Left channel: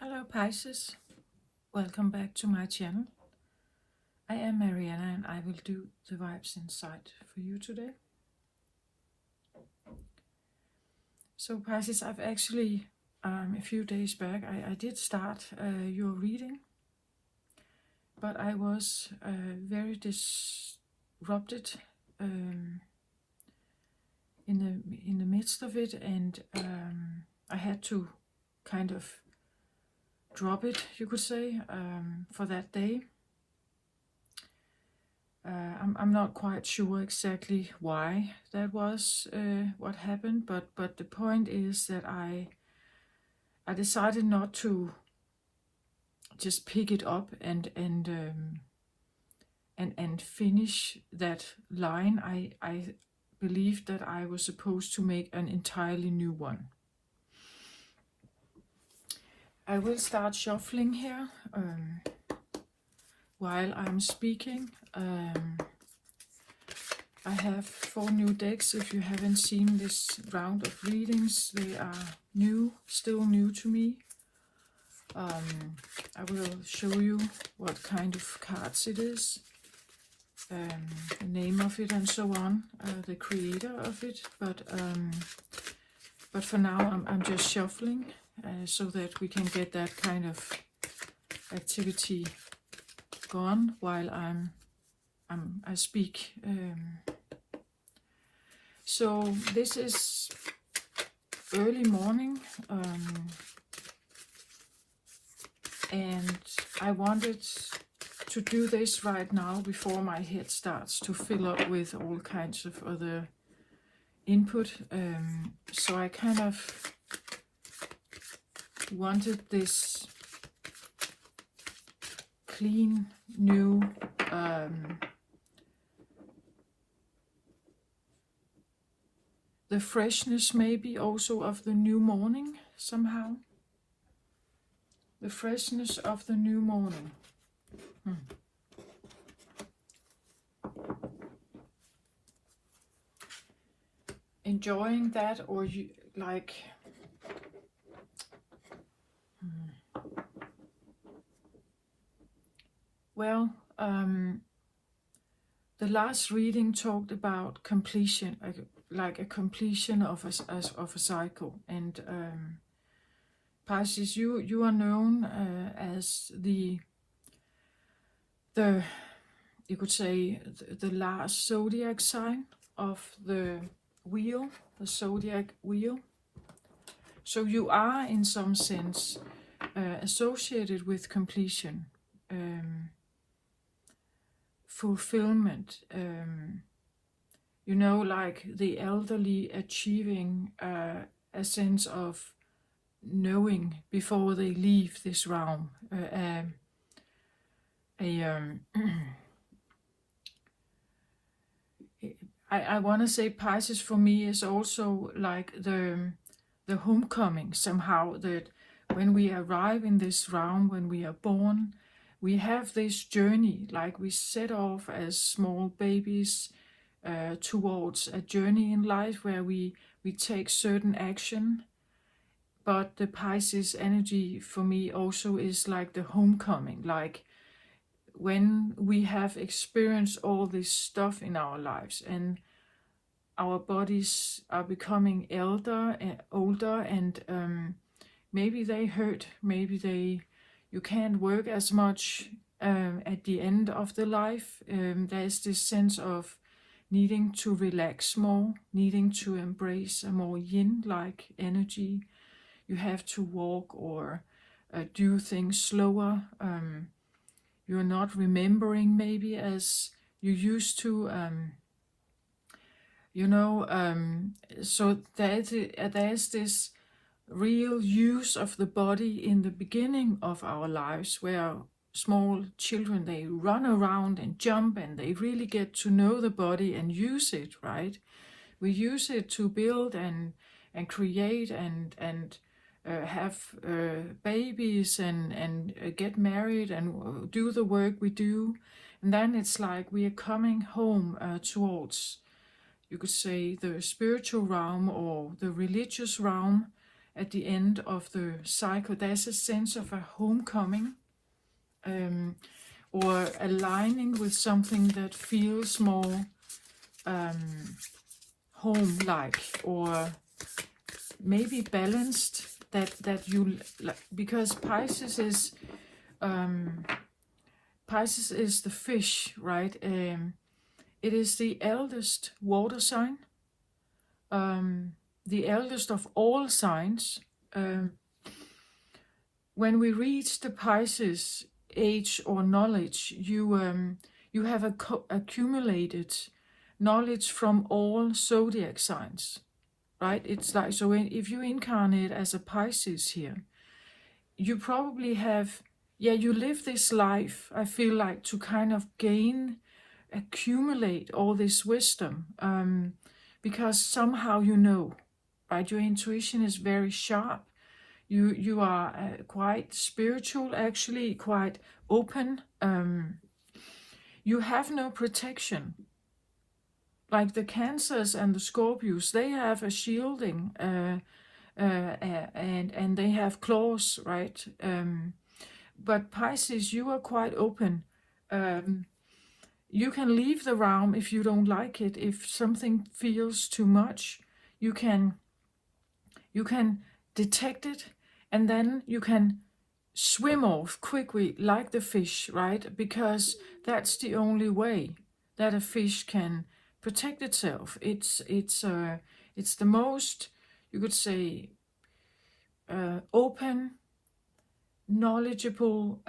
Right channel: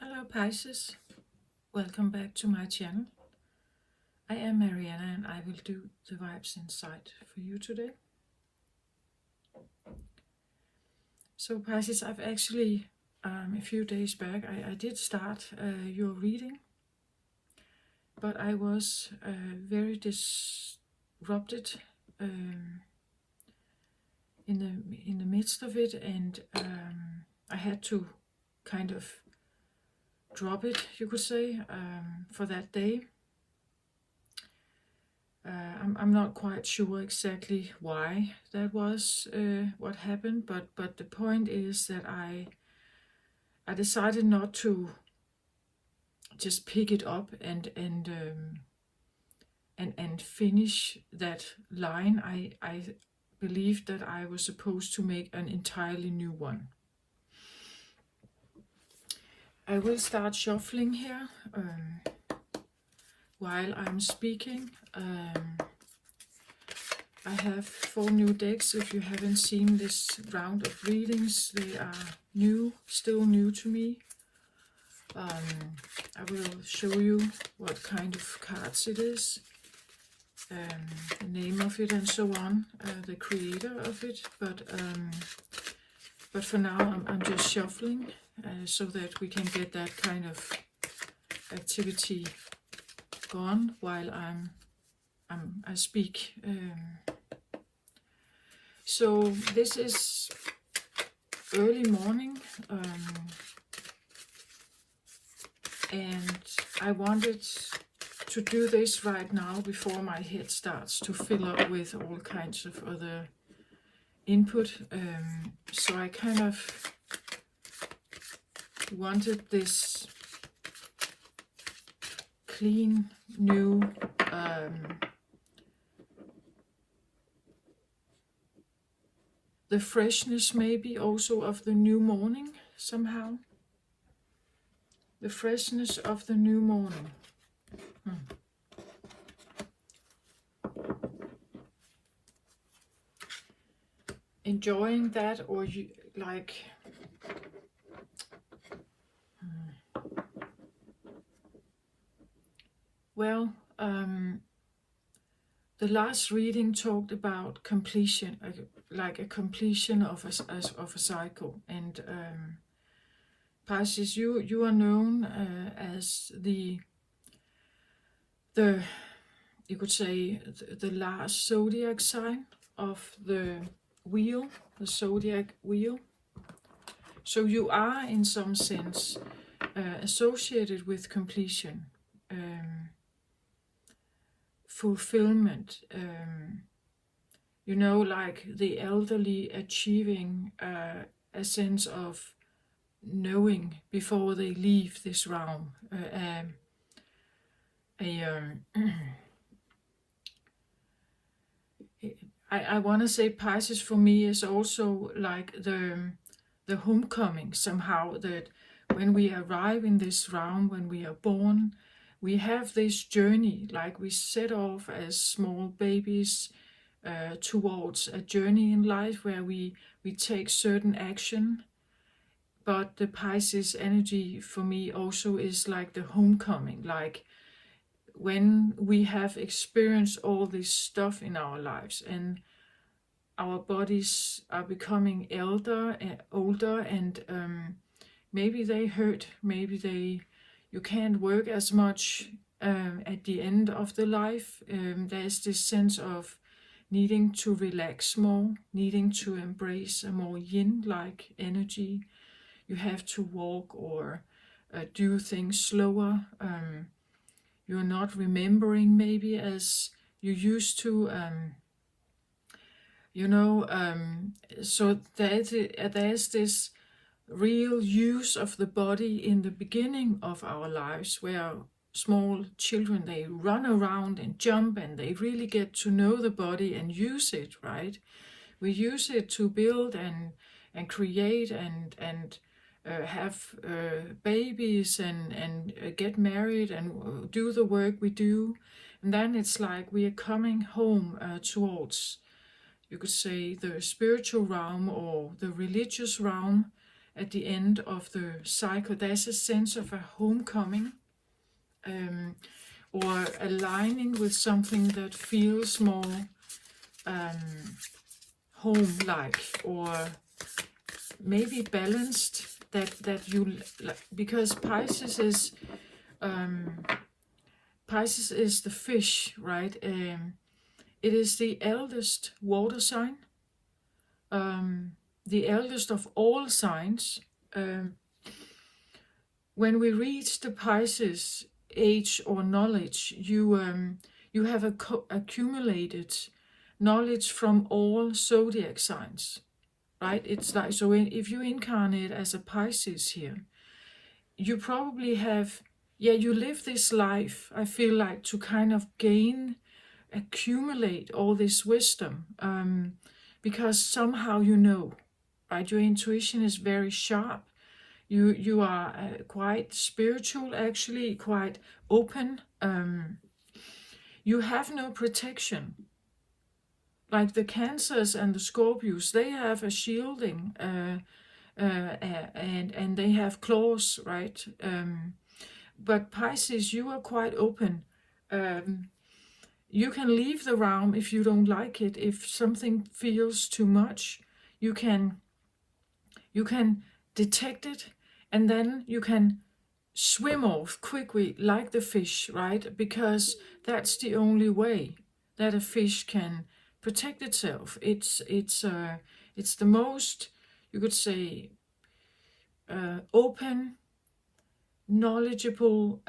Hello Pisces, welcome back to my channel. I am Mariana and I will do the vibes inside for you today. So Pisces, I've actually a few days back I did start your reading, but I was very disrupted in the midst of it, and I had to kind of drop it, you could say, for that day. I'm not quite sure exactly why that was what happened, but the point is that I decided not to just pick it up and finish that line. I believed that I was supposed to make an entirely new one. I will start shuffling here while I'm speaking. I have 4 new decks. If you haven't seen this round of readings, they are new, still new to me. I will show you what kind of cards it is, the name of it and so on, the creator of it, but for now I'm just shuffling so that we can get that kind of activity going while I speak. So this is early morning, and I wanted to do this right now before my head starts to fill up with all kinds of other input. So I kind of wanted this clean, new, the freshness maybe also of the new morning somehow. The freshness of the new morning. Enjoying that, or you like well, the last reading talked about completion, like a completion of a cycle, and Pisces, you are known as the you could say the last zodiac sign of the wheel, the zodiac wheel. So you are in some sense associated with completion, fulfillment, you know, like the elderly achieving a sense of knowing before they leave this realm. I want to say Pisces for me is also like the homecoming somehow, that when we arrive in this realm, when we are born, we have this journey, like we set off as small babies towards a journey in life where we take certain action. But the Pisces energy for me also is like the homecoming, like when we have experienced all this stuff in our lives and our bodies are becoming older, and maybe they hurt, maybe you can't work as much at the end of the life. There's this sense of needing to relax more, needing to embrace a more yin-like energy. You have to walk or do things slower. You're not remembering maybe as you used to. So there's this real use of the body in the beginning of our lives, where small children, they run around and jump and they really get to know the body and use it, right? We use it to build and create and have babies and get married and do the work we do. And then it's like we are coming home towards, you could say, the spiritual realm or the religious realm, at the end of the cycle. There's a sense of a homecoming, or aligning with something that feels more home-like, or maybe balanced, that you, because Pisces is the fish, right? It is the eldest water sign, the eldest of all signs. When we reach the Pisces age or knowledge, you have accumulated knowledge from all zodiac signs, right? It's like, so if you incarnate as a Pisces here, you probably have, you live this life, I feel like, to kind of accumulate all this wisdom, because somehow you know, right? Your intuition is very sharp. You are quite spiritual, actually, quite open. You have no protection. Like the Cancers and the Scorpios, they have a shielding, and they have claws, right? But Pisces, you are quite open. You can leave the realm if you don't like it. If something feels too much, you can detect it, and then you can swim off quickly like the fish, right? Because that's the only way that a fish can protect itself. It's the most, you could say, open, knowledgeable,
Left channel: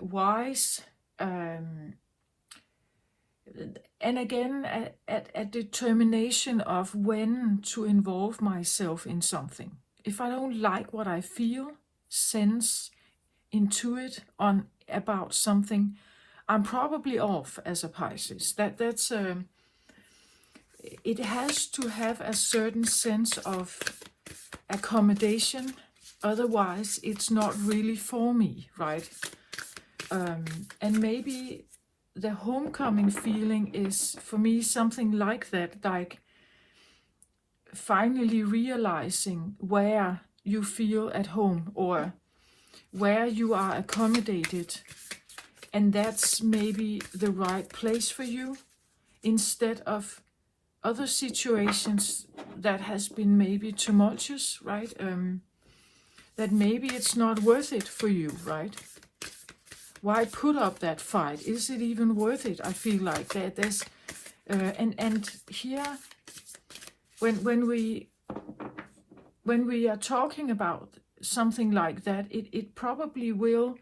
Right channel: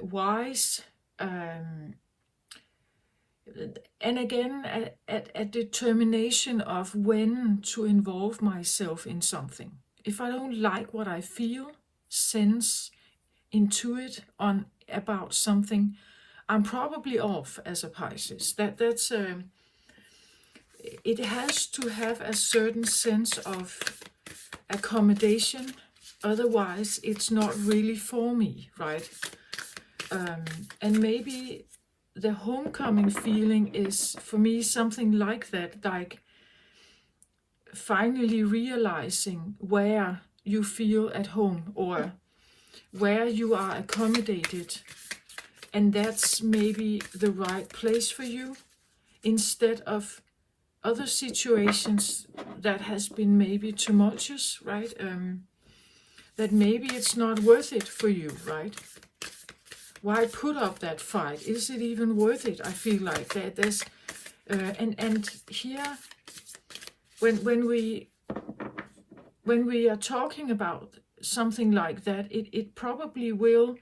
wise, and again a determination of when to involve myself in something. If I don't like what I feel, sense, intuit on about something, I'm probably off as a Pisces. That's it has to have a certain sense of accommodation. Otherwise, it's not really for me, right? And maybe the homecoming feeling is, for me, something like that, like finally realizing where you feel at home, or where you are accommodated, and that's maybe the right place for you, instead of other situations that has been maybe tumultuous, right? That maybe it's not worth it for you, right? Why put up that fight? Is it even worth it? I feel like that there's and here, when we are talking about something like that, it probably will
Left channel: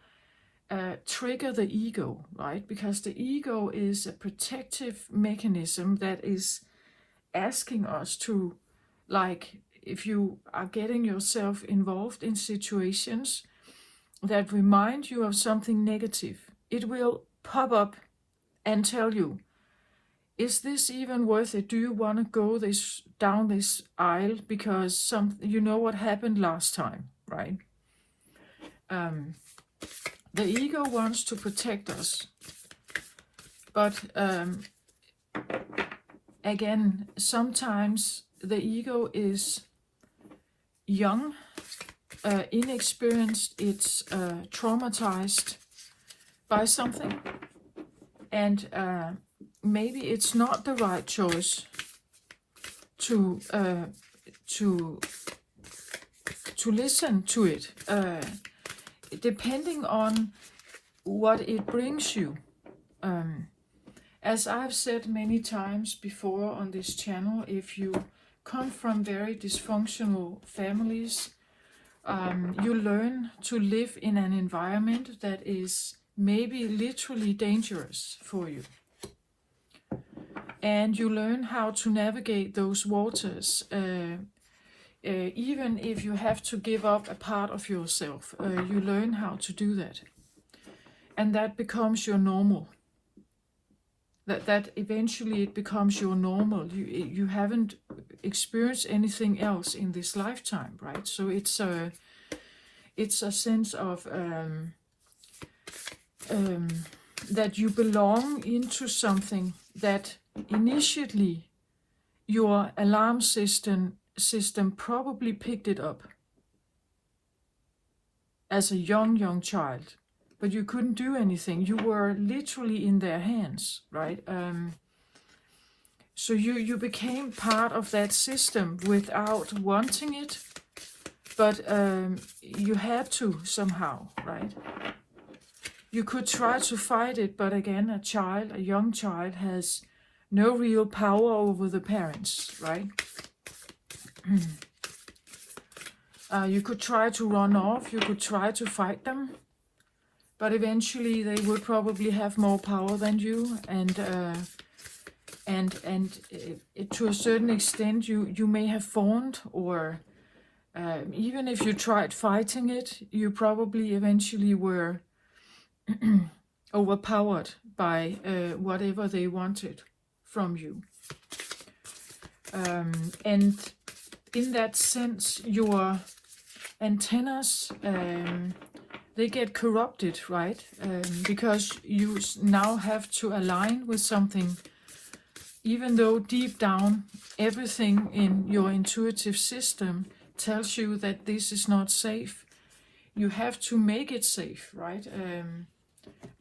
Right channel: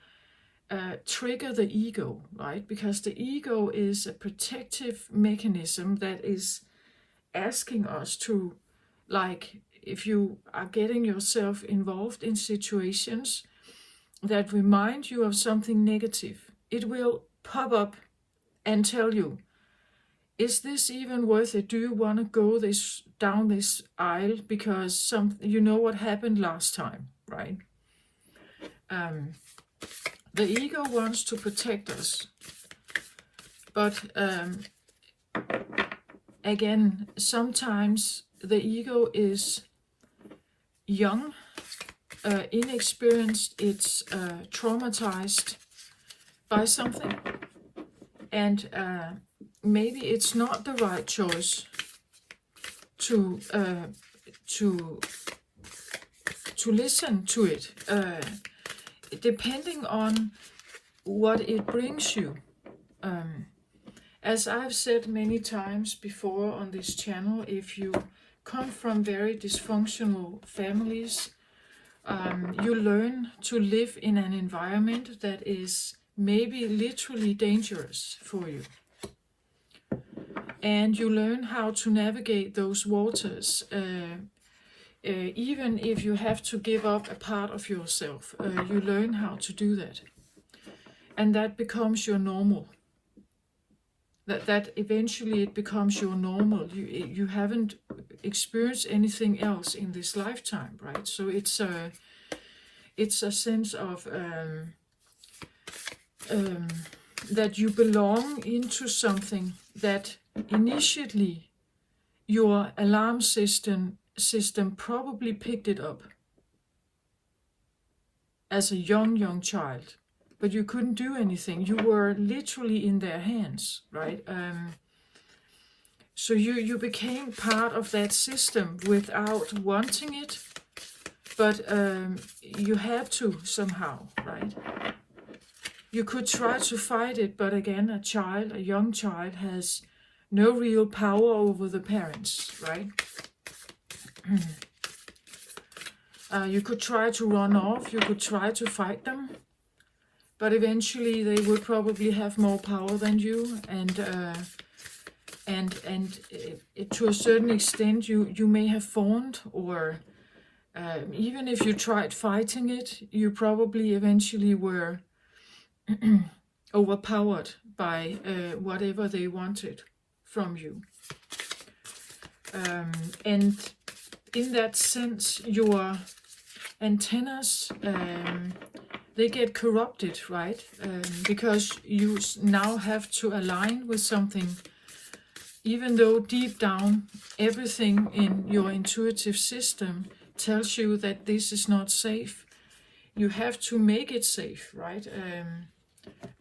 trigger the ego, right? Because the ego is a protective mechanism that is asking us to, like, if you are getting yourself involved in situations that remind you of something negative, it will pop up and tell you, is this even worth it? Do you want to go down this aisle? Because you know what happened last time, right? The ego wants to protect us, but again, sometimes the ego is young, inexperienced, it's traumatized by something, and maybe it's not the right choice to listen to it, depending on what it brings you. As I've said many times before on this channel, if you come from very dysfunctional families, you learn to live in an environment that is maybe literally dangerous for you. And you learn how to navigate those waters, even if you have to give up a part of yourself. You learn how to do that. And that becomes your normal. That eventually it becomes your normal. You haven't experienced anything else in this lifetime, right? So it's a sense of that you belong into something that initially your alarm system system probably picked it up as a young child, but you couldn't do anything. You were literally in their hands, right? So you became part of that system without wanting it, but you had to somehow, right? You could try to fight it, but again, a young child, has no real power over the parents, right? You could try to run off, you could try to fight them, but eventually they would probably have more power than you, and to a certain extent you may have fawned, or even if you tried fighting it, you probably eventually were overpowered by whatever they wanted from you. And in that sense, your antennas, they get corrupted, right? Because you now have to align with something, even though deep down everything in your intuitive system tells you that this is not safe. You have to make it safe, right?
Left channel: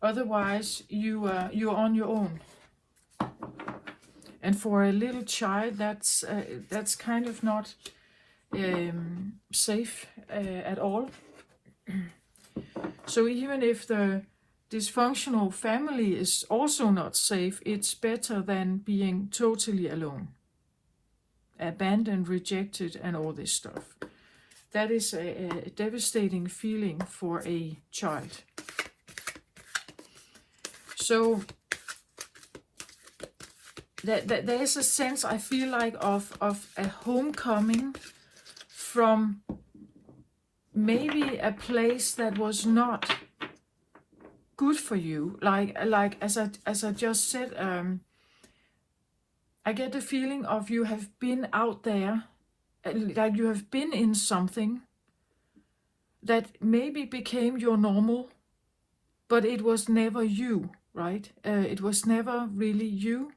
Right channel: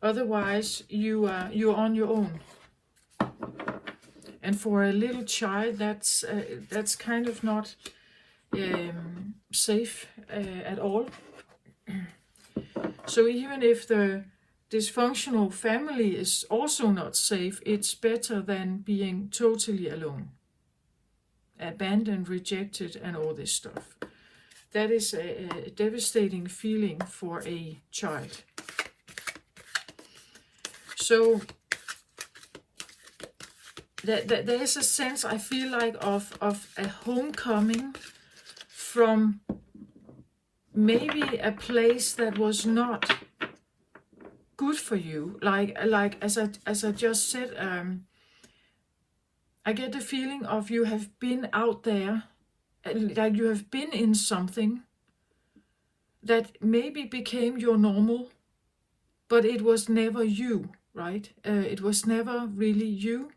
Otherwise you're on your own. And for a little child, that's kind of not safe at all. So even if the dysfunctional family is also not safe, it's better than being totally alone, abandoned, rejected, and all this stuff. That is a devastating feeling for a child. So there is a sense, I feel like, of a homecoming from maybe a place that was not good for you. Like as I just said, I get the feeling of you have been out there, like you have been in something that maybe became your normal, but it was never you, right? It was never really you.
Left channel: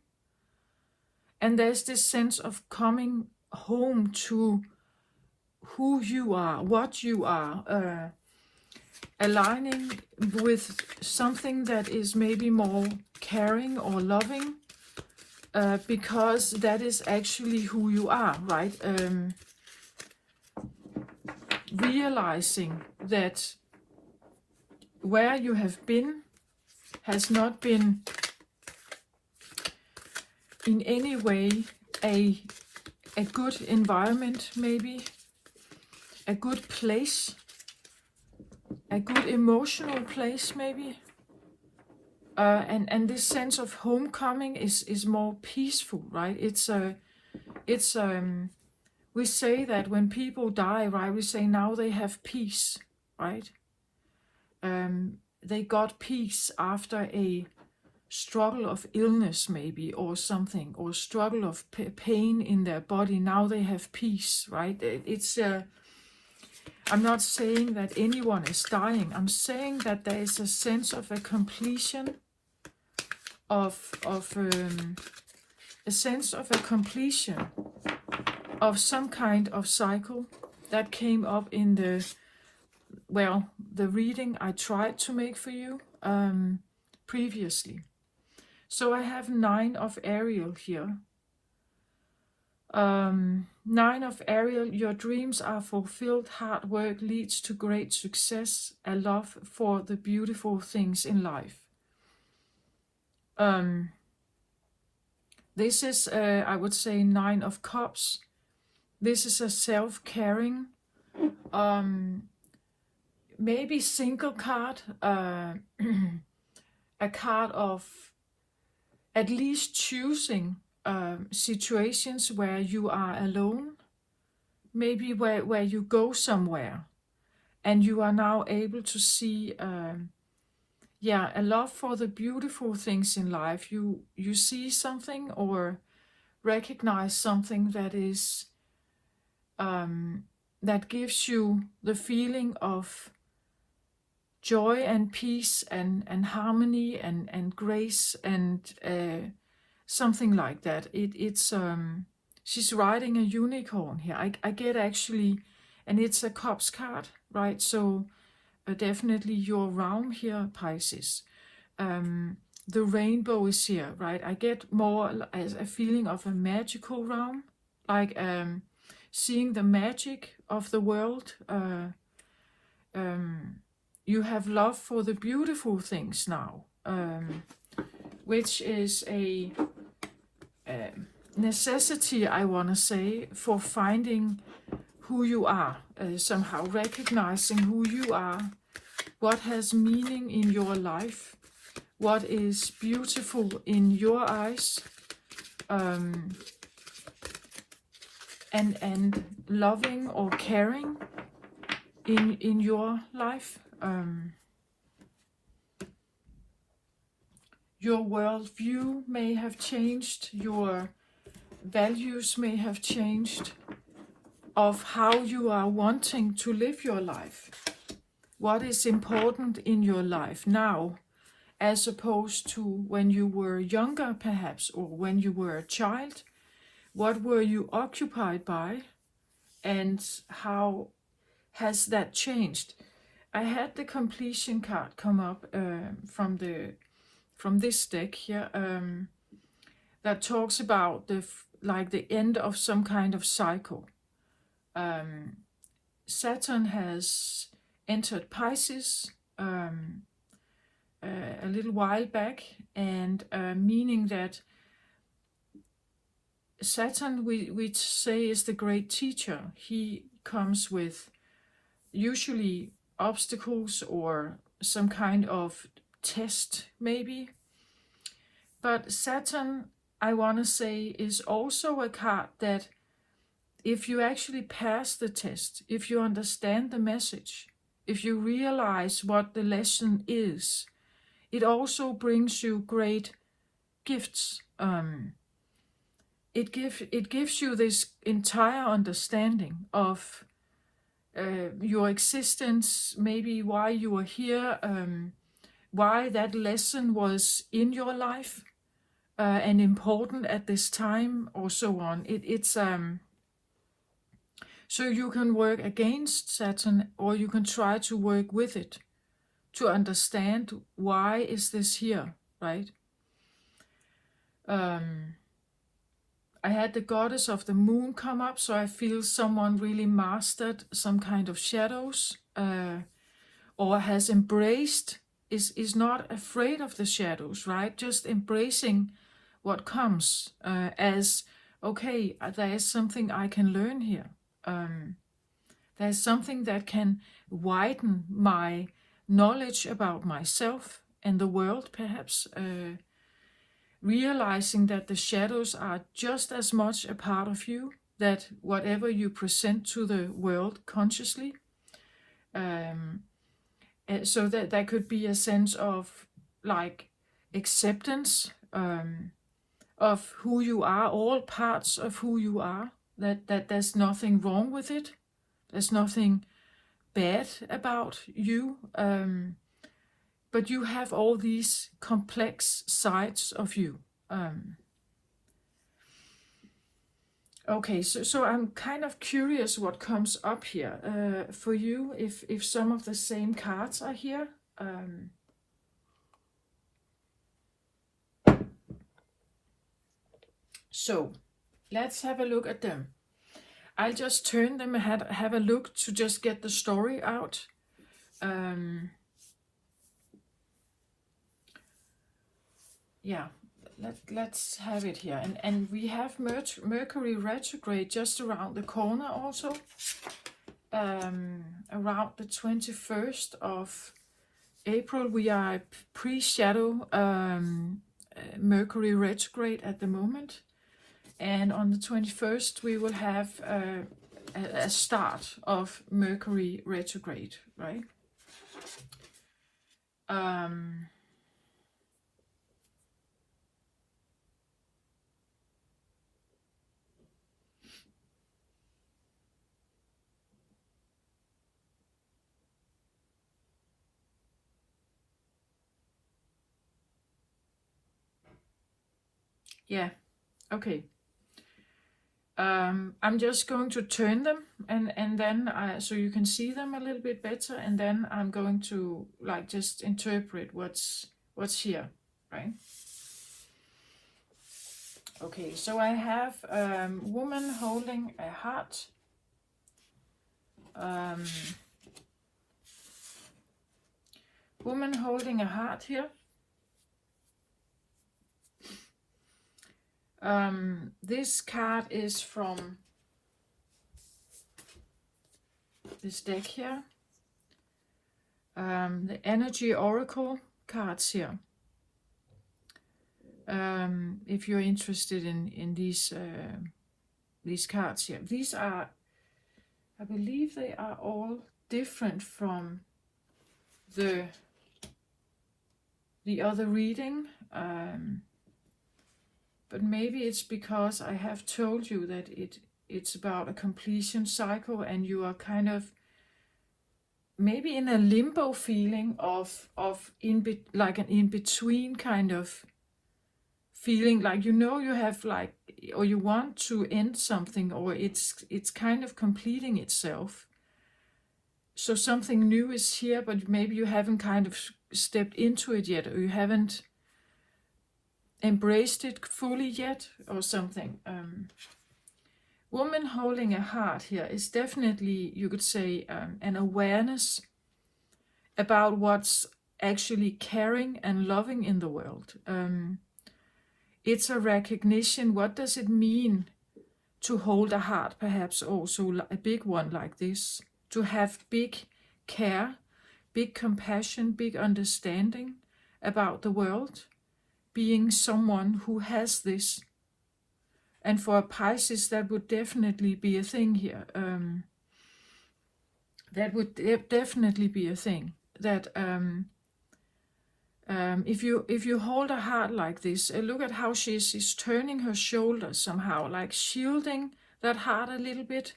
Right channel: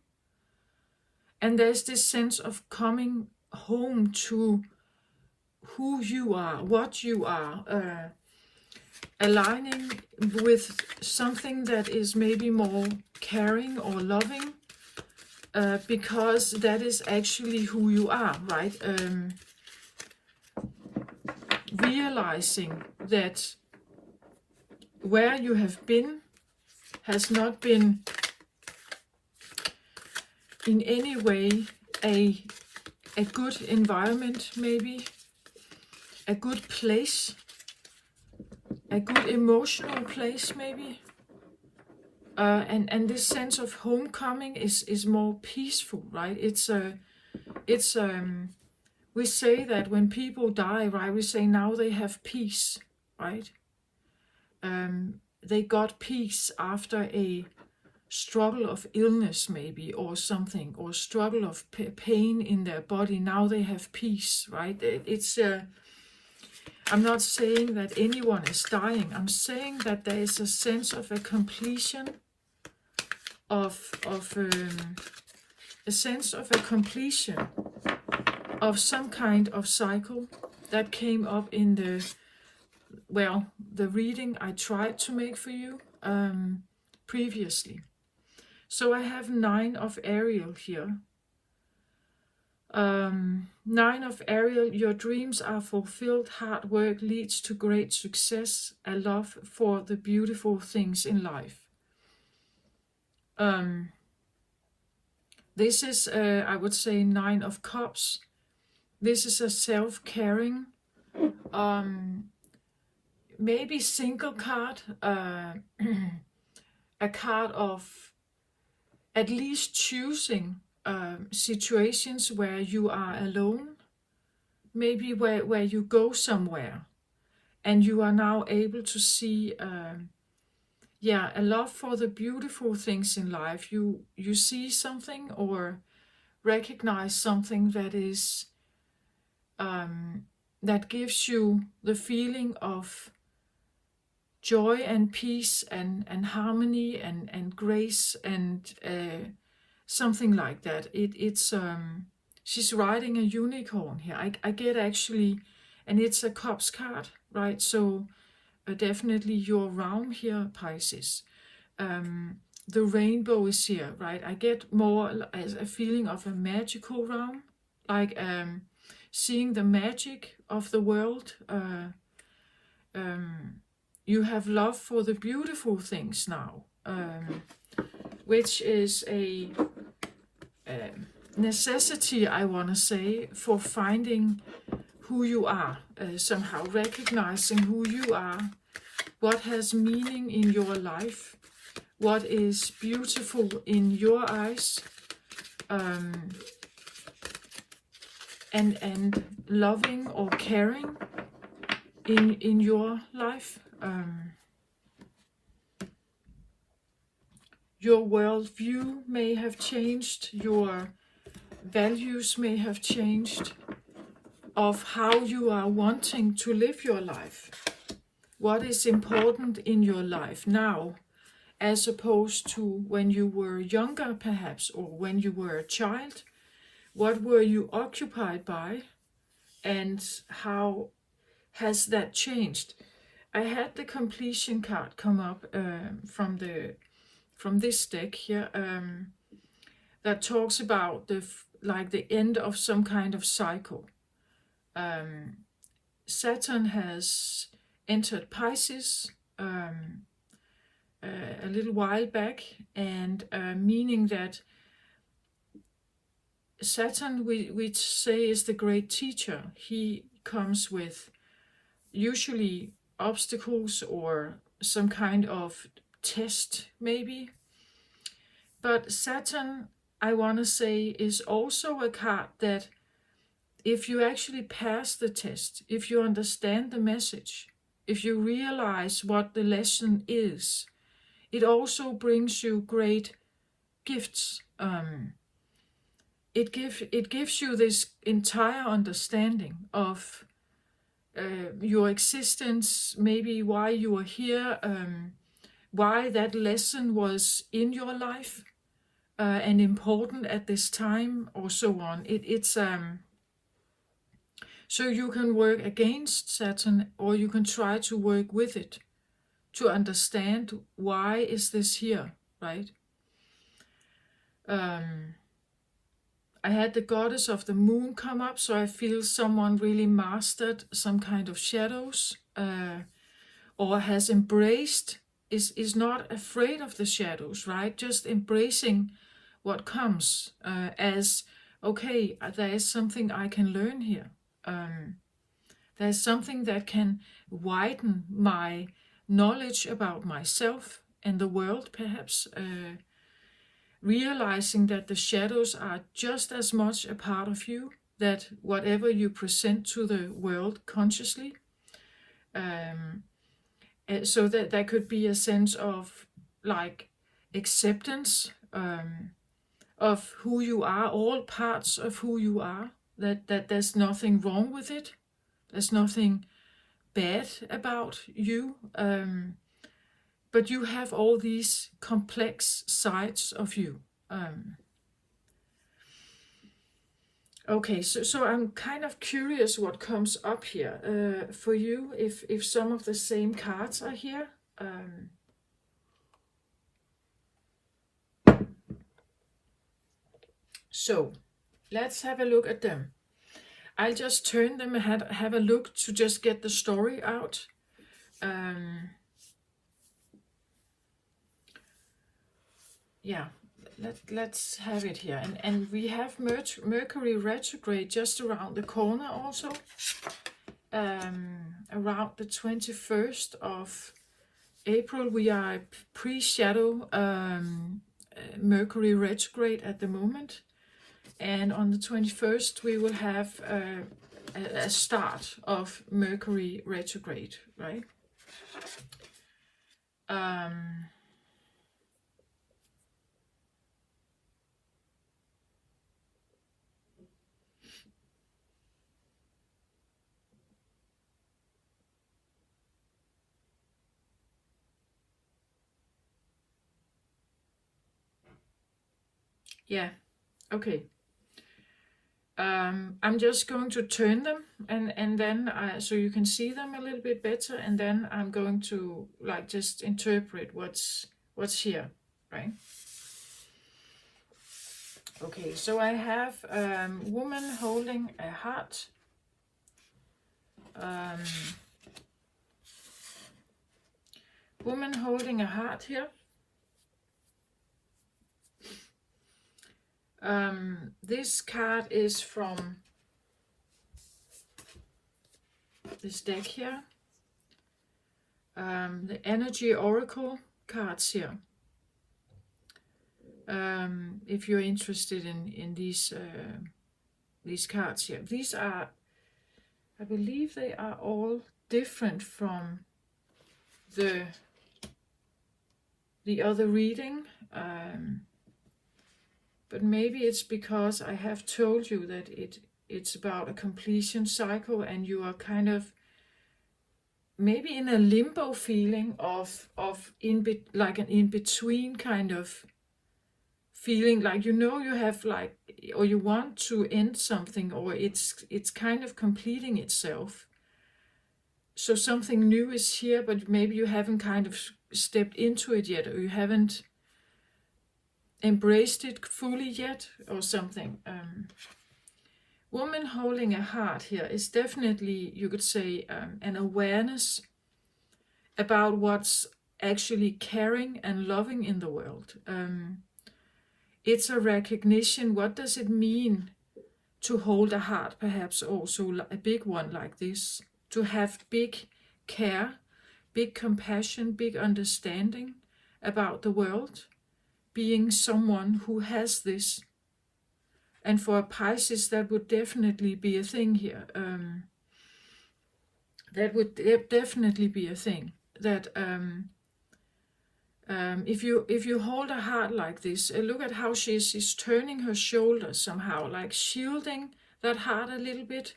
And there's this sense of coming home to who you are, what you are, aligning with something that is maybe more caring or loving, because that is actually who you are, right? Realizing that where you have been has not been in any way a good environment, maybe a good place, a good emotional place, maybe. And this sense of homecoming is more peaceful, right? We say that when people die, right, we say now they have peace, right? They got peace after a struggle of illness, maybe, or something, or struggle of pain in their body. Now they have peace, right? I'm not saying that anyone is dying. I'm saying that there is a sense of a completion, of a sense of a completion of some kind of cycle that came up in the reading I tried to make for you previously. So I have 9 of Ariel here. 9 of Ariel, your dreams are fulfilled, hard work leads to great success, a love for the beautiful things in life. This is, I would say, 9 of Cups. This is a self-caring, maybe single card, a card of at least choosing situations where you are alone, maybe where you go somewhere and you are now able to see a love for the beautiful things in life. You see something or recognize something that is that gives you the feeling of joy and peace and harmony and grace and something like that. It's she's riding a unicorn here. I get actually, and it's a cups card, right? So definitely your realm here, Pisces. The rainbow is here, right? I get more as a feeling of a magical realm, like seeing the magic of the world. You have love for the beautiful things now, which is a necessity, I want to say, for finding who you are, somehow recognizing who you are, what has meaning in your life, what is beautiful in your eyes, and loving or caring in your life. Your worldview may have changed, your values may have changed of how you are wanting to live your life. What is important in your life now, as opposed to when you were younger perhaps, or when you were a child. What were you occupied by, and how has that changed? I had the completion card come up from this deck here, that talks about the end of some kind of cycle. Saturn has entered Pisces a little while back, and meaning that Saturn, we say, is the great teacher. He comes with usually obstacles or some kind of test, maybe. But Saturn, I want to say, is also a card that if you actually pass the test, if you understand the message, if you realize what the lesson is, it also brings you great gifts. It gives you this entire understanding of your existence, maybe why you are here, why that lesson was in your life and important at this time, or so on. It's so you can work against Saturn, or you can try to work with it to understand why is this here, right? I had the goddess of the moon come up, so I feel someone really mastered some kind of shadows, or has embraced, is not afraid of the shadows, right? Just embracing what comes as, okay, there is something I can learn here. There's something that can widen my knowledge about myself and the world, perhaps. Realizing that the shadows are just as much a part of you, that whatever you present to the world consciously, so that there could be a sense of like acceptance of who you are, all parts of who you are, that there's nothing wrong with it, there's nothing bad about you, but you have all these complex sides of you. Okay, so I'm kind of curious what comes up here for you, if some of the same cards are here. So let's have a look at them. I'll just turn them and have a look to just get the story out. Yeah, let's have it here. And we have Mercury retrograde just around the corner also. Around the 21st of April, we are pre-shadow Mercury retrograde at the moment. And on the 21st, we will have a start of Mercury retrograde, right? Yeah, okay. I'm just going to turn them and then so you can see them a little bit better, and then I'm going to like just interpret what's here, right? Okay, so I have woman holding a heart. Woman holding a heart here. This card is from this deck here. The energy oracle cards here. If you're interested in these cards here, these are, I believe they are all different from the other reading, but maybe it's because I have told you that it's about a completion cycle, and you are kind of maybe in a limbo feeling of like an in-between kind of feeling, like you have like, or you want to end something, or it's kind of completing itself. So something new is here, but maybe you haven't kind of stepped into it yet, or you haven't embraced it fully yet, or something. Woman holding a heart here is definitely, you could say, an awareness about what's actually caring and loving in the world. It's a recognition, what does it mean to hold a heart, perhaps also a big one like this, to have big care, big compassion, big understanding about the world, being someone who has this. And for a Pisces, that would definitely be a thing here. That would definitely be a thing. That if you hold a heart like this, look at how she's turning her shoulders somehow, like shielding that heart a little bit.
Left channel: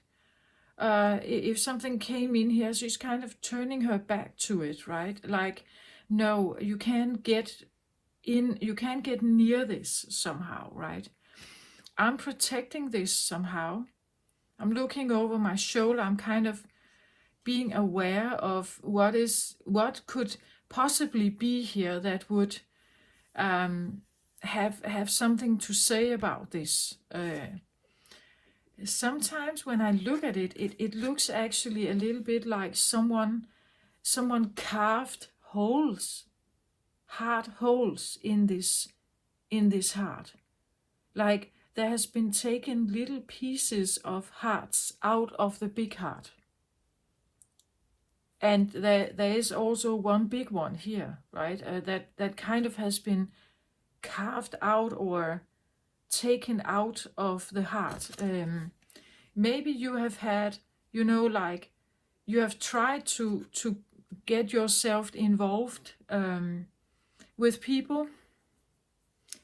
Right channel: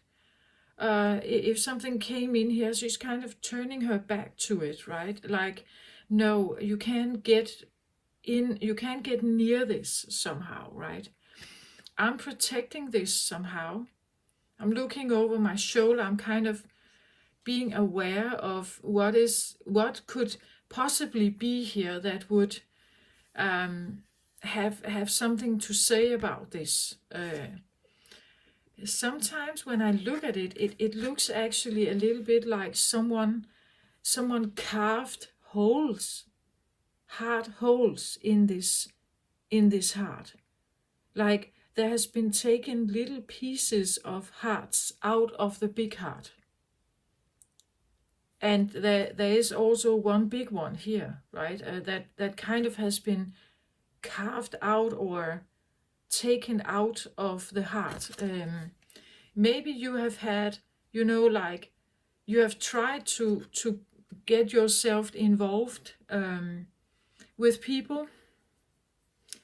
If something came in here, she's kind of turning her back to it, right? Like, no, you can't get in, you can't get near this somehow, right? I'm protecting this somehow. I'm looking over my shoulder. I'm kind of being aware of what could possibly be here that would have something to say about this. Sometimes when I look at it, it looks actually a little bit like someone carved holes, hard holes in this heart. Like there has been taken little pieces of hearts out of the big heart. And there is also one big one here, right? That kind of has been carved out or taken out of the heart. Maybe you have had, like you have tried to get yourself involved with people.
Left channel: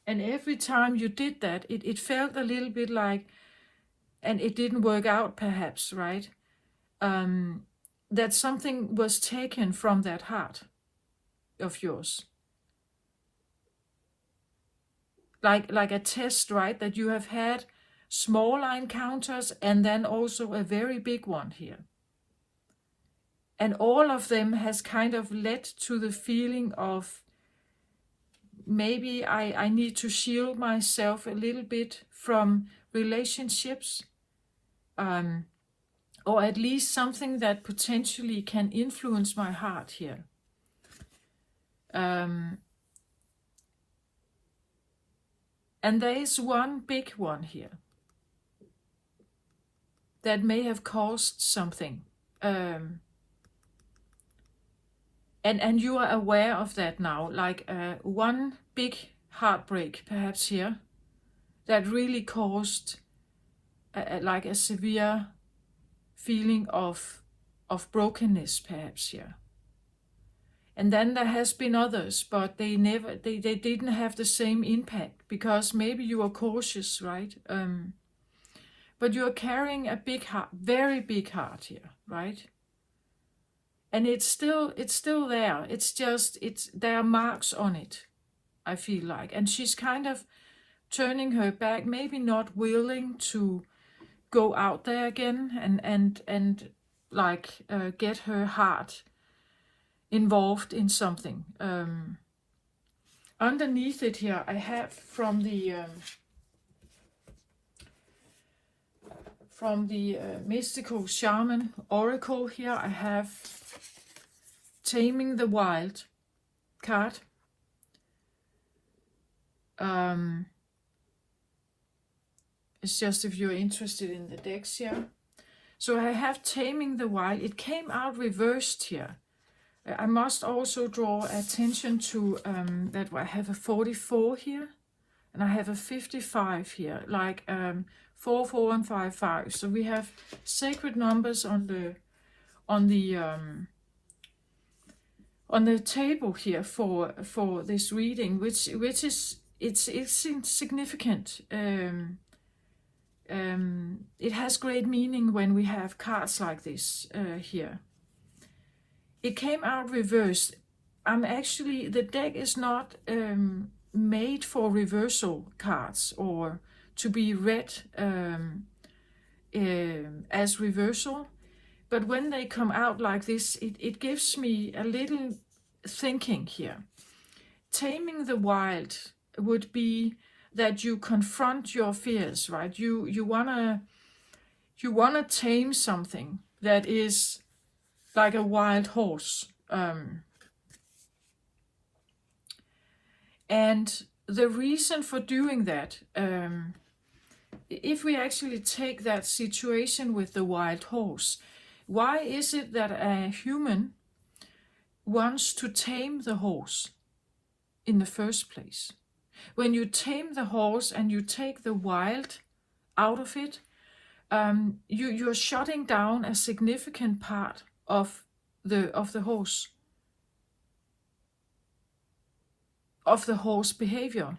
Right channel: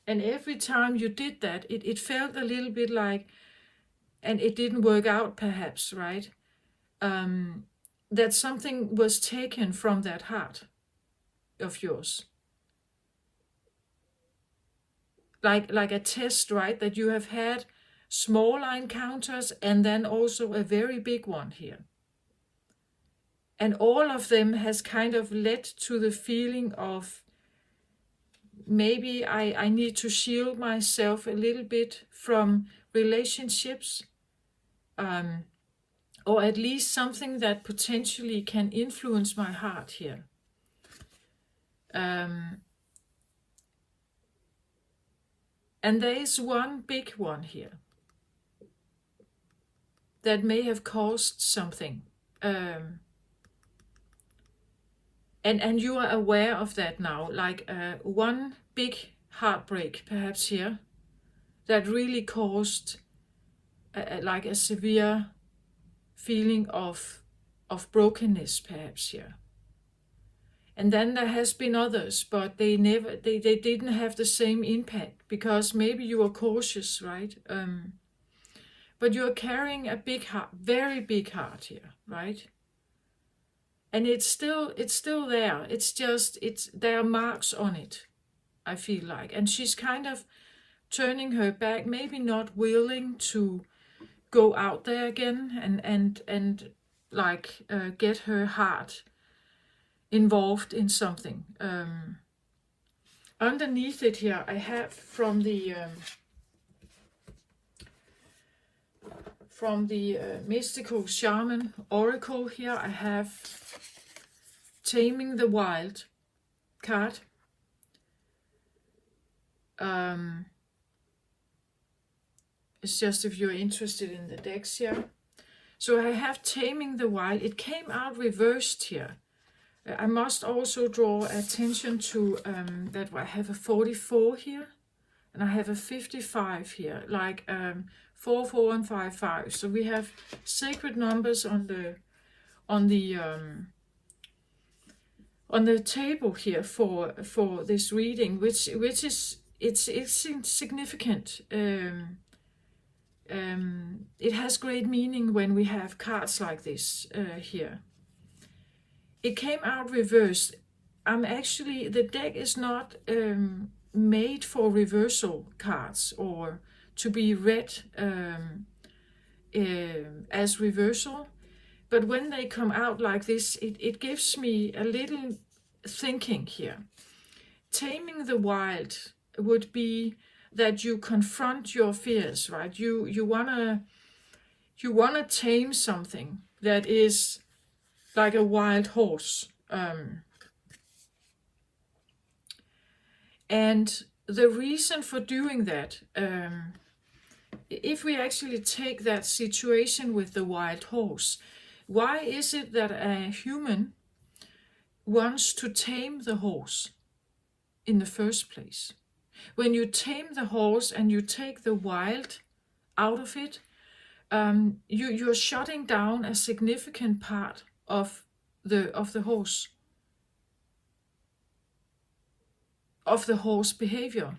And every time you did that, it felt a little bit like, and it didn't work out perhaps, right? That something was taken from that heart of yours. Like a test, right? That you have had smaller encounters and then also a very big one here. And all of them has kind of led to the feeling of, maybe I need to shield myself a little bit from relationships, or at least something that potentially can influence my heart here. And there is one big one here that may have caused something. And you are aware of that now, like one big heartbreak perhaps here that really caused like a severe feeling of brokenness perhaps here. And then there has been others, but they didn't have the same impact because maybe you are cautious, right? But you're carrying a big heart, very big heart here, right? And it's still there. It's just, there are marks on it, I feel like. And she's kind of turning her back, maybe not willing to go out there again and like get her heart involved in something. Underneath it here, I have from the mystical shaman oracle here, I have Taming the Wild card. It's just if you're interested in the decks here. So I have Taming the Wild. It came out reversed here. I must also draw attention to that I have a 44 here, and I have a 55 here, like 4, 4, and 5, 5. So we have sacred numbers on the table here for this reading, which is it's significant. It has great meaning when we have cards like this here. It came out reversed. Actually, the deck is not made for reversal cards or to be read as reversal. But when they come out like this, it gives me a little thinking here. Taming the wild would be that you confront your fears, right? You wanna tame something that is like a wild horse. And the reason for doing that, if we actually take that situation with the wild horse, why is it that a human wants to tame the horse in the first place? When you tame the horse and you take the wild out of it, you're shutting down a significant part of the horse, of the horse behavior.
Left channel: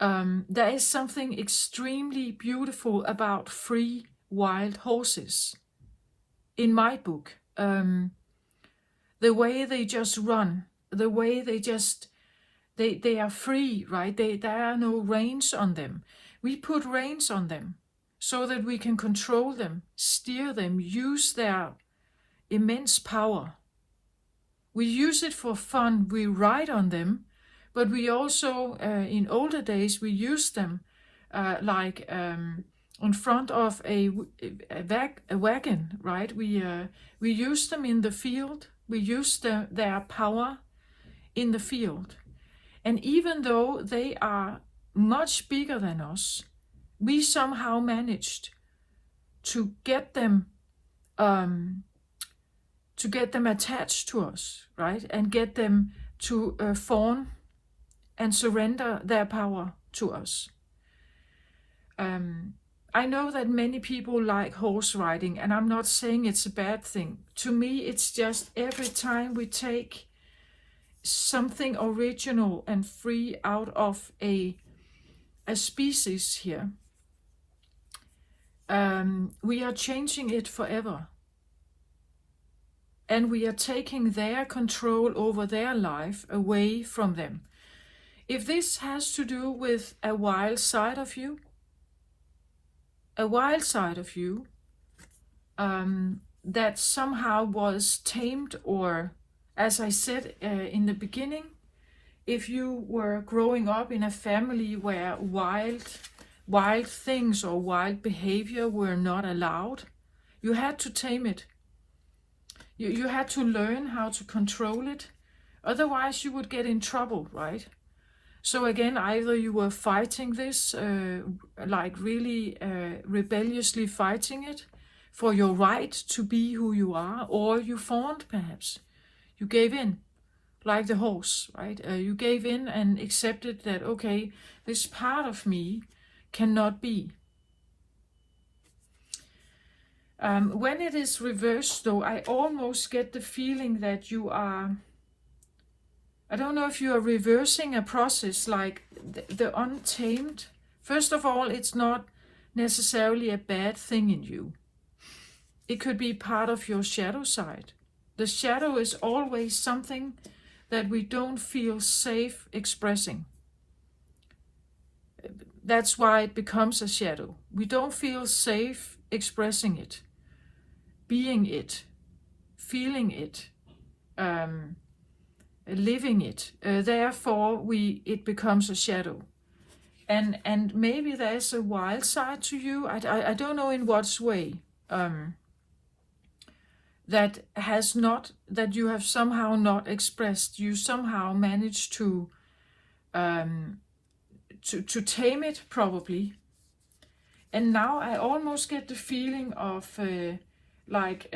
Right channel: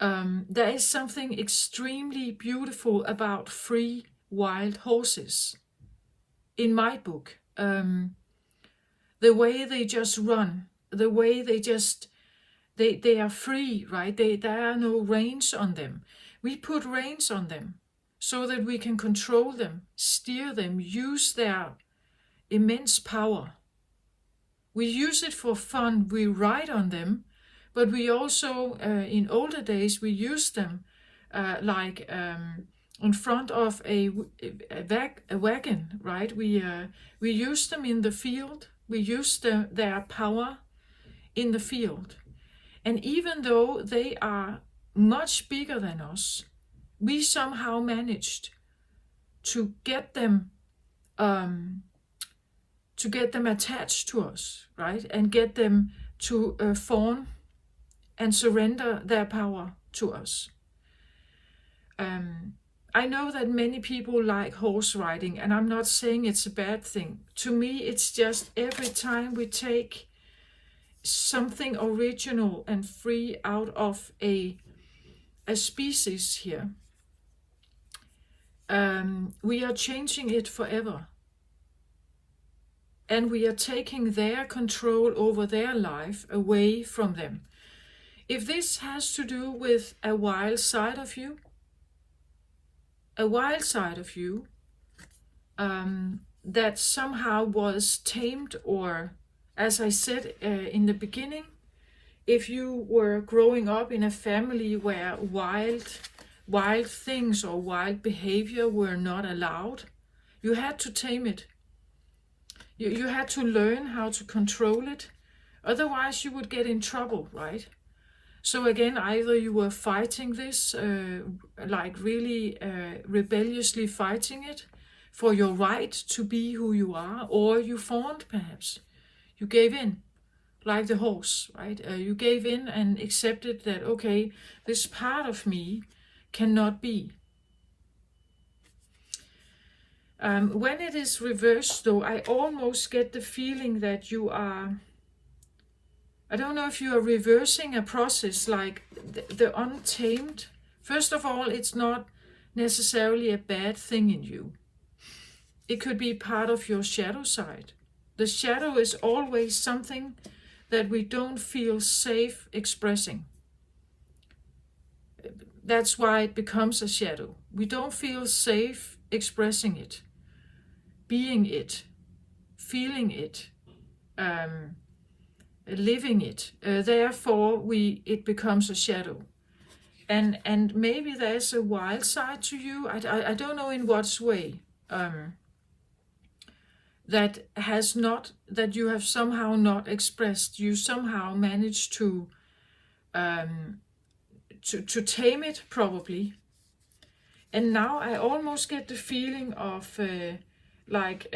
There is something extremely beautiful about free wild horses in my book. The way they just run, the way they are free, right? There are no reins on them. We put reins on them so that we can control them, steer them, use their immense power. We use it for fun. We ride on them, but we also, in older days, we used them in front of a wagon, right? We used them in the field. We used their power in the field. And even though they are much bigger than us, we somehow managed to get them attached to us, right? And get them to fawn and surrender their power to us. I know that many people like horse riding, and I'm not saying it's a bad thing. To me, it's just every time we take something original and free out of a species here, we are changing it forever. And we are taking their control over their life away from them. If this has to do with a wild side of you that somehow was tamed, or as I said in the beginning, if you were growing up in a family where wild things or wild behavior were not allowed, you had to tame it. You had to learn how to control it. Otherwise you would get in trouble, right? So again, either you were fighting this, like really rebelliously fighting it for your right to be who you are, or you fawned perhaps. You gave in, like the horse, right? You gave in and accepted that, okay, this part of me cannot be. When it is reversed, though, I almost get the feeling that you are, I don't know if you are reversing a process like the untamed. First of all, it's not necessarily a bad thing in you. It could be part of your shadow side. The shadow is always something that we don't feel safe expressing. that's why it becomes a shadow. We don't feel safe expressing it, being it, feeling it, living it. Therefore, it becomes a shadow. And maybe there's a wild side to you. I don't know in what way. That you have somehow not expressed. You somehow managed to tame it, probably. And now I almost get the feeling of like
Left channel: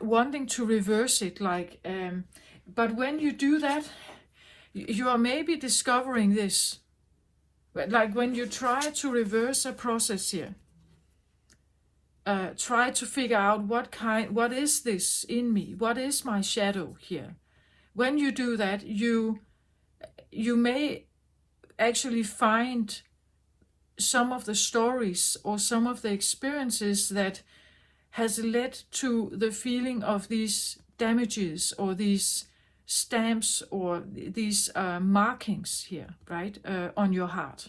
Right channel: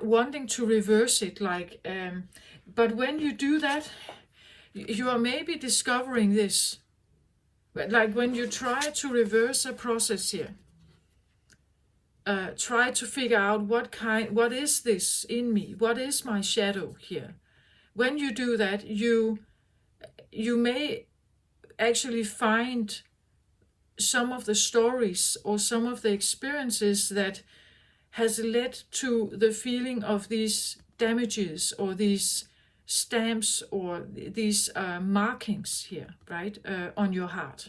wanting to reverse it. But when you do that, you are maybe discovering this. But like when you try to reverse a process here, try to figure out what is this in me? What is my shadow here? When you do that, you may actually find some of the stories or some of the experiences that has led to the feeling of these damages or these stamps or these markings here, right, on your heart.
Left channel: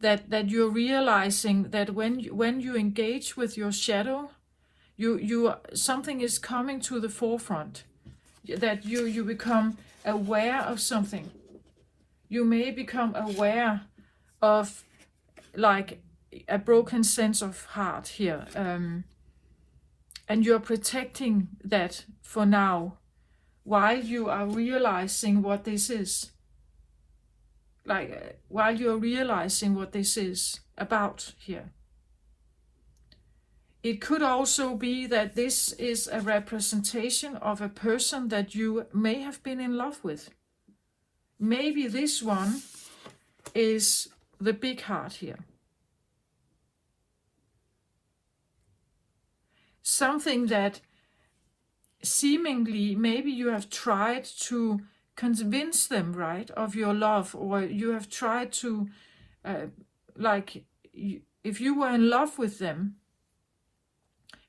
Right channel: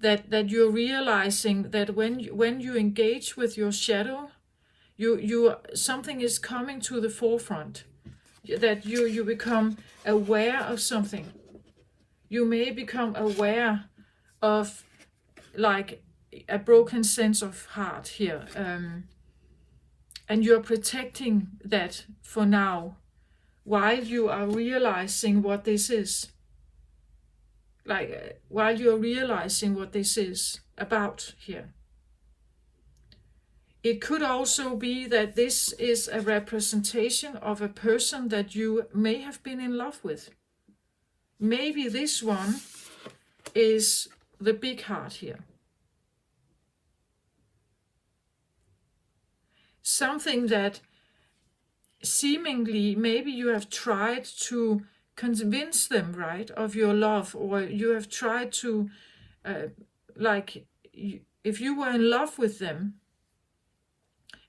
That you're realizing that when you engage with your shadow, something is coming to the forefront. That you become aware of something. You may become aware of like a broken sense of heart here, and you're protecting that for now, while you are realizing what this is. While you're realizing what this is about here. It could also be that this is a representation of a person that you may have been in love with. Maybe this one is the big heart here. Something that seemingly maybe you have tried to convince them, right, of your love, or you have tried to, if you were in love with them,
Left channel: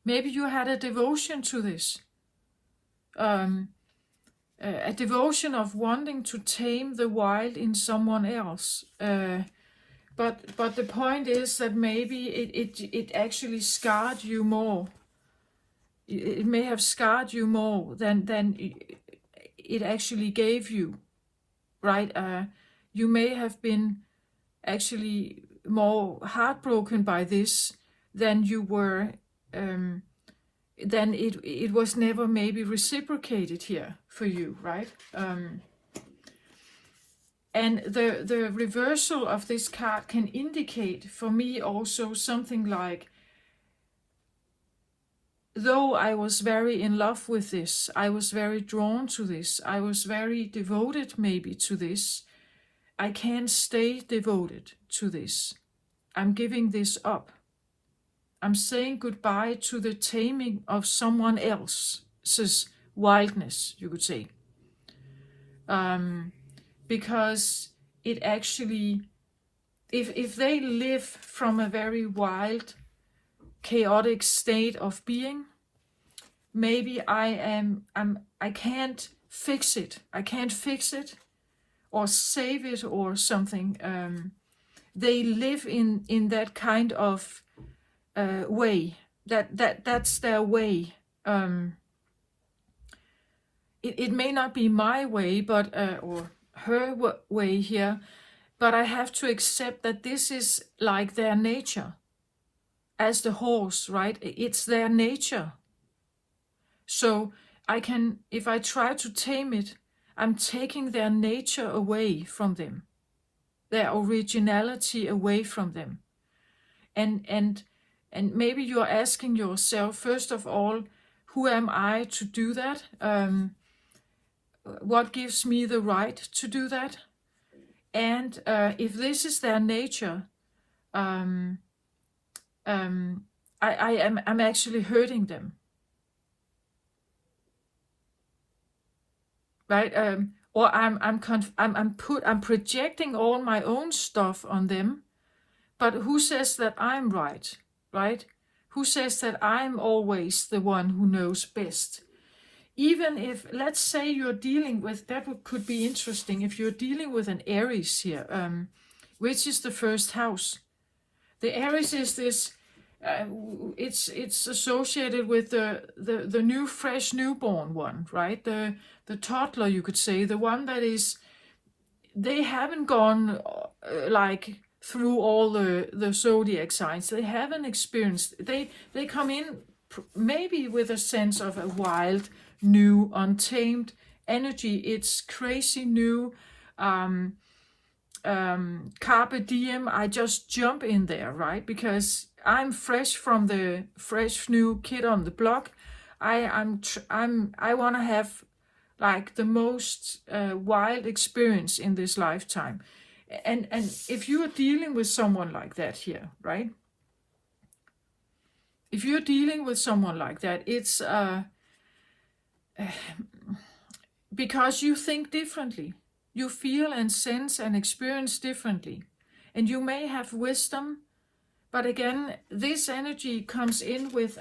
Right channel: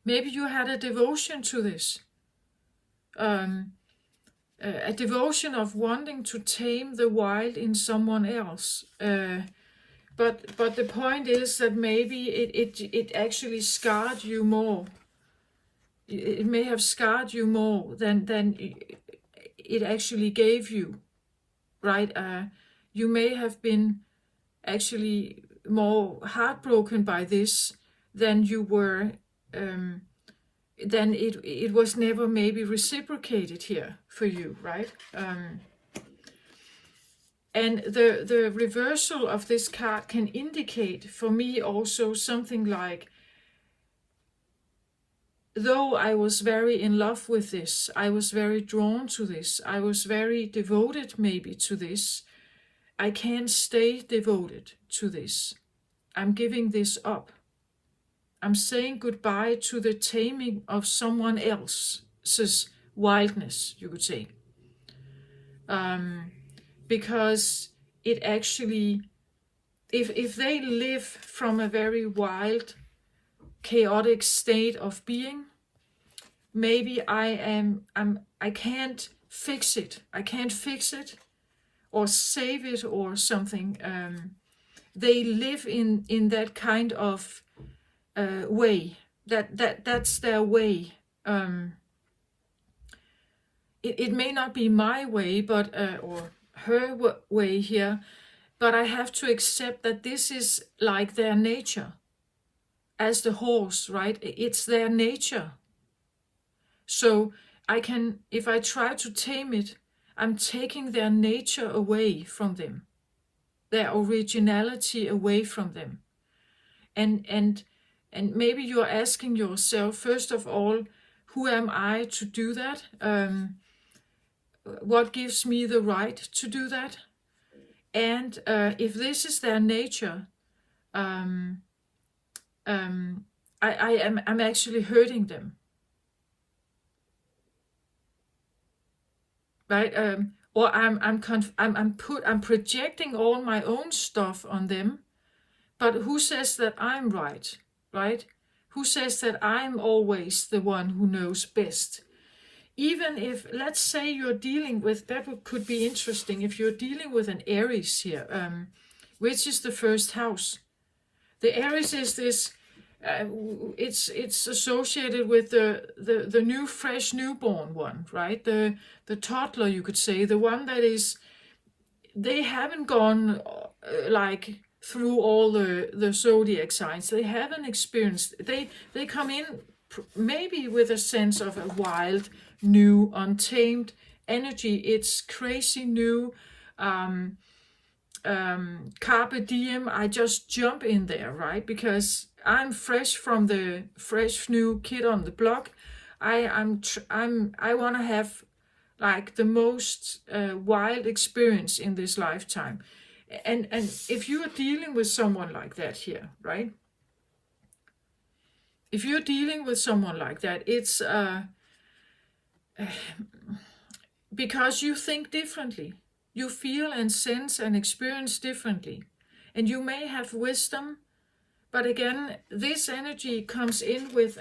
maybe you had a devotion to this, a devotion of wanting to tame the wild in someone else. But the point is that maybe it actually scarred you more. It may have scarred you more than it actually gave you, right? You may have been actually more heartbroken by this than you were, then it was never maybe reciprocated here for you, right? And the reversal of this card can indicate for me also something like, though I was very in love with this, I was very drawn to this, I was very devoted maybe to this, I can't stay devoted to this. I'm giving this up. I'm saying goodbye to the taming of someone else's wildness, you could say. Because it actually, if they live from a very wild, chaotic state of being, maybe I can't fix it. I can't fix it or save it or something. They live in that kind of way. That's their way. It may not be my way, but or her way here, but I have to accept that this is like their nature. As the horse, right? It's their nature. So I can, if I try to tame it, I'm taking their nature away from them, their originality away from them. And maybe you're asking yourself, first of all, who am I to do that? What gives me the right to do that? And if this is their nature, I'm actually hurting them, right? Or I'm projecting all my own stuff on them. But who says that I'm right, right? Who says that I'm always the one who knows best? even if, let's say you're dealing with, could be interesting, if you're dealing with an Aries here, which is the first house. The Aries is this, it's associated with the new, fresh, newborn one, right? The toddler, you could say, the one that is, they haven't gone like through all the zodiac signs. They haven't experienced, they come in maybe with a sense of a wild, new, untamed energy. It's crazy new, carpe diem. I just jump in there, right? Because I'm fresh from the fresh new kid on the block. I want to have like the most wild experience in this lifetime. And if you are dealing with someone like that here, right? If you're dealing with someone like that, it's because you think differently. You feel and sense and experience differently. And you may have wisdom, but again, this energy comes in with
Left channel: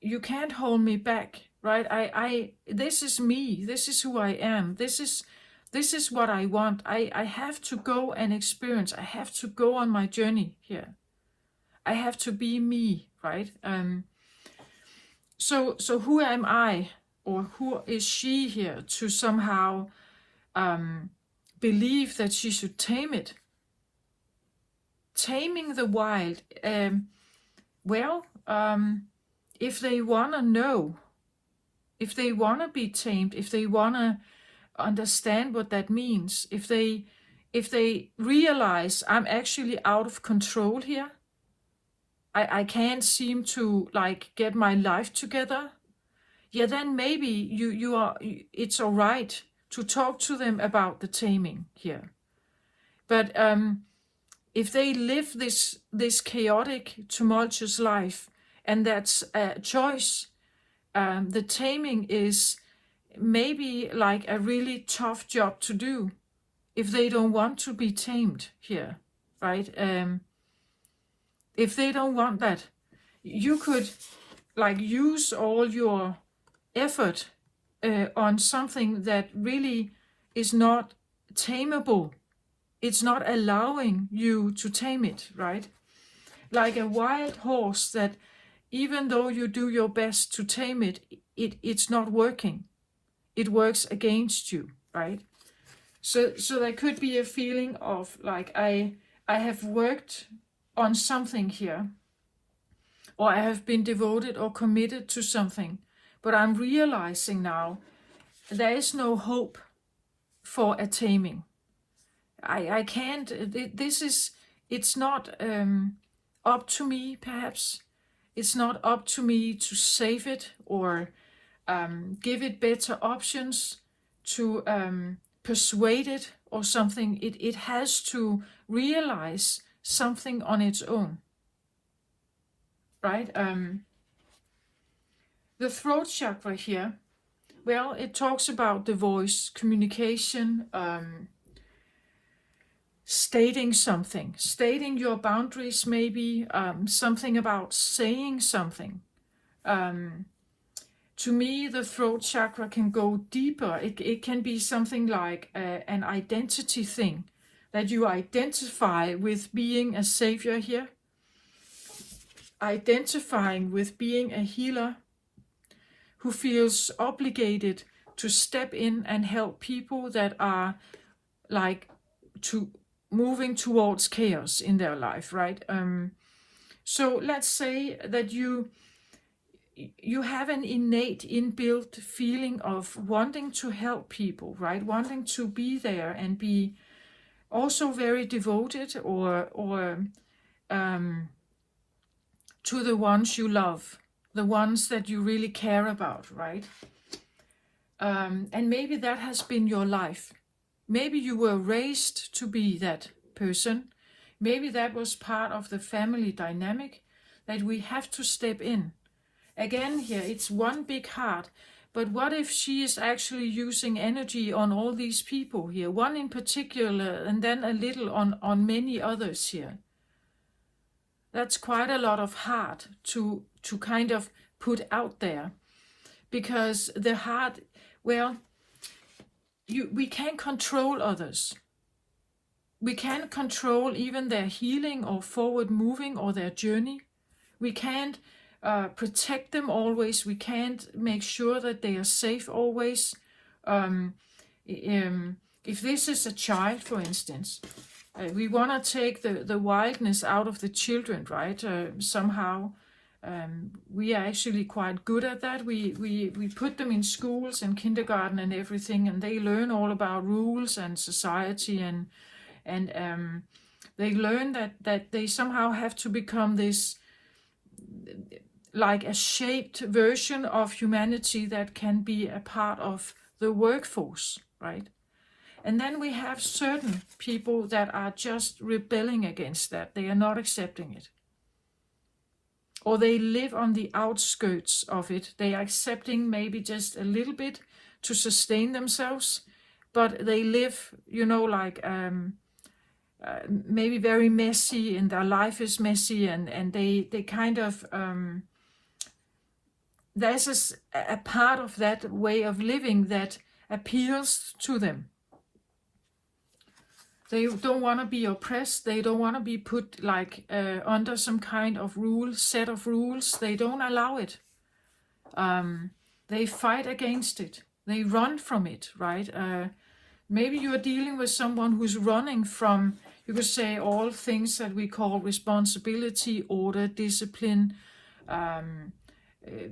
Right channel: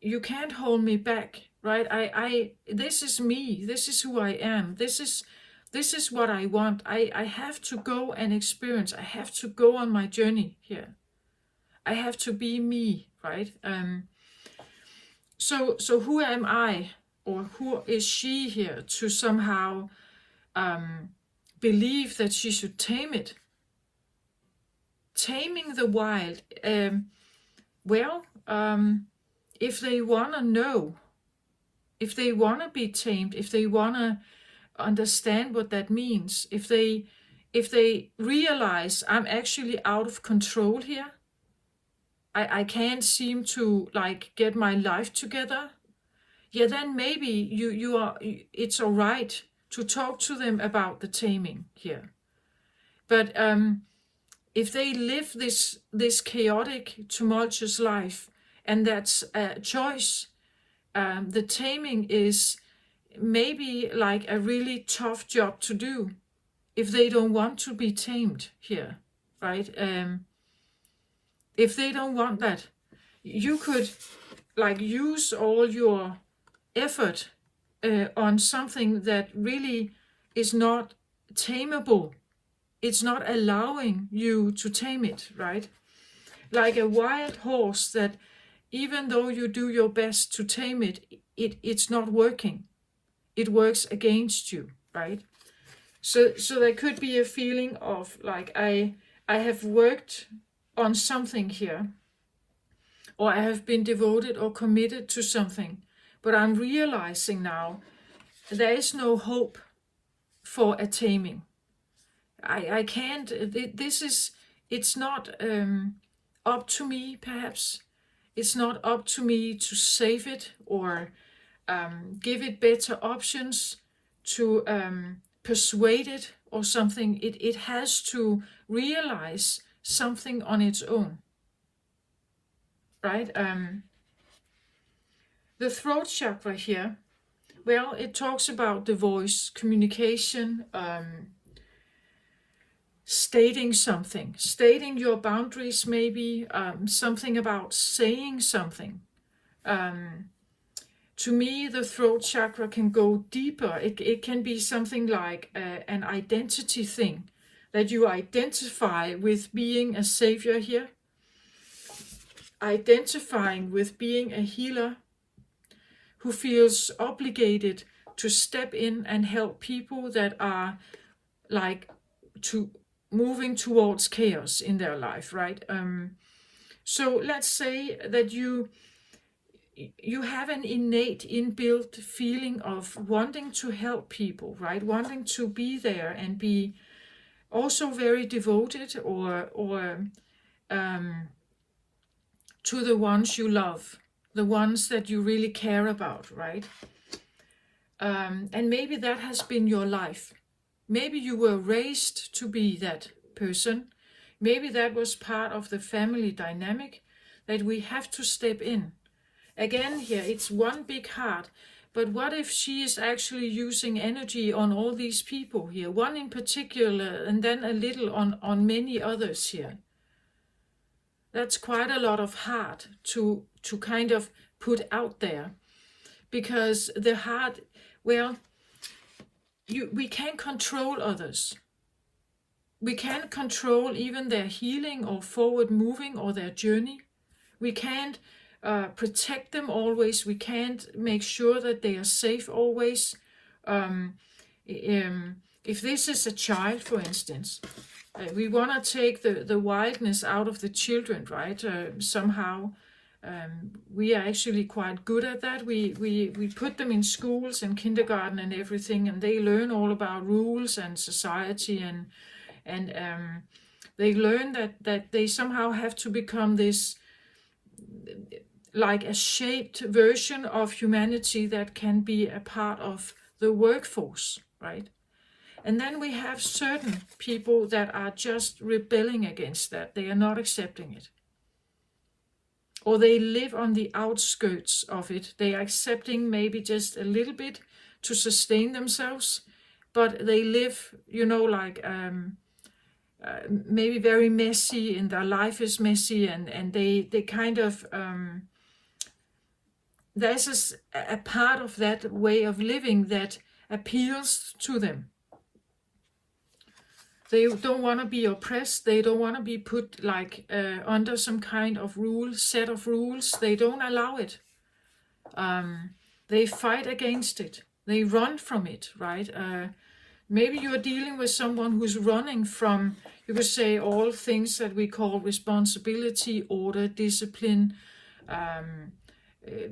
you can't hold me back, right? This is me. This is who I am. This is what I want. I have to go and experience. I have to go on my journey here. I have to be me, right? So who am I, or who is she here to somehow believe that she should tame it? Taming the wild. If they want to know, if they want to be tamed, if they want to understand what that means, if they realize I'm actually out of control here, I can't seem to like get my life together, yeah, then maybe it's all right to talk to them about the taming here. But if they live this chaotic, tumultuous life, and that's a choice, the taming is maybe like a really tough job to do if they don't want to be tamed here, right? If they don't want that, you could like use all your effort on something that really is not tameable. It's not allowing you to tame it, right? Like a wild horse that even though you do your best to tame it, it's not working. It works against you, right? So there could be a feeling of like, I have worked on something here, or I have been devoted or committed to something, but I'm realizing now there is no hope for a taming. I can't, it's not up to me, perhaps. It's not up to me to save it or give it better options, to persuade it or something. It has to realize something on its own, right? The throat chakra here, well, it talks about the voice, communication, stating something, stating your boundaries, maybe something about saying something. To me, the throat chakra can go deeper. It can be something like an identity thing, that you identify with being a savior here, identifying with being a healer who feels obligated to step in and help people that are like moving towards chaos in their life, right? So let's say that you have an innate, inbuilt feeling of wanting to help people, right? Wanting to be there and be also very devoted or to the ones you love, the ones that you really care about, right? And maybe that has been your life. Maybe you were raised to be that person. Maybe that was part of the family dynamic, that we have to step in. Again here, it's one big heart. But what if she is actually using energy on all these people here? One in particular, and then a little on many others here. That's quite a lot of heart to kind of put out there. because the heart, well, we can't control others. We can't control even their healing or forward moving or their journey. We can't protect them always. We can't make sure that they are safe always. If this is a child, for instance, we want to take the wildness out of the children, right? Somehow. We are actually quite good at that. We put them in schools and kindergarten and everything, and they learn all about rules and society, and they learn that they somehow have to become this, like a shaped version of humanity that can be a part of the workforce, right? And then we have certain people that are just rebelling against that. They are not accepting it. Or they live on the outskirts of it. They are accepting maybe just a little bit to sustain themselves, but they live, like maybe very messy, and their life is messy, and they kind of, there's a part of that way of living that appeals to them. They don't want to be oppressed. They don't want to be put like under some kind of set of rules. They don't allow it. They fight against it. They run from it, right? Maybe you're dealing with someone who's running from, you could say, all things that we call responsibility, order, discipline,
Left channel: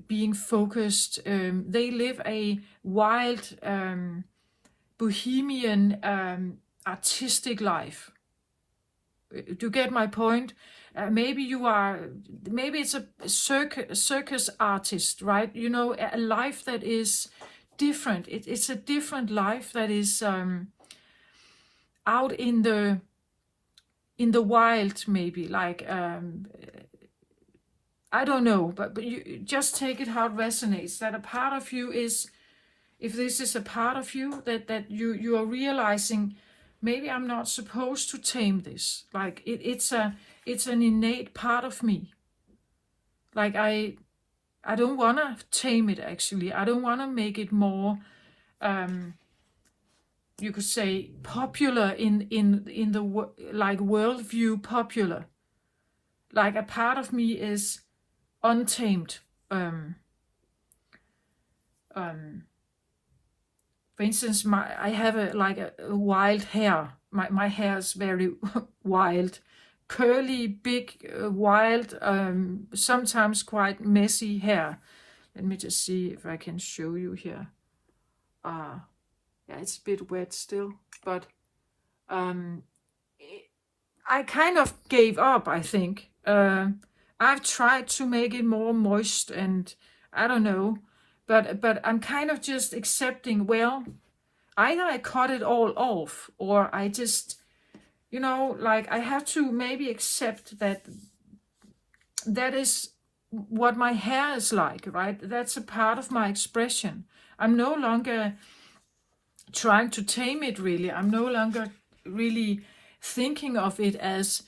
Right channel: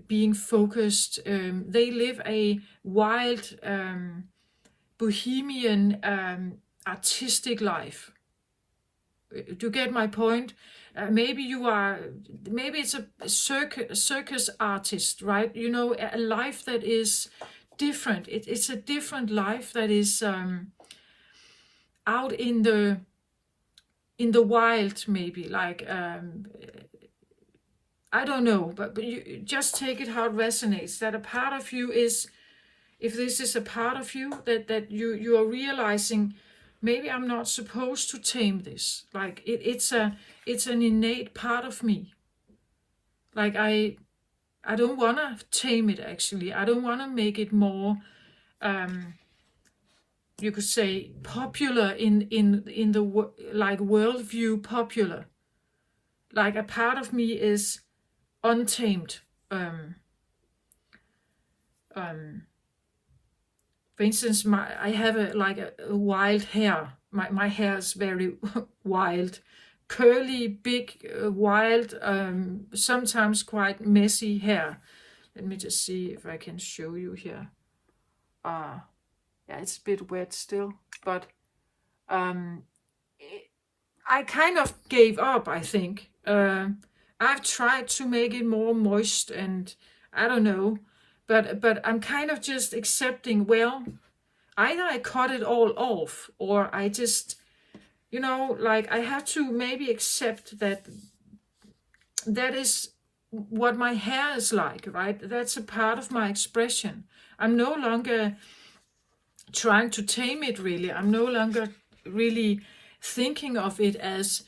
being focused. They live a wild, bohemian, artistic life. Do you get my point? Maybe it's a circus artist, right? A life that is different. It's a different life that is out in the wild, maybe, like I don't know, but you just take it how it resonates. That a part of you is, if this is a part of you that you are realizing, maybe I'm not supposed to tame this. Like it's an innate part of me. Like I don't want to tame it, actually. I don't want to make it more, you could say, popular in the like worldview popular. Like a part of me is untamed. For instance, I have a wild hair. My hair is very wild, curly, big, wild, sometimes quite messy hair. Let me just see if I can show you here. Yeah, it's a bit wet still, but I kind of gave up, I think. I've tried to make it more moist, and I don't know. But I'm kind of just accepting, well, either I cut it all off, or I just, like I have to maybe accept that is what my hair is like, right? That's a part of my expression. I'm no longer trying to tame it, really. I'm no longer really thinking of it as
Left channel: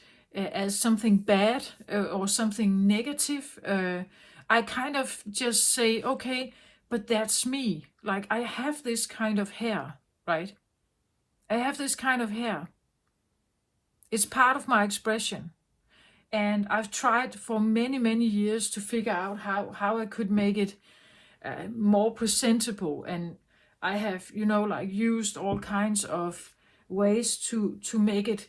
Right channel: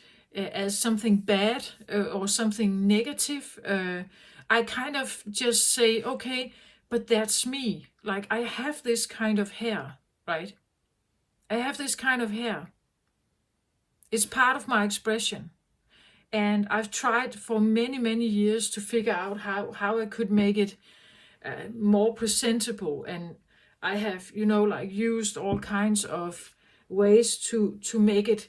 something bad or something negative. I kind of just say, okay, but that's me. Like, I have this kind of hair, right? I have this kind of hair. It's part of my expression. And I've tried for many, many years to figure out how I could make it more presentable. And I have, used all kinds of ways to make it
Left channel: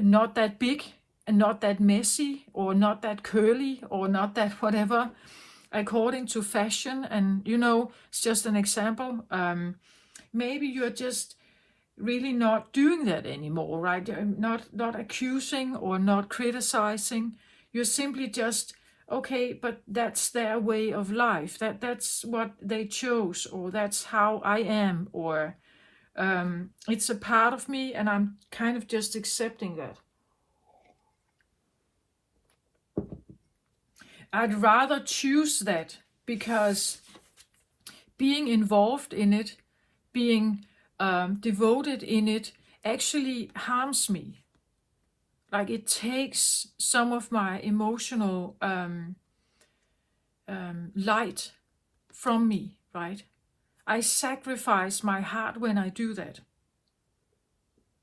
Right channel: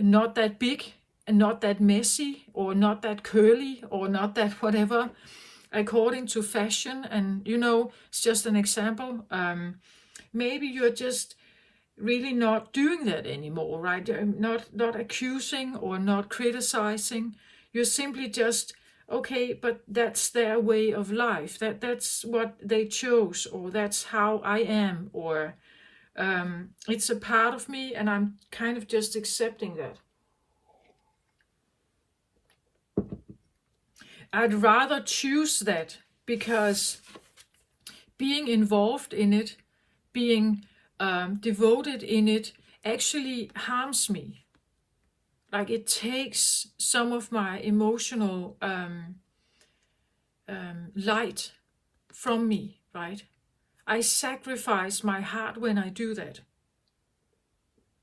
not that big and not that messy or not that curly or not that whatever, according to fashion. And it's just an example. Maybe you're just really not doing that anymore, right? Not accusing or not criticizing. You're simply just, okay, but that's their way of life. That's what they chose, or that's how I am, or it's a part of me, and I'm kind of just accepting that. I'd rather choose that, because being involved in it, being devoted in it, actually harms me. Like, it takes some of my emotional light from me. right? I sacrifice my heart when I do that.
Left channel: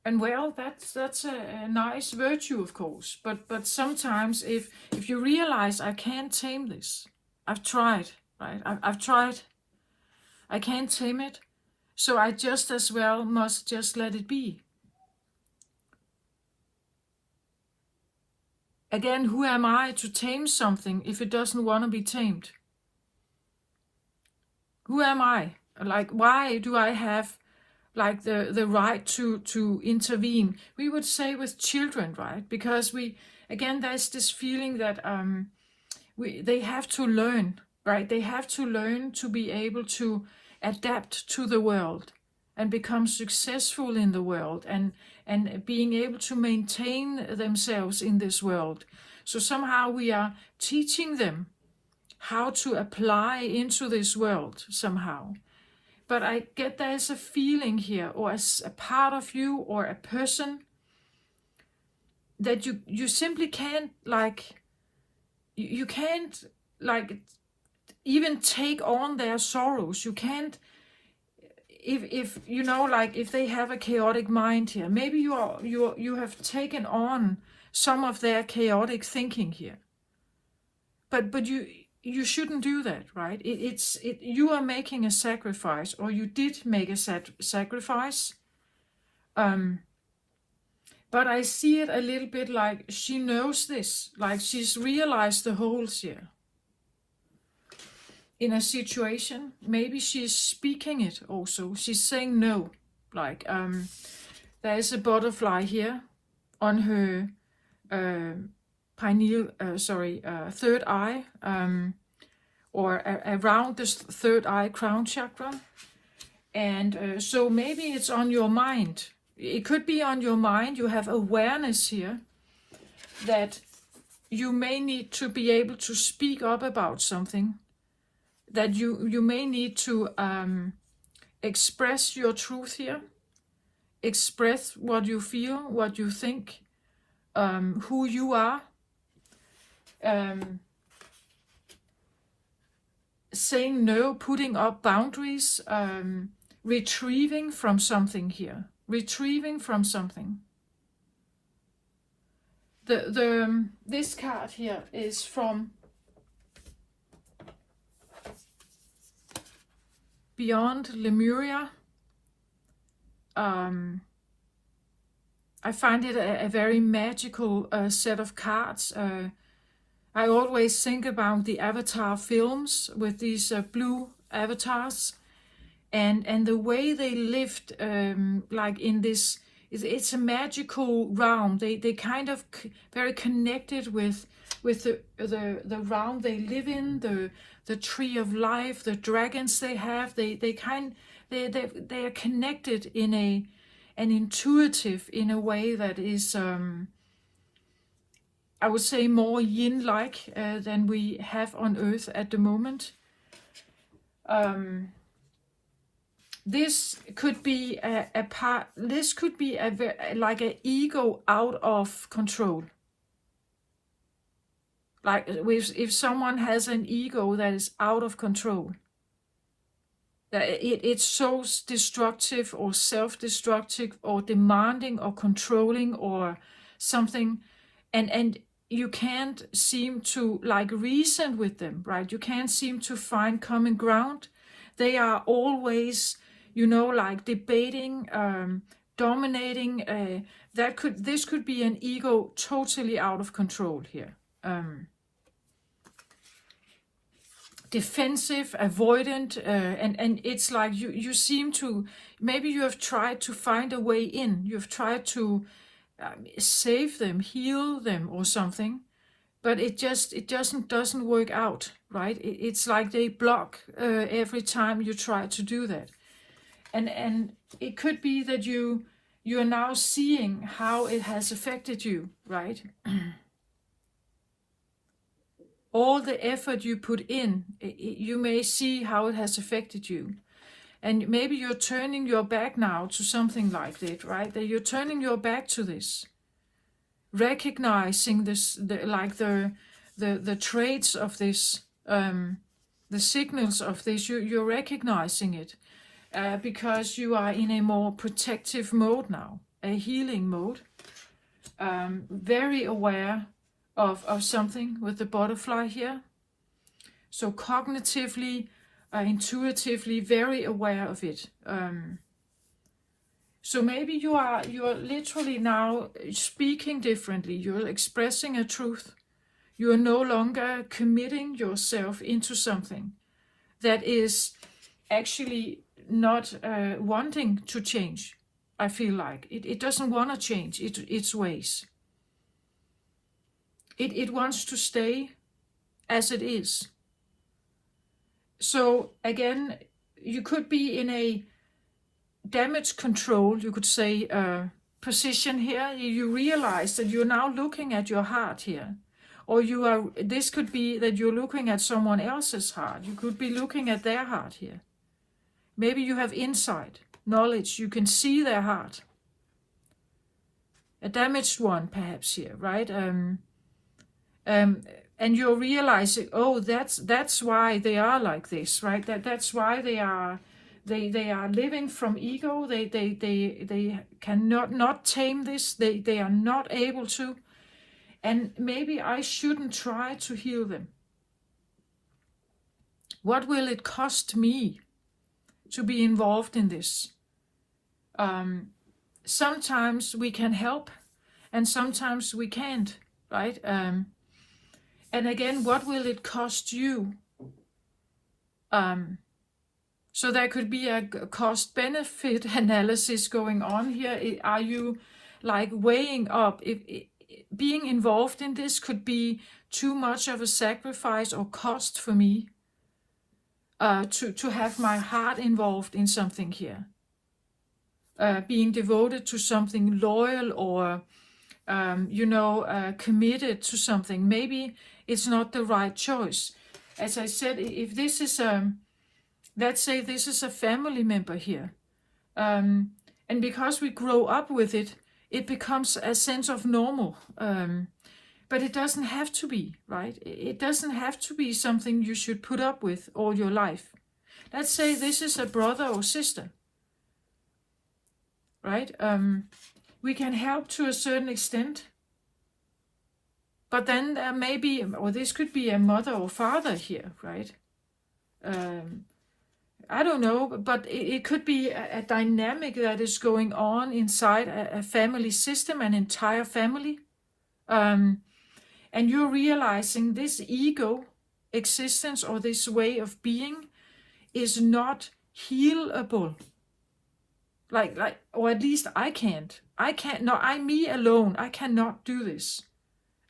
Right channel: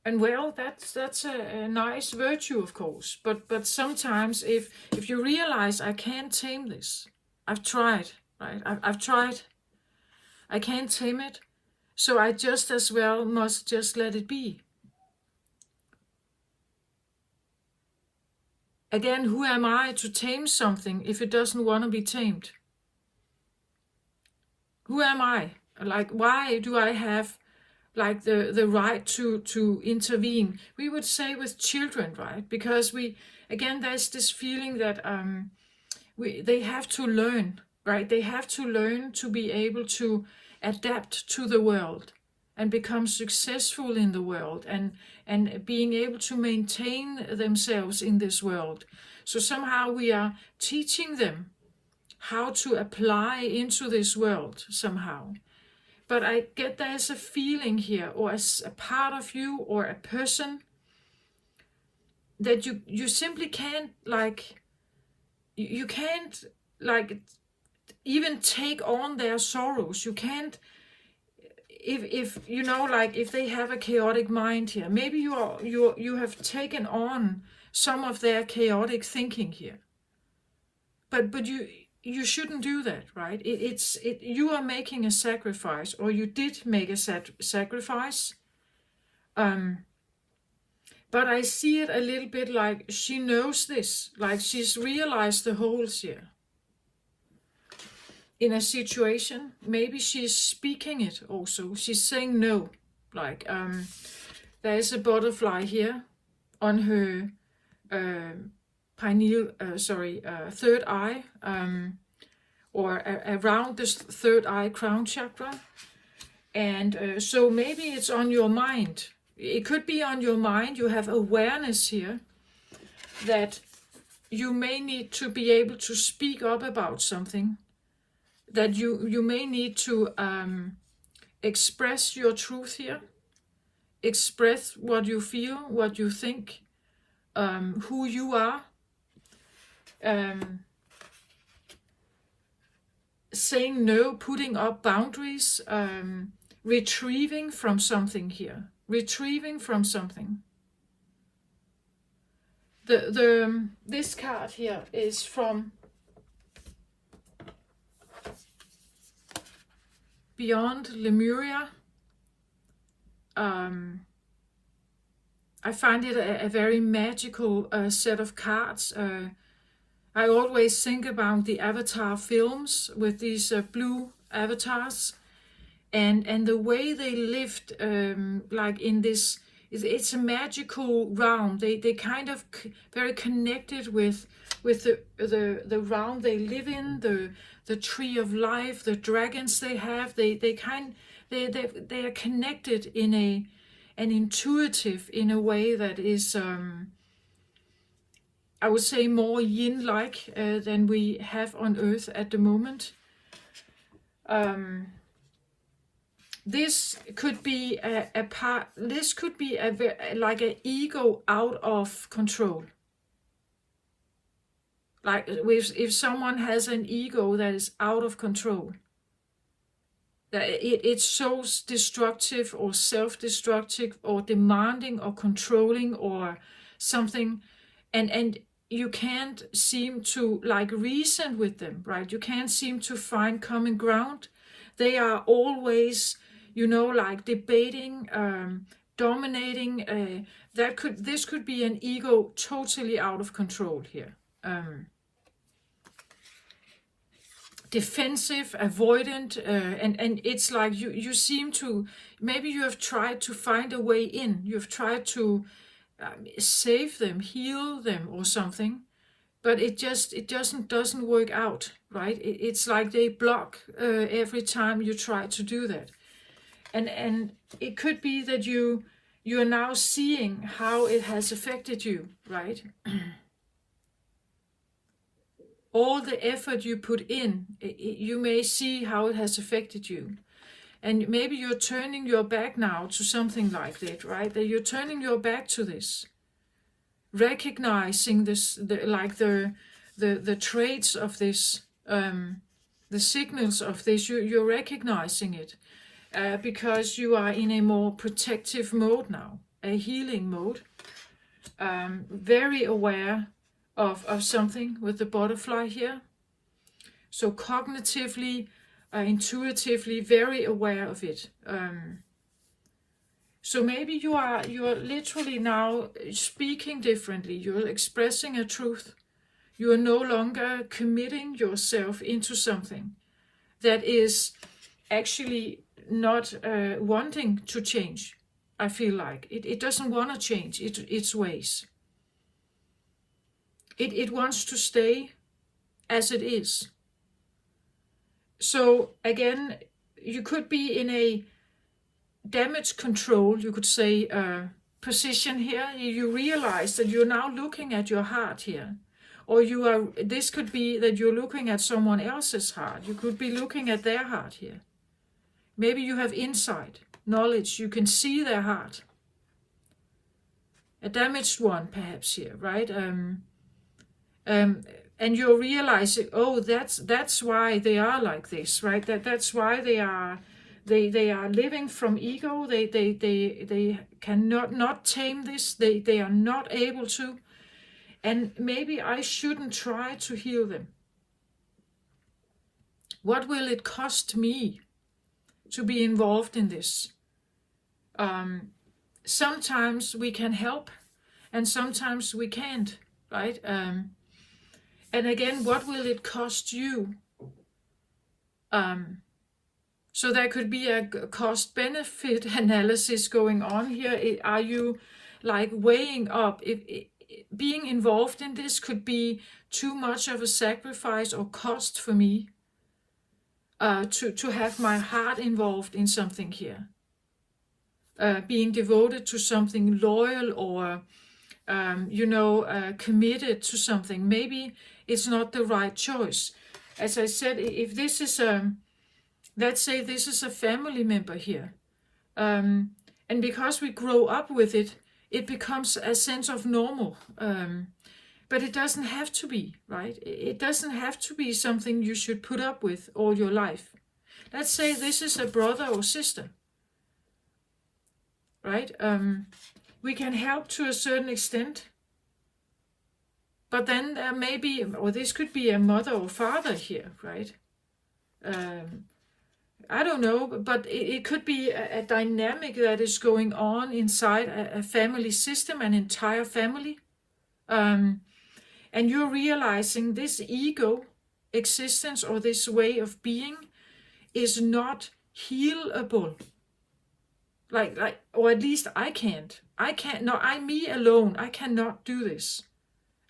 And well, that's a nice virtue, of course. But sometimes if you realize I can't tame this, I've tried, right? I've tried. I can't tame it, so I just as well must just let it be. Again, who am I to tame something if it doesn't want to be tamed? Who am I? Like, why do I have like the right to intervene? We would say with children, right? Because there's this feeling that they have to learn, right? They have to learn to be able to adapt to the world and become successful in the world, and being able to maintain themselves in this world. So somehow we are teaching them how to apply into this world somehow. But I get there's a feeling here, or a part of you, or a person, that you simply can't, like, you can't, like, even take on their sorrows. You can't, if you know, like, if they have a chaotic mind here, maybe you have taken on some of their chaotic thinking here. But you shouldn't do that, right? You are making a sacrifice, or you did make a sacrifice. But I see it a little bit like she knows this, like she's realized the holes here in a situation. Maybe she's speaking it also. She's saying no. Like, there is a butterfly here on her third eye, or around this third eye crown chakra. And so maybe it's on your mind. It could be on your mind. You have awareness here that you may need to be able to speak up about something, that you may need to express your truth here, express what you feel, what you think, who you are, saying no, putting up boundaries, retrieving from something here, retrieving from something. This card here is from Beyond Lemuria. I find it a very magical set of cards. I always think about the Avatar films with these blue avatars, and the way they lived, like in this, it's a magical realm. They kind of very connected with the realm they live in, the tree of life, the dragons they have. They are connected in an intuitive, in a way that is, I would say, more yin-like than we have on Earth at the moment. This could be a part. This could be like an ego out of control. Like if someone has an ego that is out of control, that it's so destructive or self-destructive or demanding or controlling or something, and you can't seem to, like, reason with them, right? You can't seem to find common ground. They are always, like, debating, dominating. This could be an ego totally out of control here. Defensive, avoidant, and it's like you seem to, maybe you have tried to find a way in. You've tried to save them, heal them, or something, but it doesn't work out, right? It's like they block every time you try to do that, and it could be that you are now seeing how it has affected you, right? All the effort you put in, you may see how it has affected you. And maybe you're turning your back now to something like that, right? That you're turning your back to this. Recognizing this, the traits of this, the the signals of this. You're recognizing it because you are in a more protective mode now, a healing mode. Very aware of something with the butterfly here. So cognitively, intuitively, very aware of it. So maybe you are literally now speaking differently. You're expressing a truth. You are no longer committing yourself into something that is actually not wanting to change. I feel like it doesn't want to change its ways. It wants to stay as it is. So again, you could be in a damage control, you could say, position here. You realize that you're now looking at your heart here. Or this could be that you're looking at someone else's heart. You could be looking at their heart here. Maybe you have insight, knowledge. You can see their heart. A damaged one, perhaps, here, right? And you're realizing, oh, that's why they are like this, right? That's why they are living from ego. They cannot not tame this. They are not able to. And maybe I shouldn't try to heal them. What will it cost me to be involved in this? Sometimes we can help, and sometimes we can't, right? And again, what will it cost you? So there could be a cost-benefit analysis going on here. Are you like weighing up if being involved in this could be too much of a sacrifice or cost for me to have my heart involved in something here? Being devoted to something, loyal, or committed to something. Maybe it's not the right choice. As I said, if this is let's say this is a family member here, and because we grow up with it, it becomes a sense of normal. But it doesn't have to be, right? It doesn't have to be something you should put up with all your life. Let's say this is a brother or sister, right? We can help to a certain extent, but then maybe, or this could be a mother or father here, right? I don't know, but it could be a dynamic that is going on inside a family system, an entire family. And you're realizing this ego existence or this way of being is not healable. Like, or at least I can't. No, I'm me alone. I cannot do this.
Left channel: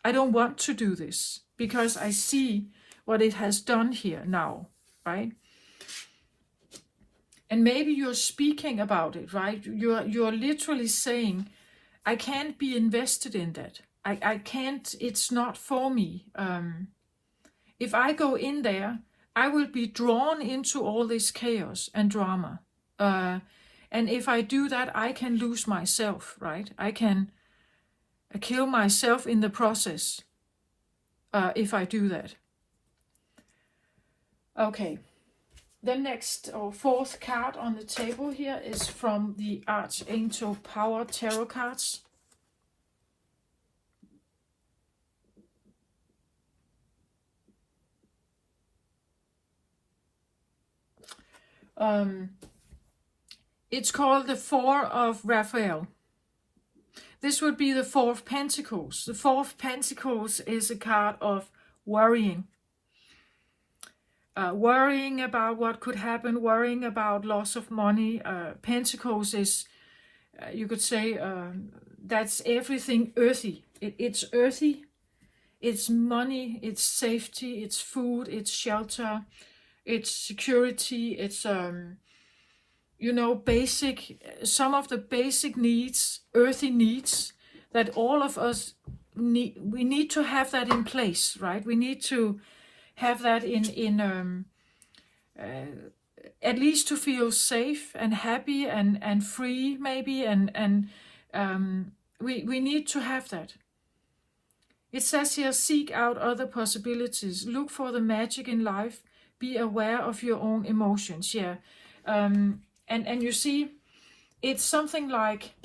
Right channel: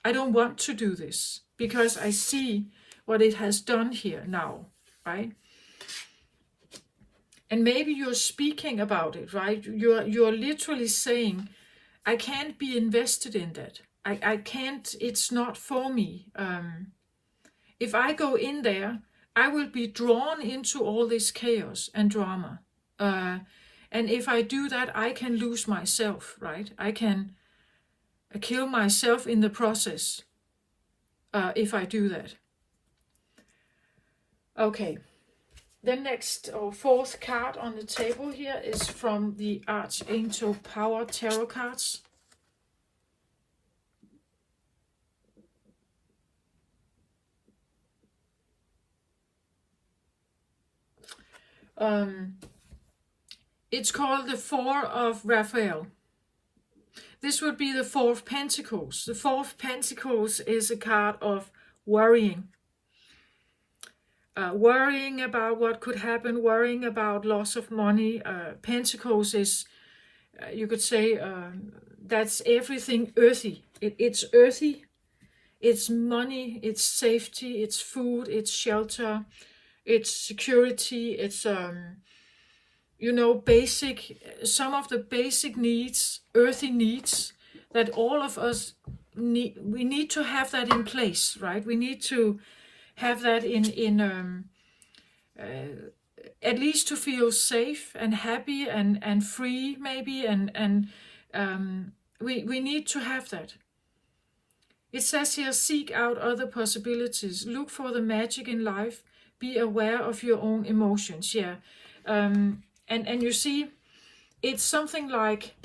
I don't want to do this because I see what it has done here now, right? And maybe you're speaking about it, right? You're literally saying, I can't be invested in that. I can't, it's not for me. If I go in there, I will be drawn into all this chaos and drama. And if I do that, I can lose myself, right? I can kill myself in the process if I do that. Okay. The next or fourth card on the table here is from the Archangel Power Tarot cards. It's called the Four of Raphael. This would be the Four of Pentacles. The Four of Pentacles is a card of worrying. Worrying about what could happen, worrying about loss of money. Pentacles is, you could say, that's everything earthy. It's earthy, it's money, it's safety, it's food, it's shelter, it's security, it's, basic, some of the basic needs, earthy needs that all of us need. We need to have that in place, right? We need to have that in at least to feel safe and happy and free, maybe, and we need to have that. It says here, seek out other possibilities, look for the magic in life, be aware of your own emotions. Yeah. And you see, it's something like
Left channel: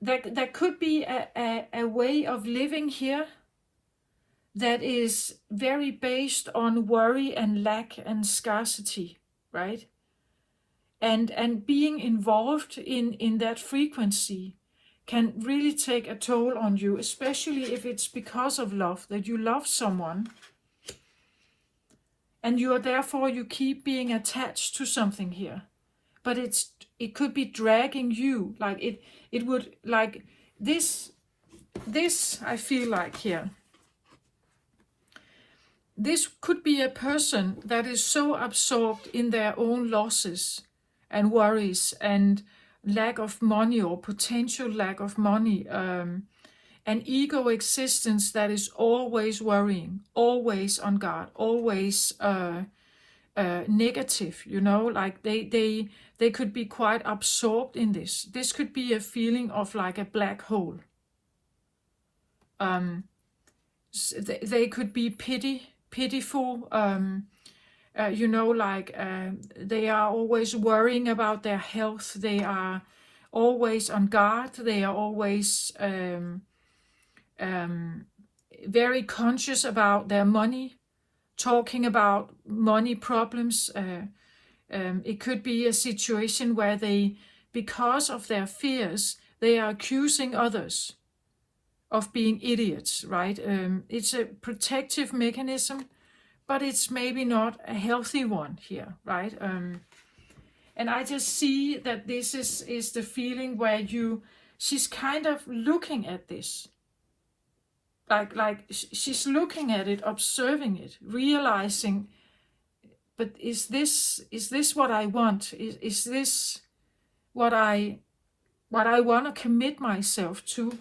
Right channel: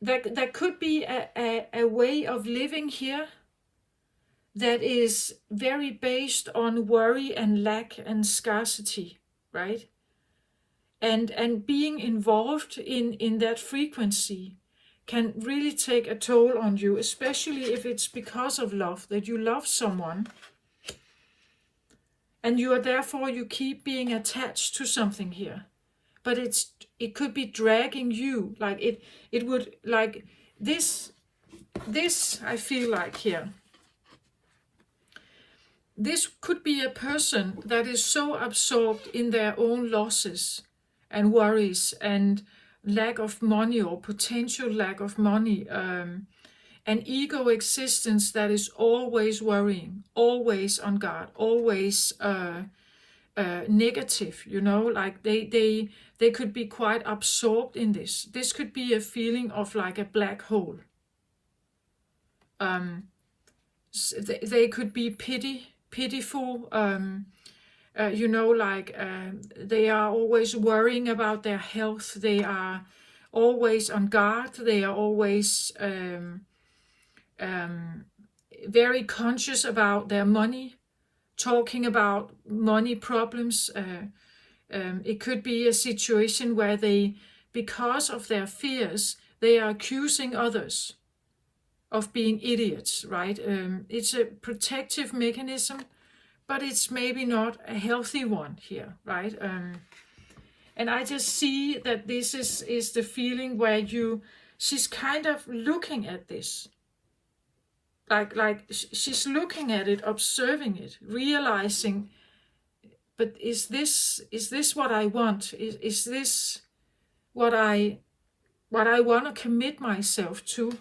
that could be a way of living here that is very based on worry and lack and scarcity, right? And being involved in that frequency can really take a toll on you, especially if it's because of love, that you love someone and you are therefore you keep being attached to something here. But it could be dragging you, like it would, like this I feel like here. This could be a person that is so absorbed in their own losses and worries and lack of money or potential lack of money, an ego existence that is always worrying, always on guard, always negative, you know, like they could be quite absorbed in this. This could be a feeling of like a black hole. They could be pitiful, you know, like they are always worrying about their health. They are always on guard. They are always very conscious about their money, talking about money problems. It could be a situation where they, because of their fears, they are accusing others of being idiots, right? It's a protective mechanism, but it's maybe not a healthy one here, right? And I just see that this is the feeling where she's kind of looking at this. Like she's looking at it, observing it, realizing, but is this what I want? Is this what I want to commit myself to?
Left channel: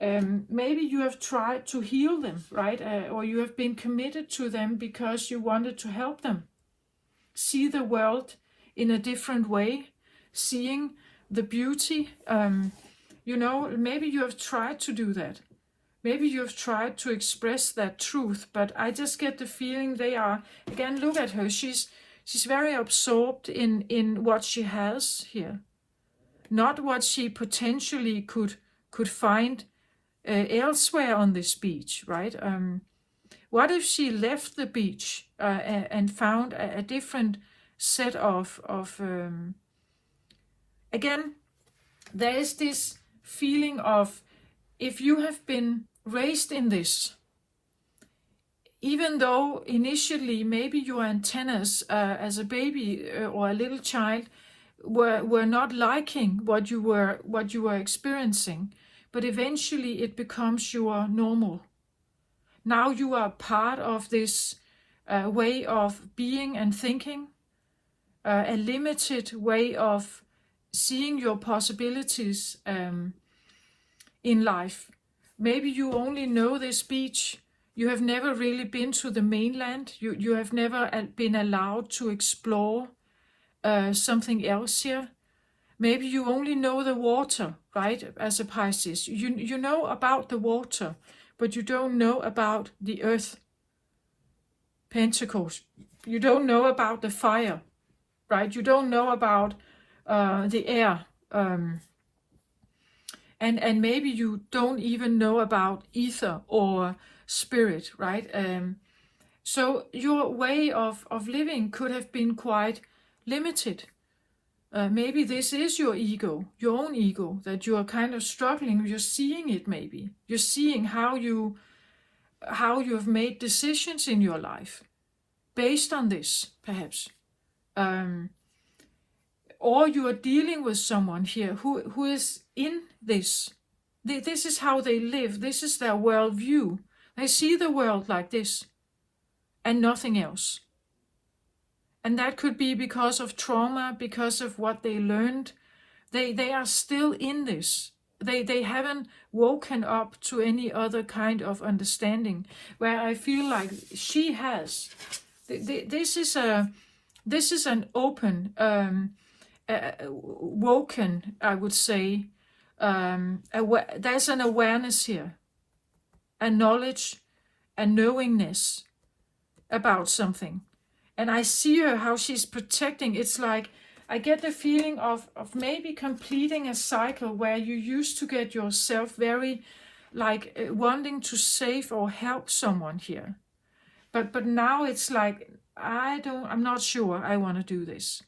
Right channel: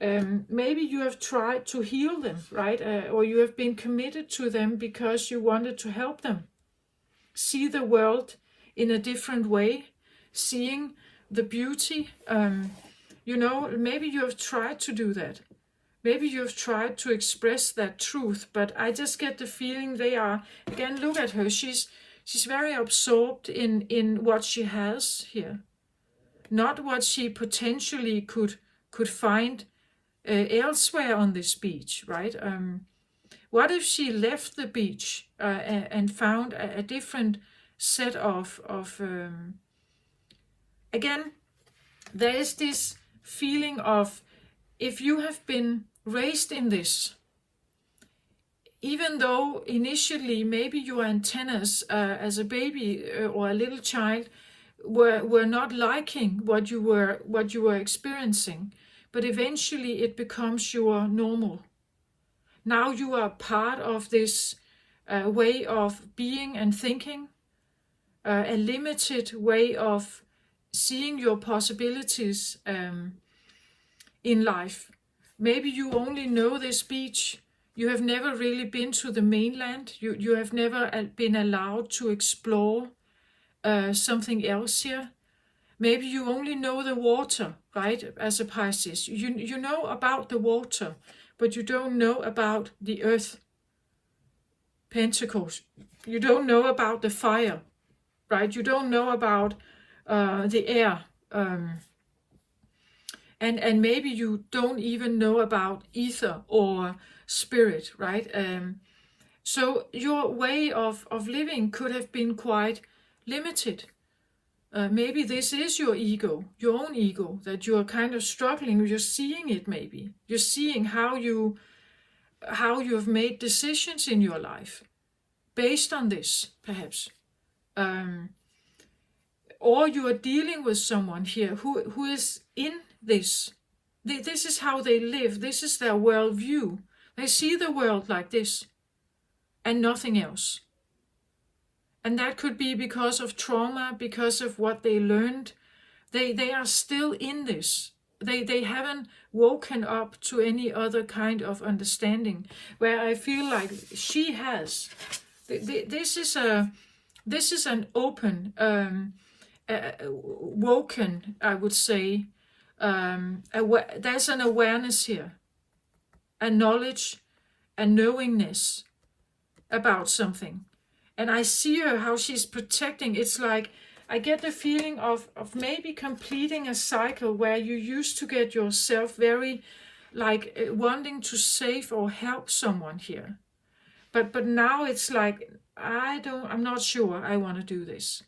Maybe you have tried to heal them, right? Or you have been committed to them because you wanted to help them see the world in a different way, seeing the beauty. You know, maybe you have tried to do that. Maybe you have tried to express that truth, but I just get the feeling they are, again, look at her. She's very absorbed in what she has here, not what she potentially could find elsewhere on this beach, right? What if she left the beach and found a different set of again, there is this feeling of, if you have been raised in this, even though initially maybe your antennas as a baby or a little child were not liking what you were experiencing, but eventually it becomes your normal. Now you are part of this way of being and thinking, a limited way of seeing your possibilities in life. Maybe you only know this beach. You have never really been to the mainland. You have never been allowed to explore something else here. Maybe you only know the water, right, as a Pisces. You know about the water, but you don't know about the earth. Pentacles. You don't know about the fire, right? You don't know about the air. And maybe you don't even know about ether or spirit, right? So your way of living could have been quite limited. Maybe this is your ego, your own ego, that you are kind of struggling. You're seeing it maybe. You're seeing how you have made decisions in your life based on this, perhaps. Or you are dealing with someone here who is in this. This is how they live. This is their worldview. They see the world like this and nothing else. And that could be because of trauma, because of what they learned. They are still in this. They haven't woken up to any other kind of understanding, where I feel like she has. This is an open, woken, I would say. There's an awareness here, a knowledge, a knowingness about something. And I see her, how she's protecting. It's like, I get the feeling of maybe completing a cycle where you used to get yourself very, like, wanting to save or help someone here. But now it's like, I'm not sure I want to do this.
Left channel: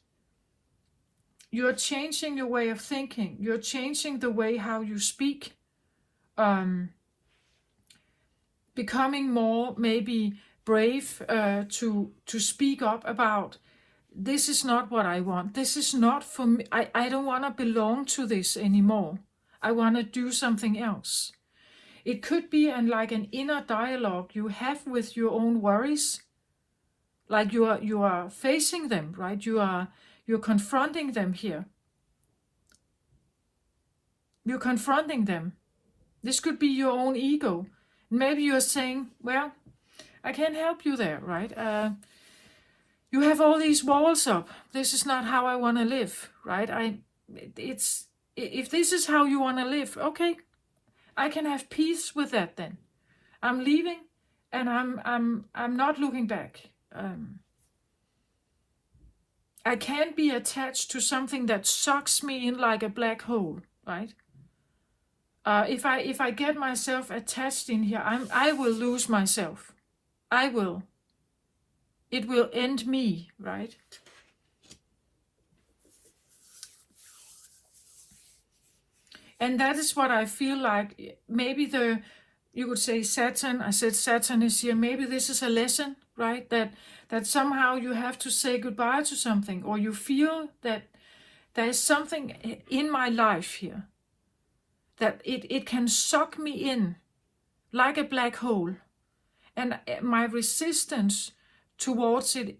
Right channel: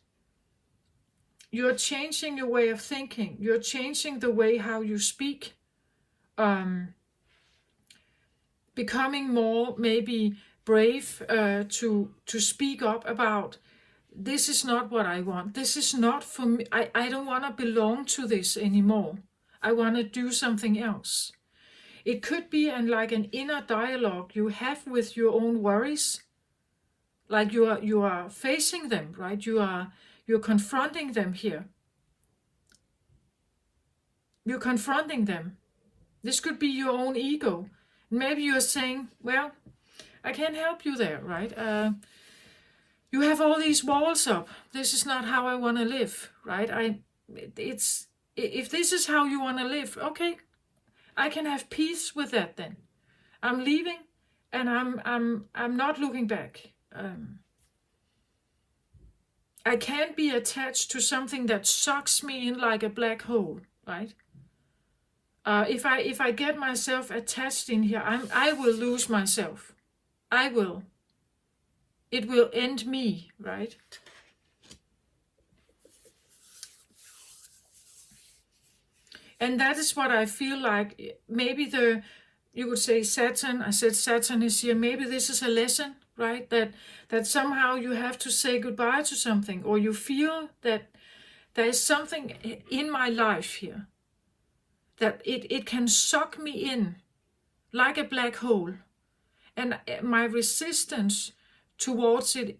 You're changing your way of thinking. You're changing the way how you speak. Becoming more maybe brave to speak up about, this is not what I want. This is not for me. I don't want to belong to this anymore. I want to do something else. It could be like an inner dialogue you have with your own worries. Like you are facing them, right? You're confronting them here. You're confronting them. This could be your own ego. Maybe you're saying, well, I can't help you there, right? You have all these walls up. This is not how I want to live, right? If this is how you want to live, okay, I can have peace with that then. I'm leaving, and I'm not looking back. I can't be attached to something that sucks me in like a black hole, right? If I get myself attached in here, I will lose myself. I will. It will end me, right? And that is what I feel like. Maybe you could say Saturn. I said Saturn is here. Maybe this is a lesson, right? That somehow you have to say goodbye to something, or you feel that there is something in my life here that it can suck me in like a black hole. And my resistance towards it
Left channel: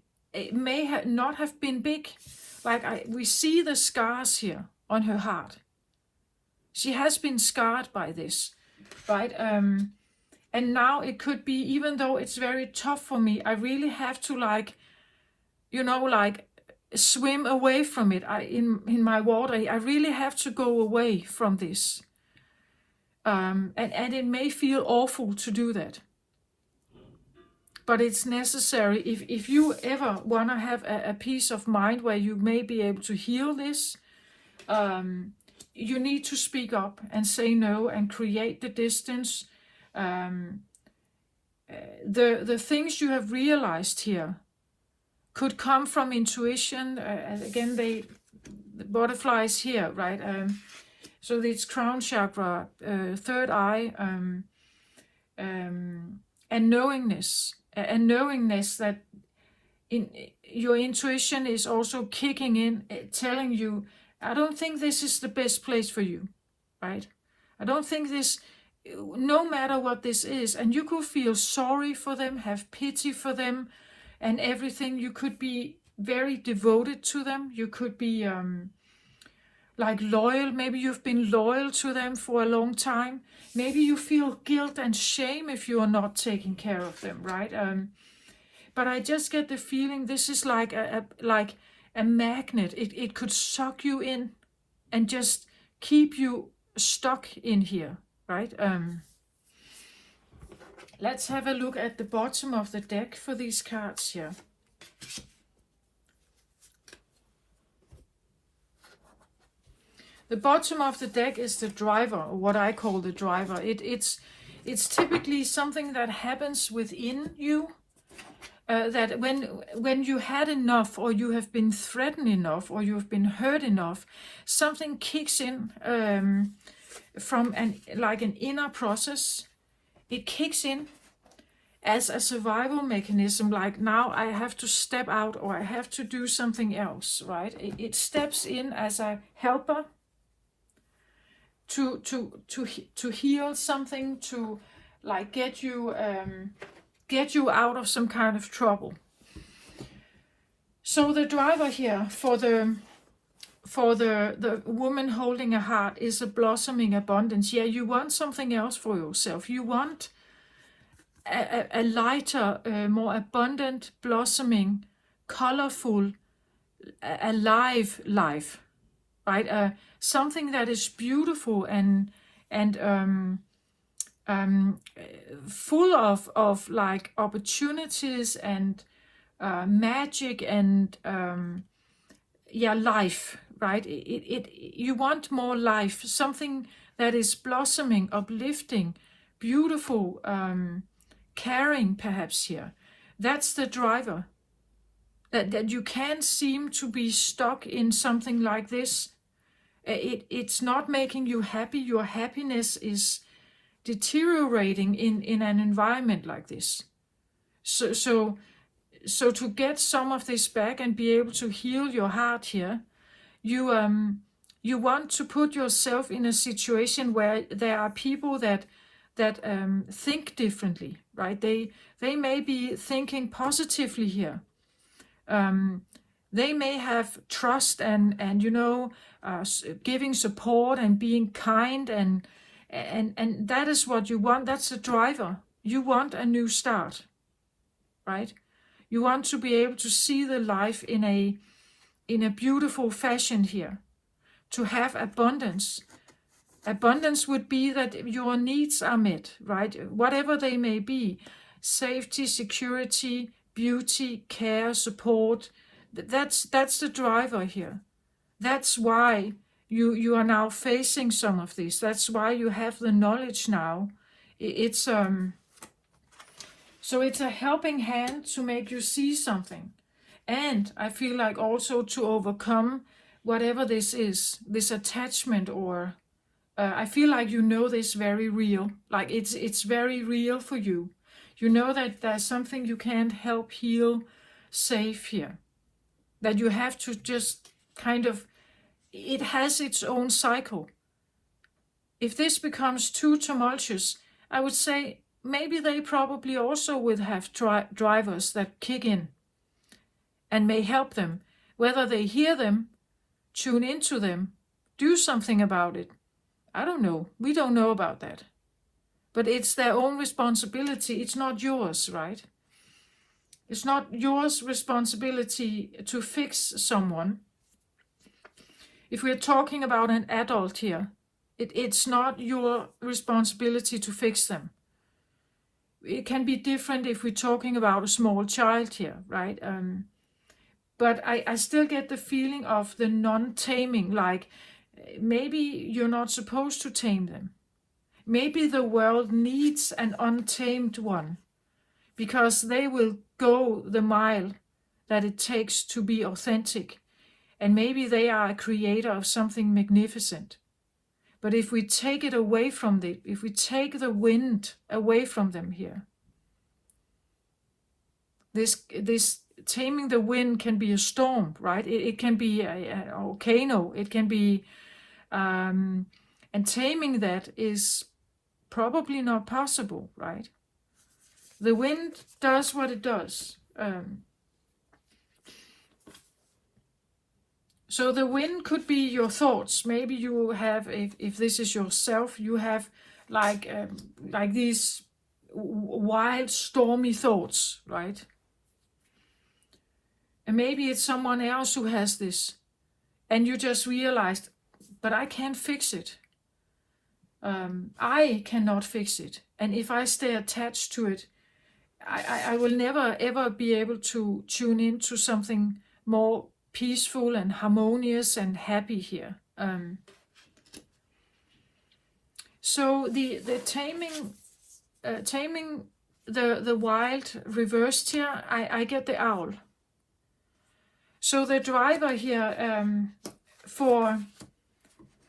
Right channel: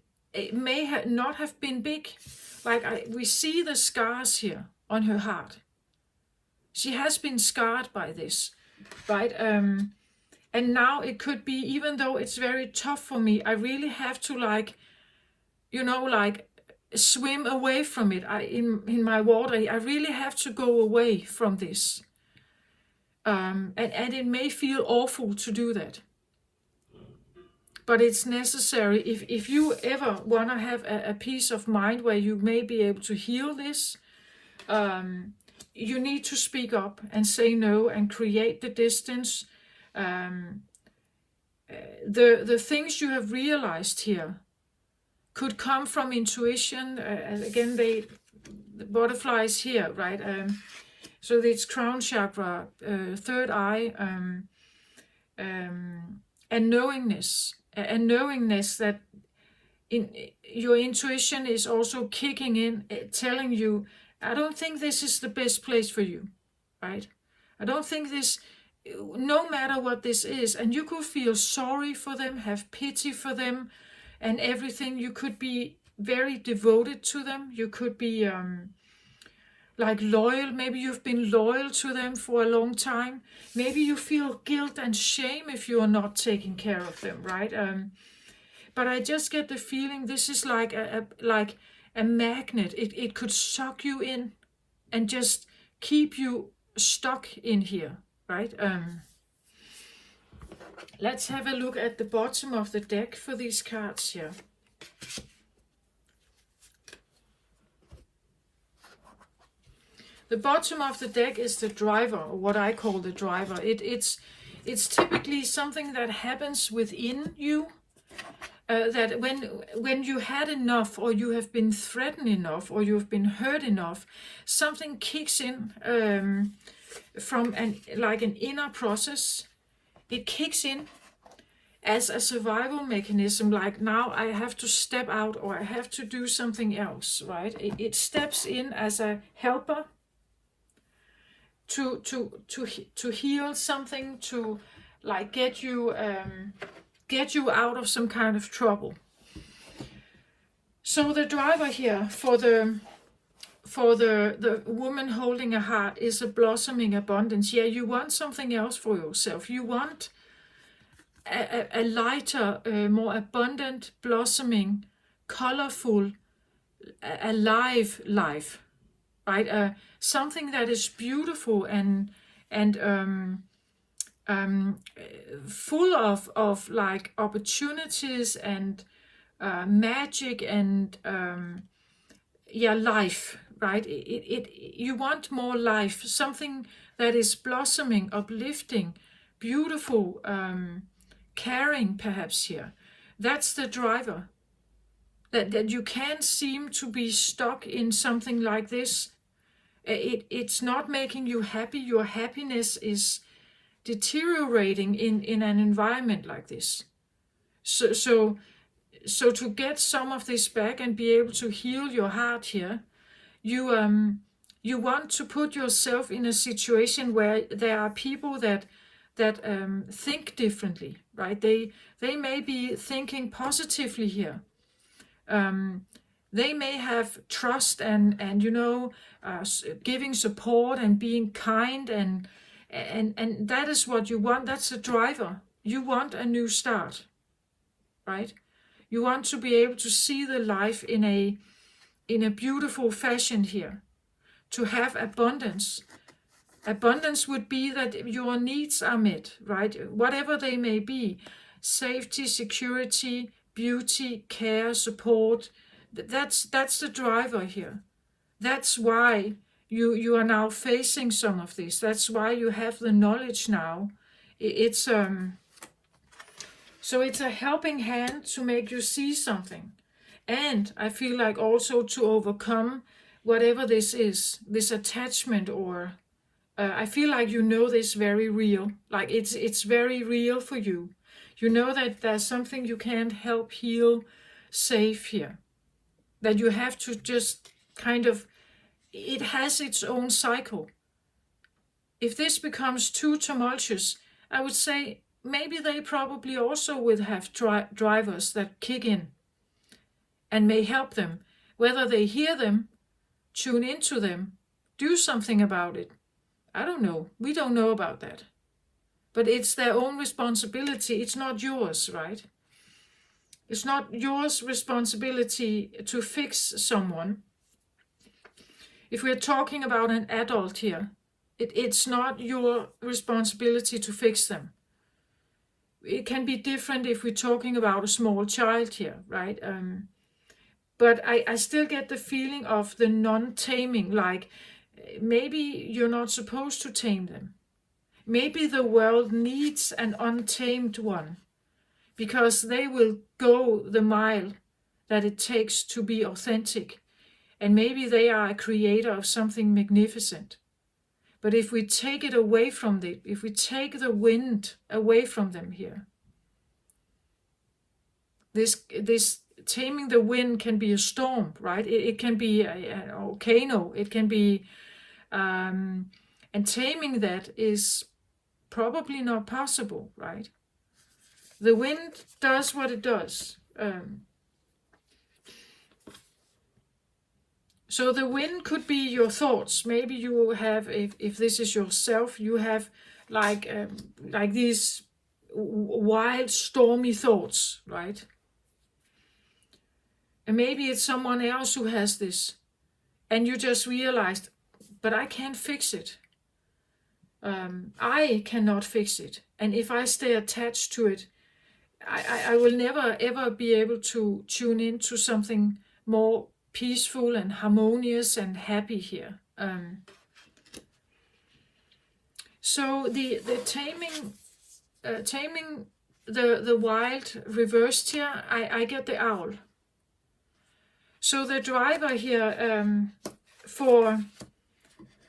may not have been big. Like we see the scars here on her heart. She has been scarred by this, right? And now it could be, even though it's very tough for me, I really have to like swim away from it. In my water, I really have to go away from this. And it may feel awful to do that. But it's necessary. If you ever want to have a peace of mind where you may be able to heal this, you need to speak up and say no and create the distance. The things you have realized here could come from intuition. Again, the butterfly is here, right? So it's crown chakra, third eye, and knowingness. And knowingness that your intuition is also kicking in, telling you, I don't think this is the best place for you, right? I don't think this, no matter what this is, and you could feel sorry for them, have pity for them, and everything. You could be very devoted to them. You could be like loyal. Maybe you've been loyal to them for a long time. Maybe you feel guilt and shame if you are not taking care of them, right? But I just get the feeling this is like a magnet. It could suck you in and just keep you stuck in here, right? Let's have a look at the bottom of the deck for these cards here. The bottom of the deck is the driver, or what I call the driver. It's typically something that happens within you, that when you had enough, or you have been threatened enough, or you have been hurt enough, something kicks in from an inner process. It kicks in as a survival mechanism, like now I have to step out, or I have to do something else, right? It steps in as a helper to heal something, to like get you out of some kind of trouble. So the driver here for the woman holding a heart is a blossoming abundance. Yeah, you want something else for yourself. You want a lighter, more abundant, blossoming, colorful, alive life, right? Something that is beautiful and full of like opportunities and magic and life, right? You want more life, something that is blossoming, uplifting, beautiful, caring perhaps here. That's the driver. That you can't seem to be stuck in something like this. It's not making you happy. Your happiness is deteriorating in an environment like this. So to get some of this back and be able to heal your heart here, you want to put yourself in a situation where there are people that think differently, right? They may be thinking positively here. They may have trust and giving support and being kind, and that is what you want. That's the driver. You want a new start, right? You want to be able to see the life in a beautiful fashion here, to have abundance. Abundance would be that your needs are met, right? Whatever they may be, safety, security, beauty, care, support. That's the driver here. That's why you are now facing some of this. That's why you have the knowledge now. So it's a helping hand to make you see something. And I feel like also to overcome whatever this is, this attachment, or I feel like you know this very real. Like it's very real for you. You know that there's something you can't help heal safe here. That you have to just kind of, it has its own cycle. If this becomes too tumultuous, I would say maybe they probably also would have drivers that kick in and may help them. Whether they hear them, tune into them, do something about it. I don't know. We don't know about that. But it's their own responsibility. It's not yours, right? It's not yours responsibility to fix someone. If we're talking about an adult here, it's not your responsibility to fix them. It can be different if we're talking about a small child here, right? But I still get the feeling of the non-taming, like maybe you're not supposed to tame them. Maybe the world needs an untamed one, because they will go the mile that it takes to be authentic. And maybe they are a creator of something magnificent. But if we take it away from them, if we take the wind away from them here, this taming the wind can be a storm, right? It can be a volcano. It can be, and taming that is probably not possible, right? The wind does what it does. So the wind could be your thoughts. Maybe you have, if this is yourself, you have like these wild, stormy thoughts, right? And maybe it's someone else who has this, and you just realized, but I can't fix it. I cannot fix it. And if I stay attached to it, I will never ever be able to tune into something more peaceful and harmonious and happy here. So the taming the wild reversed here, I get the owl. So the driver here for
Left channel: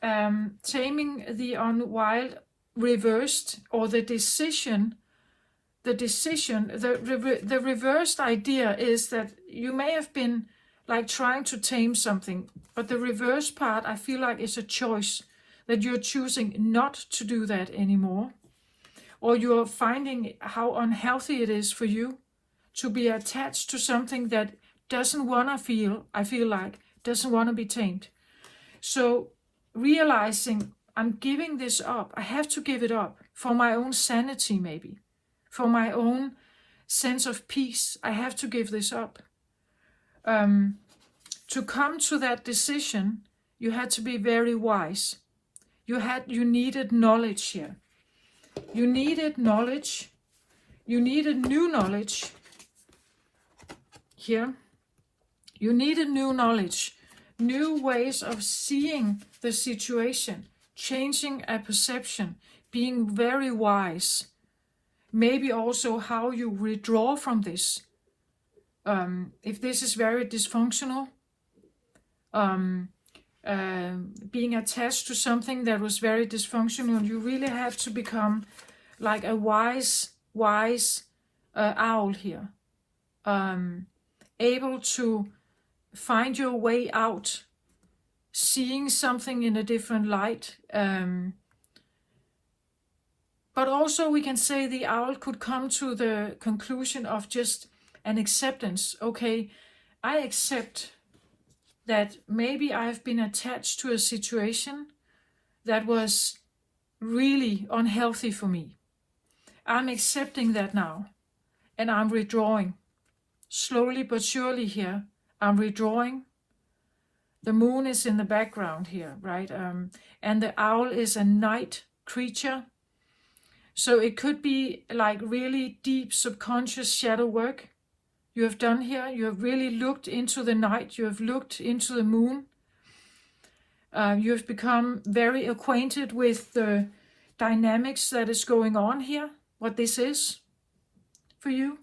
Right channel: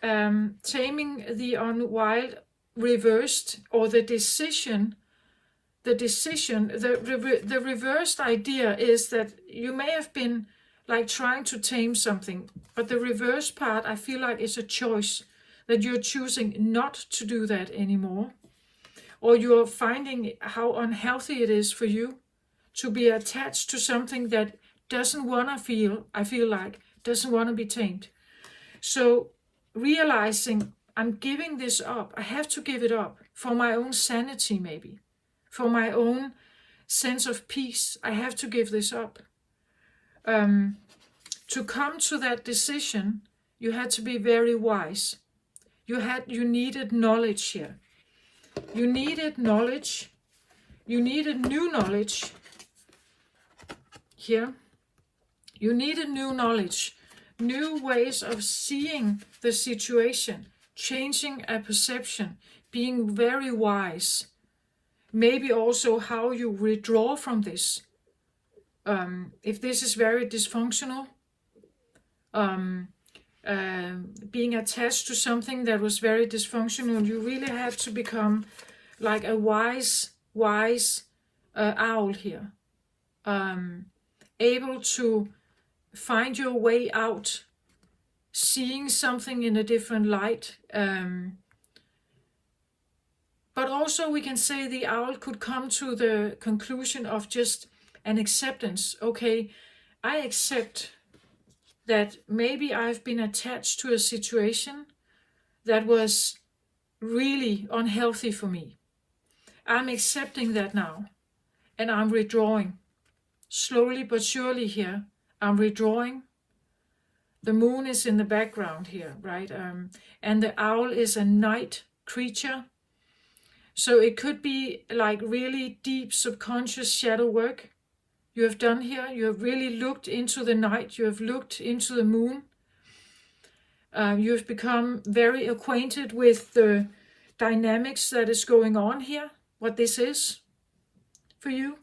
taming the unwild reversed, or the reversed idea is that you may have been like trying to tame something, but the reverse part, I feel like, is a choice, that you're choosing not to do that anymore, or you're finding how unhealthy it is for you to be attached to something that doesn't want to feel, I feel like, doesn't want to be tamed. So realizing, I'm giving this up, I have to give it up for my own sanity, maybe for my own sense of peace. I have to give this up. To come to that decision, you had to be very wise. You needed knowledge here. You needed knowledge. You needed new knowledge here. You needed new knowledge, new ways of seeing the situation, changing a perception, being very wise. Maybe also how you withdraw from this. If this is very dysfunctional, being attached to something that was very dysfunctional, you really had to become like a wise owl here, able to find your way out, seeing something in a different light. But also we can say the owl could come to the conclusion of just an acceptance. Okay, I accept that maybe I've been attached to a situation that was really unhealthy for me. I'm accepting that now, and I'm withdrawing. Slowly but surely here, I'm withdrawing. The moon is in the background here, right? And the owl is a night creature. So it could be like really deep subconscious shadow work you have done here. You have really looked into the night. You have looked into the moon. You have become very acquainted with the dynamics that is going on here, what this is for you.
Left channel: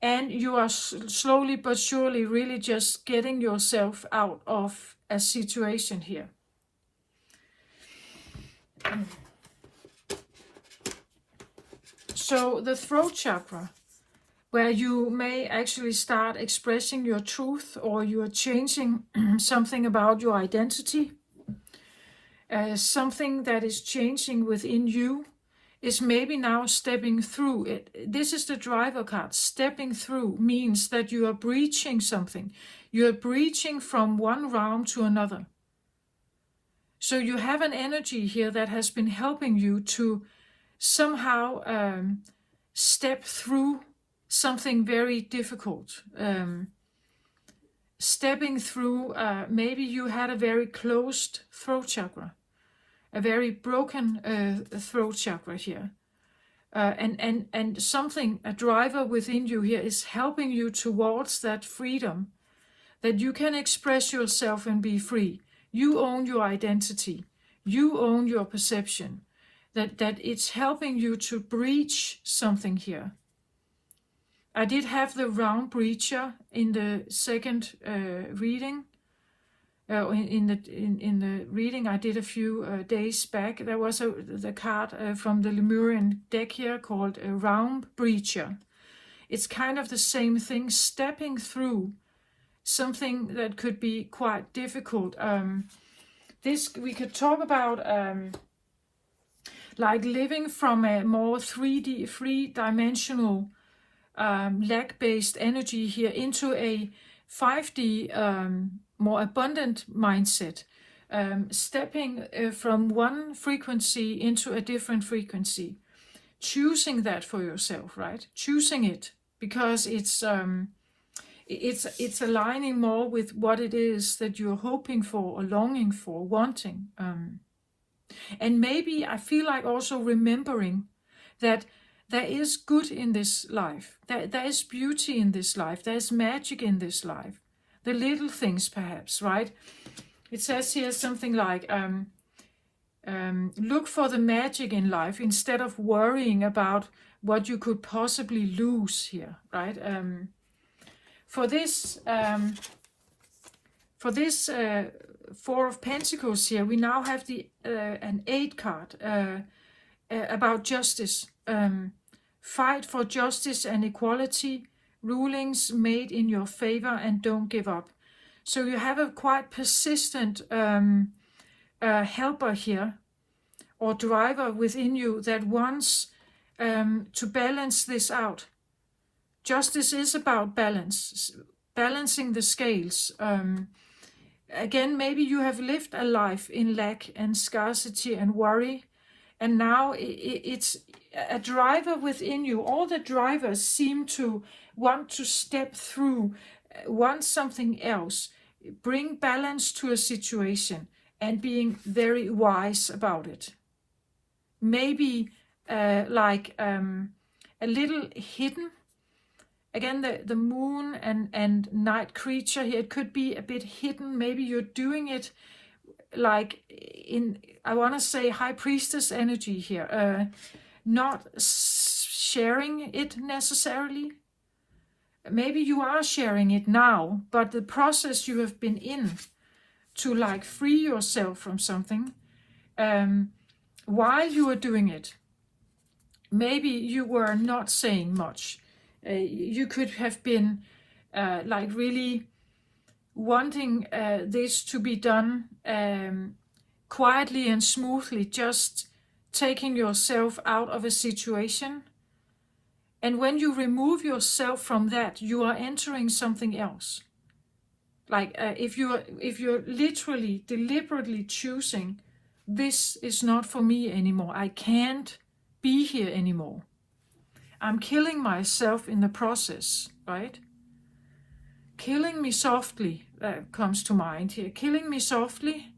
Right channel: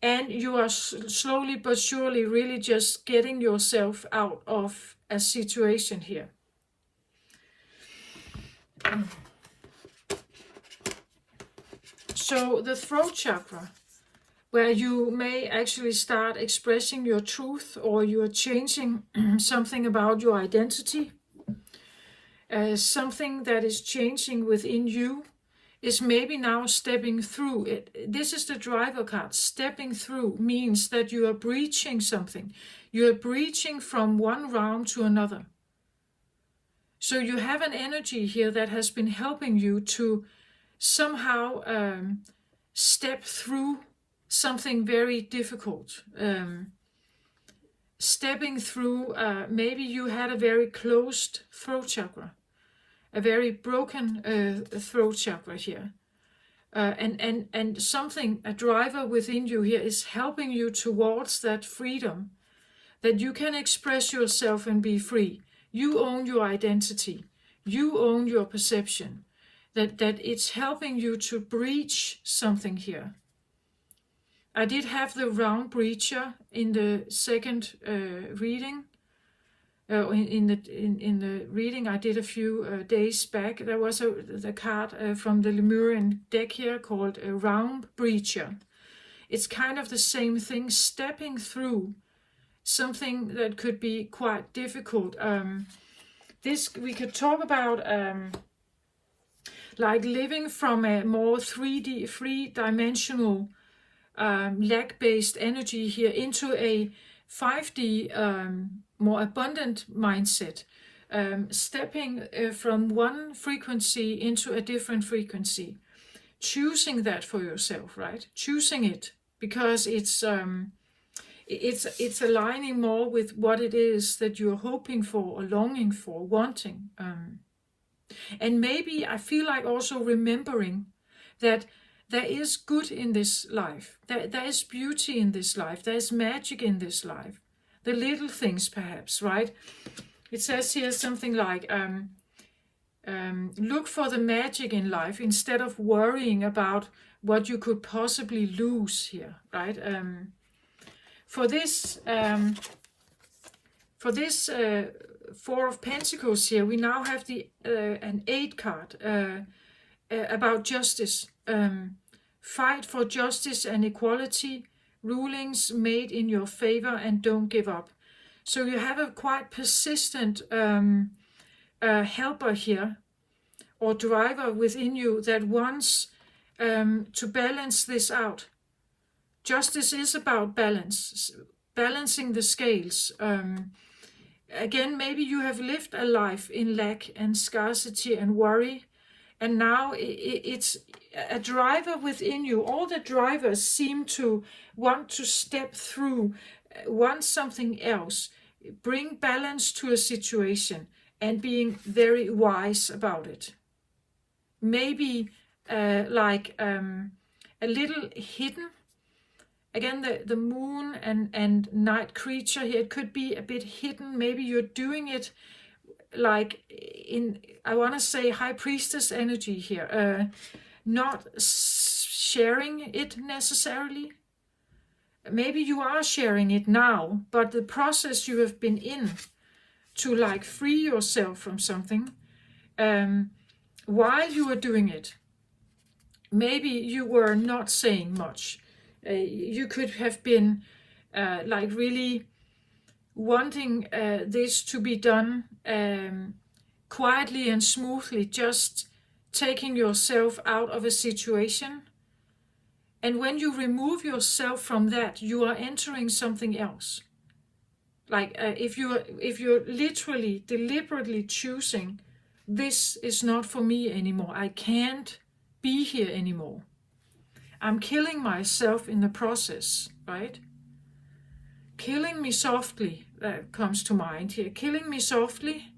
And you are slowly but surely really just getting yourself out of a situation here. So the throat chakra, where you may actually start expressing your truth, or you are changing something about your identity, something that is changing within you, is maybe now stepping through it. This is the driver card. Stepping through means that you are breaching something. You are breaching from one realm to another. So you have an energy here that has been helping you to somehow step through something very difficult. Stepping through, maybe you had a very closed throat chakra, a very broken throat chakra here. And something, a driver within you here is helping you towards that freedom, that you can express yourself and be free. You own your identity. You own your perception. That it's helping you to breach something here. I did have the round breacher in the second reading. In the reading I did a few days back, there was the card from the Lemurian deck here called a round breacher. It's kind of the same thing, stepping through something that could be quite difficult. This we could talk about like living from a more 3D, three-dimensional lack-based energy here into a 5D more abundant mindset, stepping from one frequency into a different frequency, choosing that for yourself, right? Choosing it because it's aligning more with what it is that you're hoping for or longing for, wanting. And maybe I feel like also remembering that there is good in this life. There is beauty in this life. There is magic in this life. The little things perhaps, right? It says here something like, look for the magic in life instead of worrying about what you could possibly lose here, right? For this Four of Pentacles here, we now have an 8 card about justice. Fight for justice and equality, rulings made in your favor, and don't give up. So you have a quite persistent helper here, or driver within you that wants to balance this out. Justice is about balance, balancing the scales. Again, maybe you have lived a life in lack and scarcity and worry, and now it's a driver within you. All the drivers seem to want to step through, want something else, bring balance to a situation, and being very wise about it. Maybe like a little hidden. Again, the moon and night creature here, it could be a bit hidden. Maybe you're doing it like in, I want to say, high priestess energy here, not sharing it necessarily. Maybe you are sharing it now, but the process you have been in to like free yourself from something, while you are doing it, maybe you were not saying much. You could have been like really wanting this to be done quietly and smoothly, just taking yourself out of a situation. And when you remove yourself from that, you are entering something else. Like if you're literally, deliberately choosing, this is not for me anymore. I can't be here anymore. I'm killing myself in the process, right? Killing me softly comes to mind here. Killing me softly,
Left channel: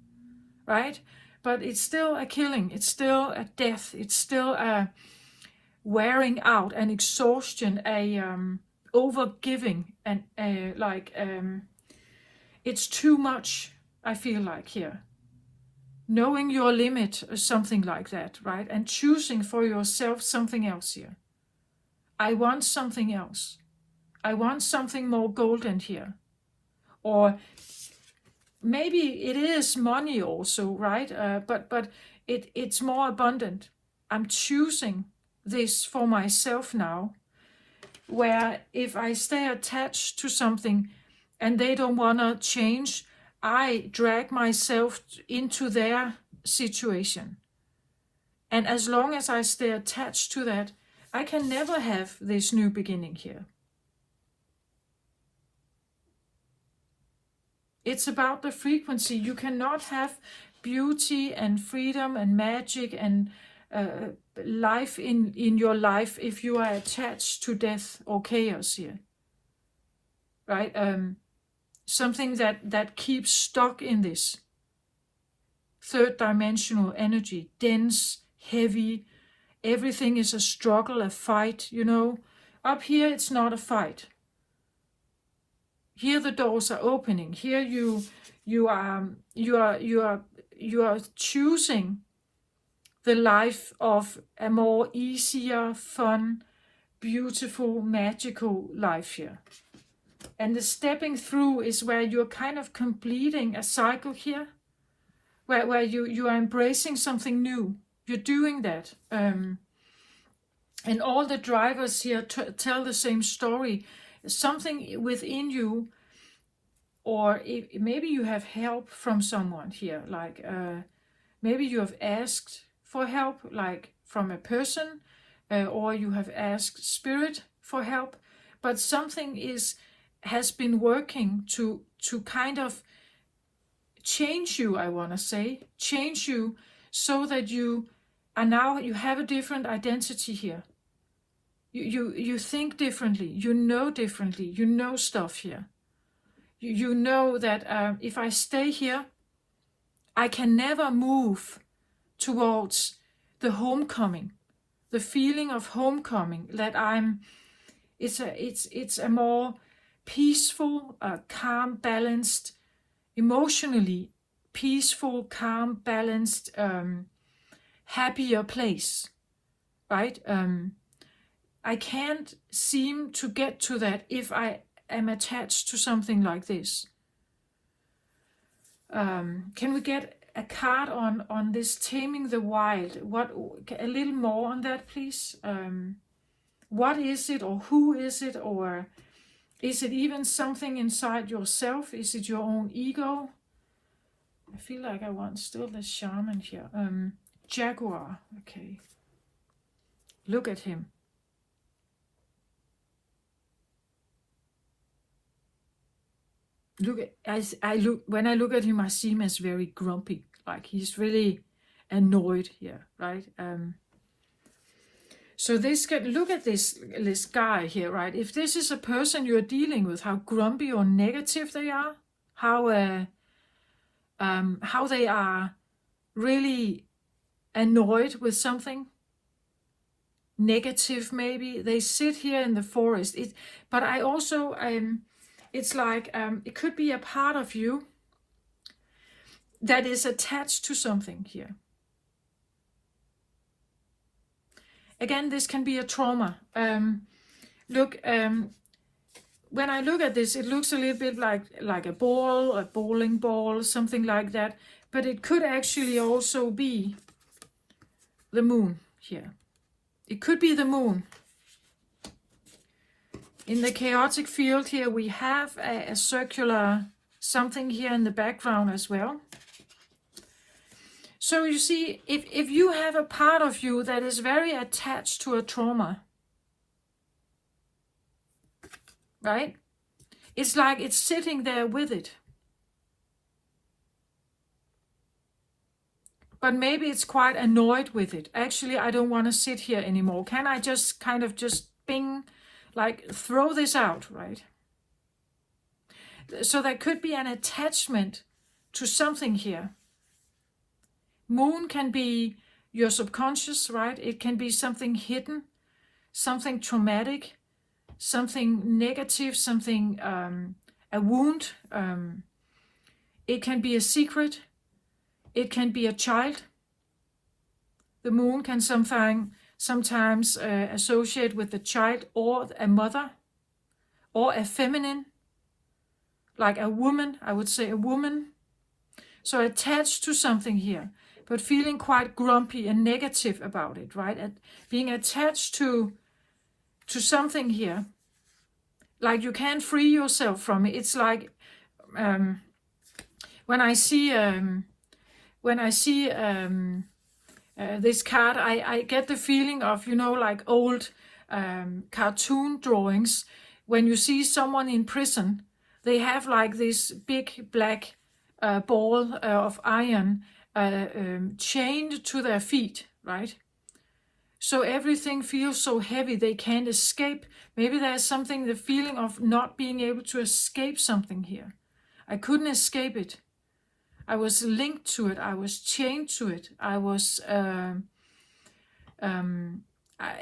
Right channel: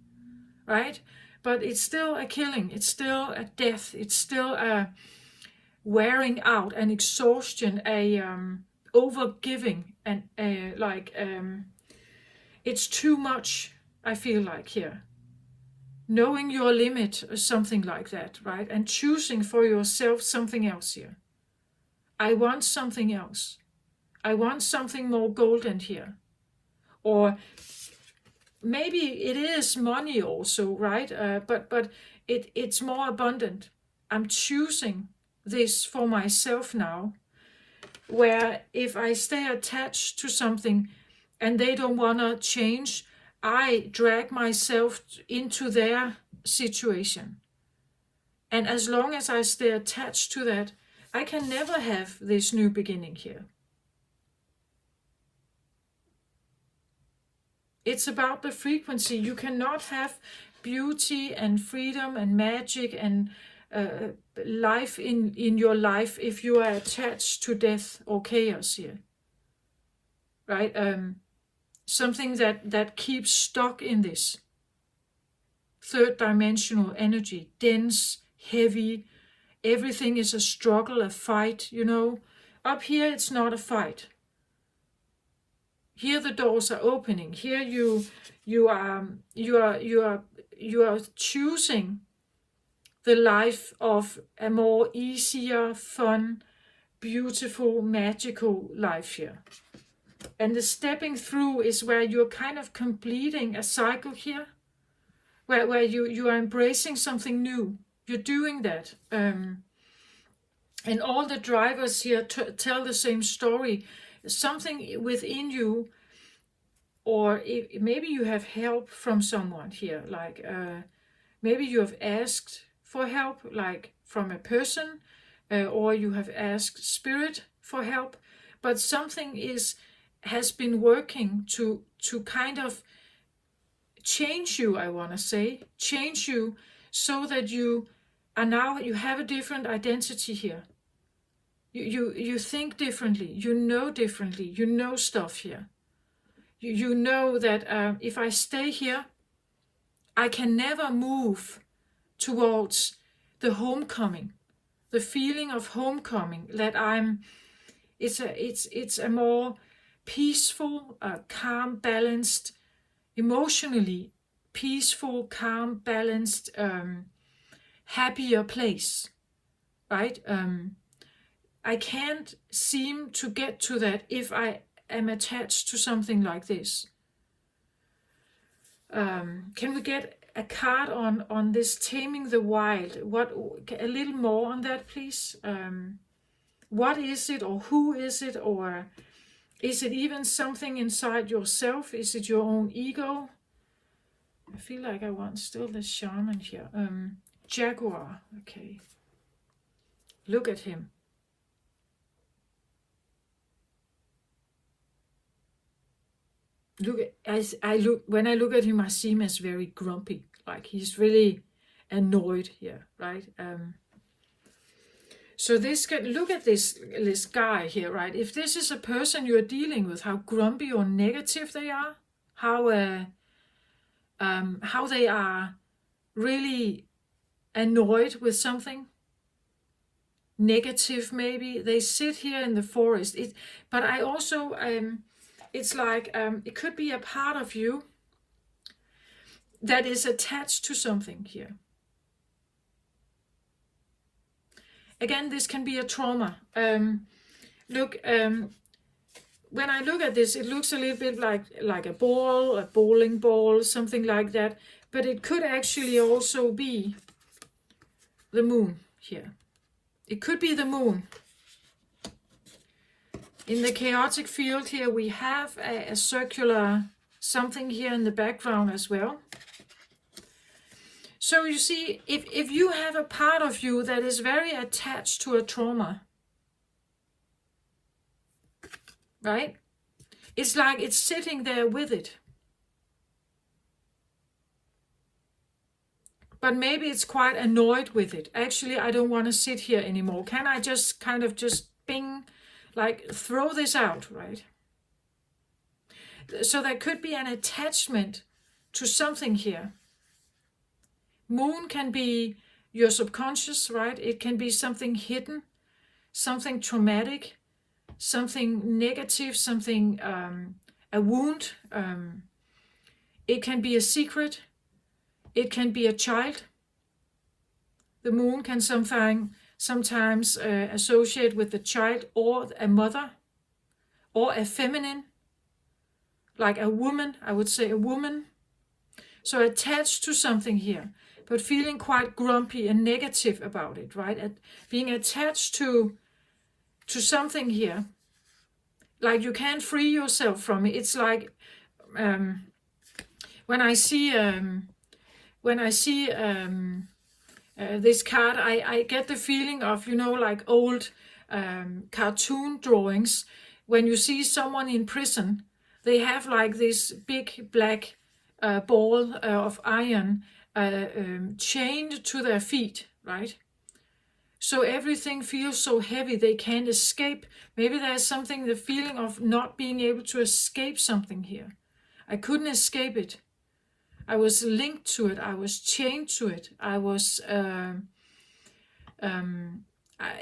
right? But it's still a killing. It's still a death. It's still a wearing out, an exhaustion, a overgiving, and it's too much, I feel like here. Knowing your limit or something like that, right? And choosing for yourself something else here. I want something else. I want something more golden here. Or maybe it is money also, right? But it's more abundant. I'm choosing this for myself now, where if I stay attached to something and they don't want to change, I drag myself into their situation. And as long as I stay attached to that, I can never have this new beginning here. It's about the frequency. You cannot have beauty and freedom and magic and life in your life if you are attached to death or chaos here. Right? Something that keeps stuck in this third dimensional energy, dense, heavy. Everything is a struggle, a fight, you know. Up here, it's not a fight. Here the doors are opening. Here you are choosing the life of a more easier, fun, beautiful, magical life here. And the stepping through is where you're kind of completing a cycle here, where you are embracing something new. You're doing that. And all the drivers here tell the same story. Something within you, or maybe you have help from someone here, like maybe you have asked for help, like from a person, or you have asked spirit for help, but something has been working to kind of change you, I want to say, change you so that you are now, you have a different identity here. You think differently, you know differently, you know stuff here. You know that if I stay here, I can never move towards the homecoming, the feeling of homecoming, that it's a more peaceful, calm, balanced, emotionally peaceful, calm, balanced, happier place, right? I can't seem to get to that if I am attached to something like this. Can we get a card on this taming the wild? What, a little more on that, please? What is it, or who is it, or is it even something inside yourself? Is it your own ego? I feel like I want still the shaman here. Jaguar, okay. Look at him. When I look at him, I see him as very grumpy. Like he's really annoyed here, right? So look at this guy here, right? If this is a person you're dealing with, how grumpy or negative they are, how they are really annoyed with something. negative maybe. They sit here in the forest. But I also, it's like, it could be a part of you that is attached to something here. Again, this can be a trauma. Look, when I look at this, it looks a little bit like a ball, a bowling ball, something like that. But it could actually also be the moon here. It could be the moon. In the chaotic field here, we have a circular something here in the background as well. So you see, if you have a part of you that is very attached to a trauma, right? It's like it's sitting there with it. But maybe it's quite annoyed with it. Actually, I don't want to sit here anymore. Can I just kind of just bing, like throw this out, right? So there could be an attachment to something here. Moon can be your subconscious, right? It can be something hidden, something traumatic, something negative, something, a wound. It can be a secret. It can be a child. The moon can sometimes associate with the child or a mother or a feminine, like a woman, I would say a woman. So attached to something here, but feeling quite grumpy and negative about it, right? Being attached to something here, like you can't free yourself from it. It's like when I see this card, I get the feeling of, you know, like old cartoon drawings. When you see someone in prison, they have like this big black ball of iron chained to their feet, right? So everything feels so heavy, they can't escape. Maybe there's something, the feeling of not being able to escape something here. I couldn't escape it. I was linked to it. I was chained to it. I was,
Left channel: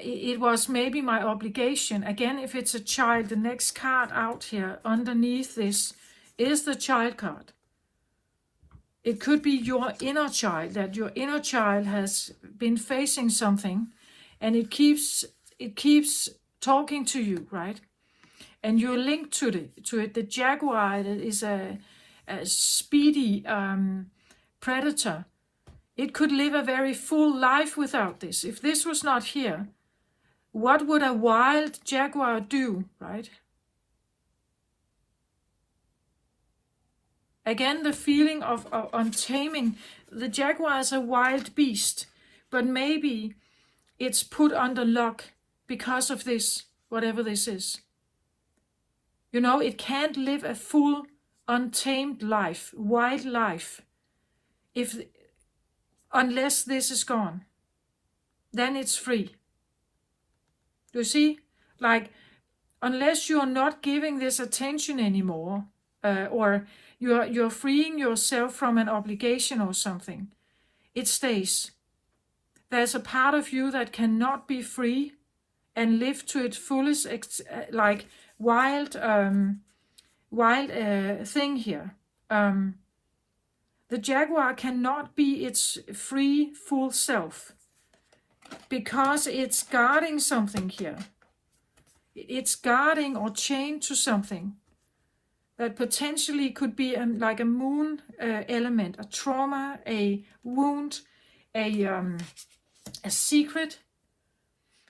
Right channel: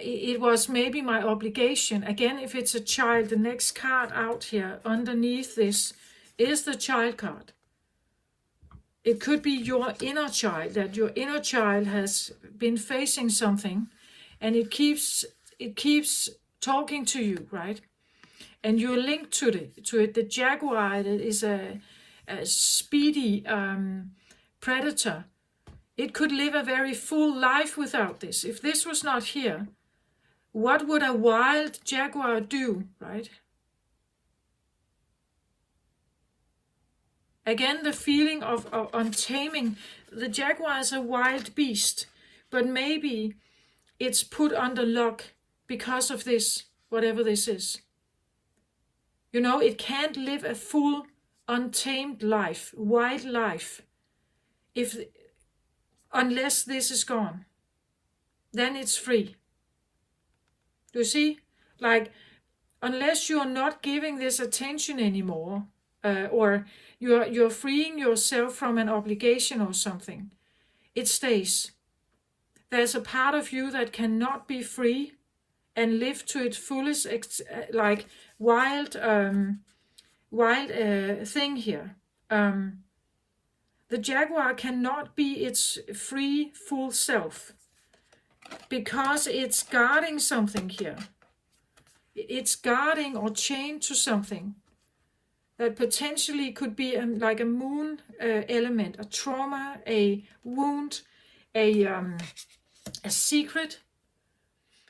it was maybe my obligation. Again, if it's a child, the next card out here underneath this is the child card. It could be your inner child, that your inner child has been facing something and it keeps talking to you, right? And you're linked to it. The jaguar is a speedy predator. It could live a very full life without this. If this was not here, what would a wild jaguar do, right? Again, the feeling of untaming. The jaguar is a wild beast, but maybe it's put under lock because of this, whatever this is. You know, it can't live a full, untamed life, wild life, unless this is gone. Then it's free. You see, like, unless you're not giving this attention anymore, or you're freeing yourself from an obligation or something, it stays. There's a part of you that cannot be free and live to its fullest, like wild thing here. The jaguar cannot be its free, full self because it's guarding something here. It's guarding or chained to something that potentially could be like a moon element, a trauma, a wound, a secret,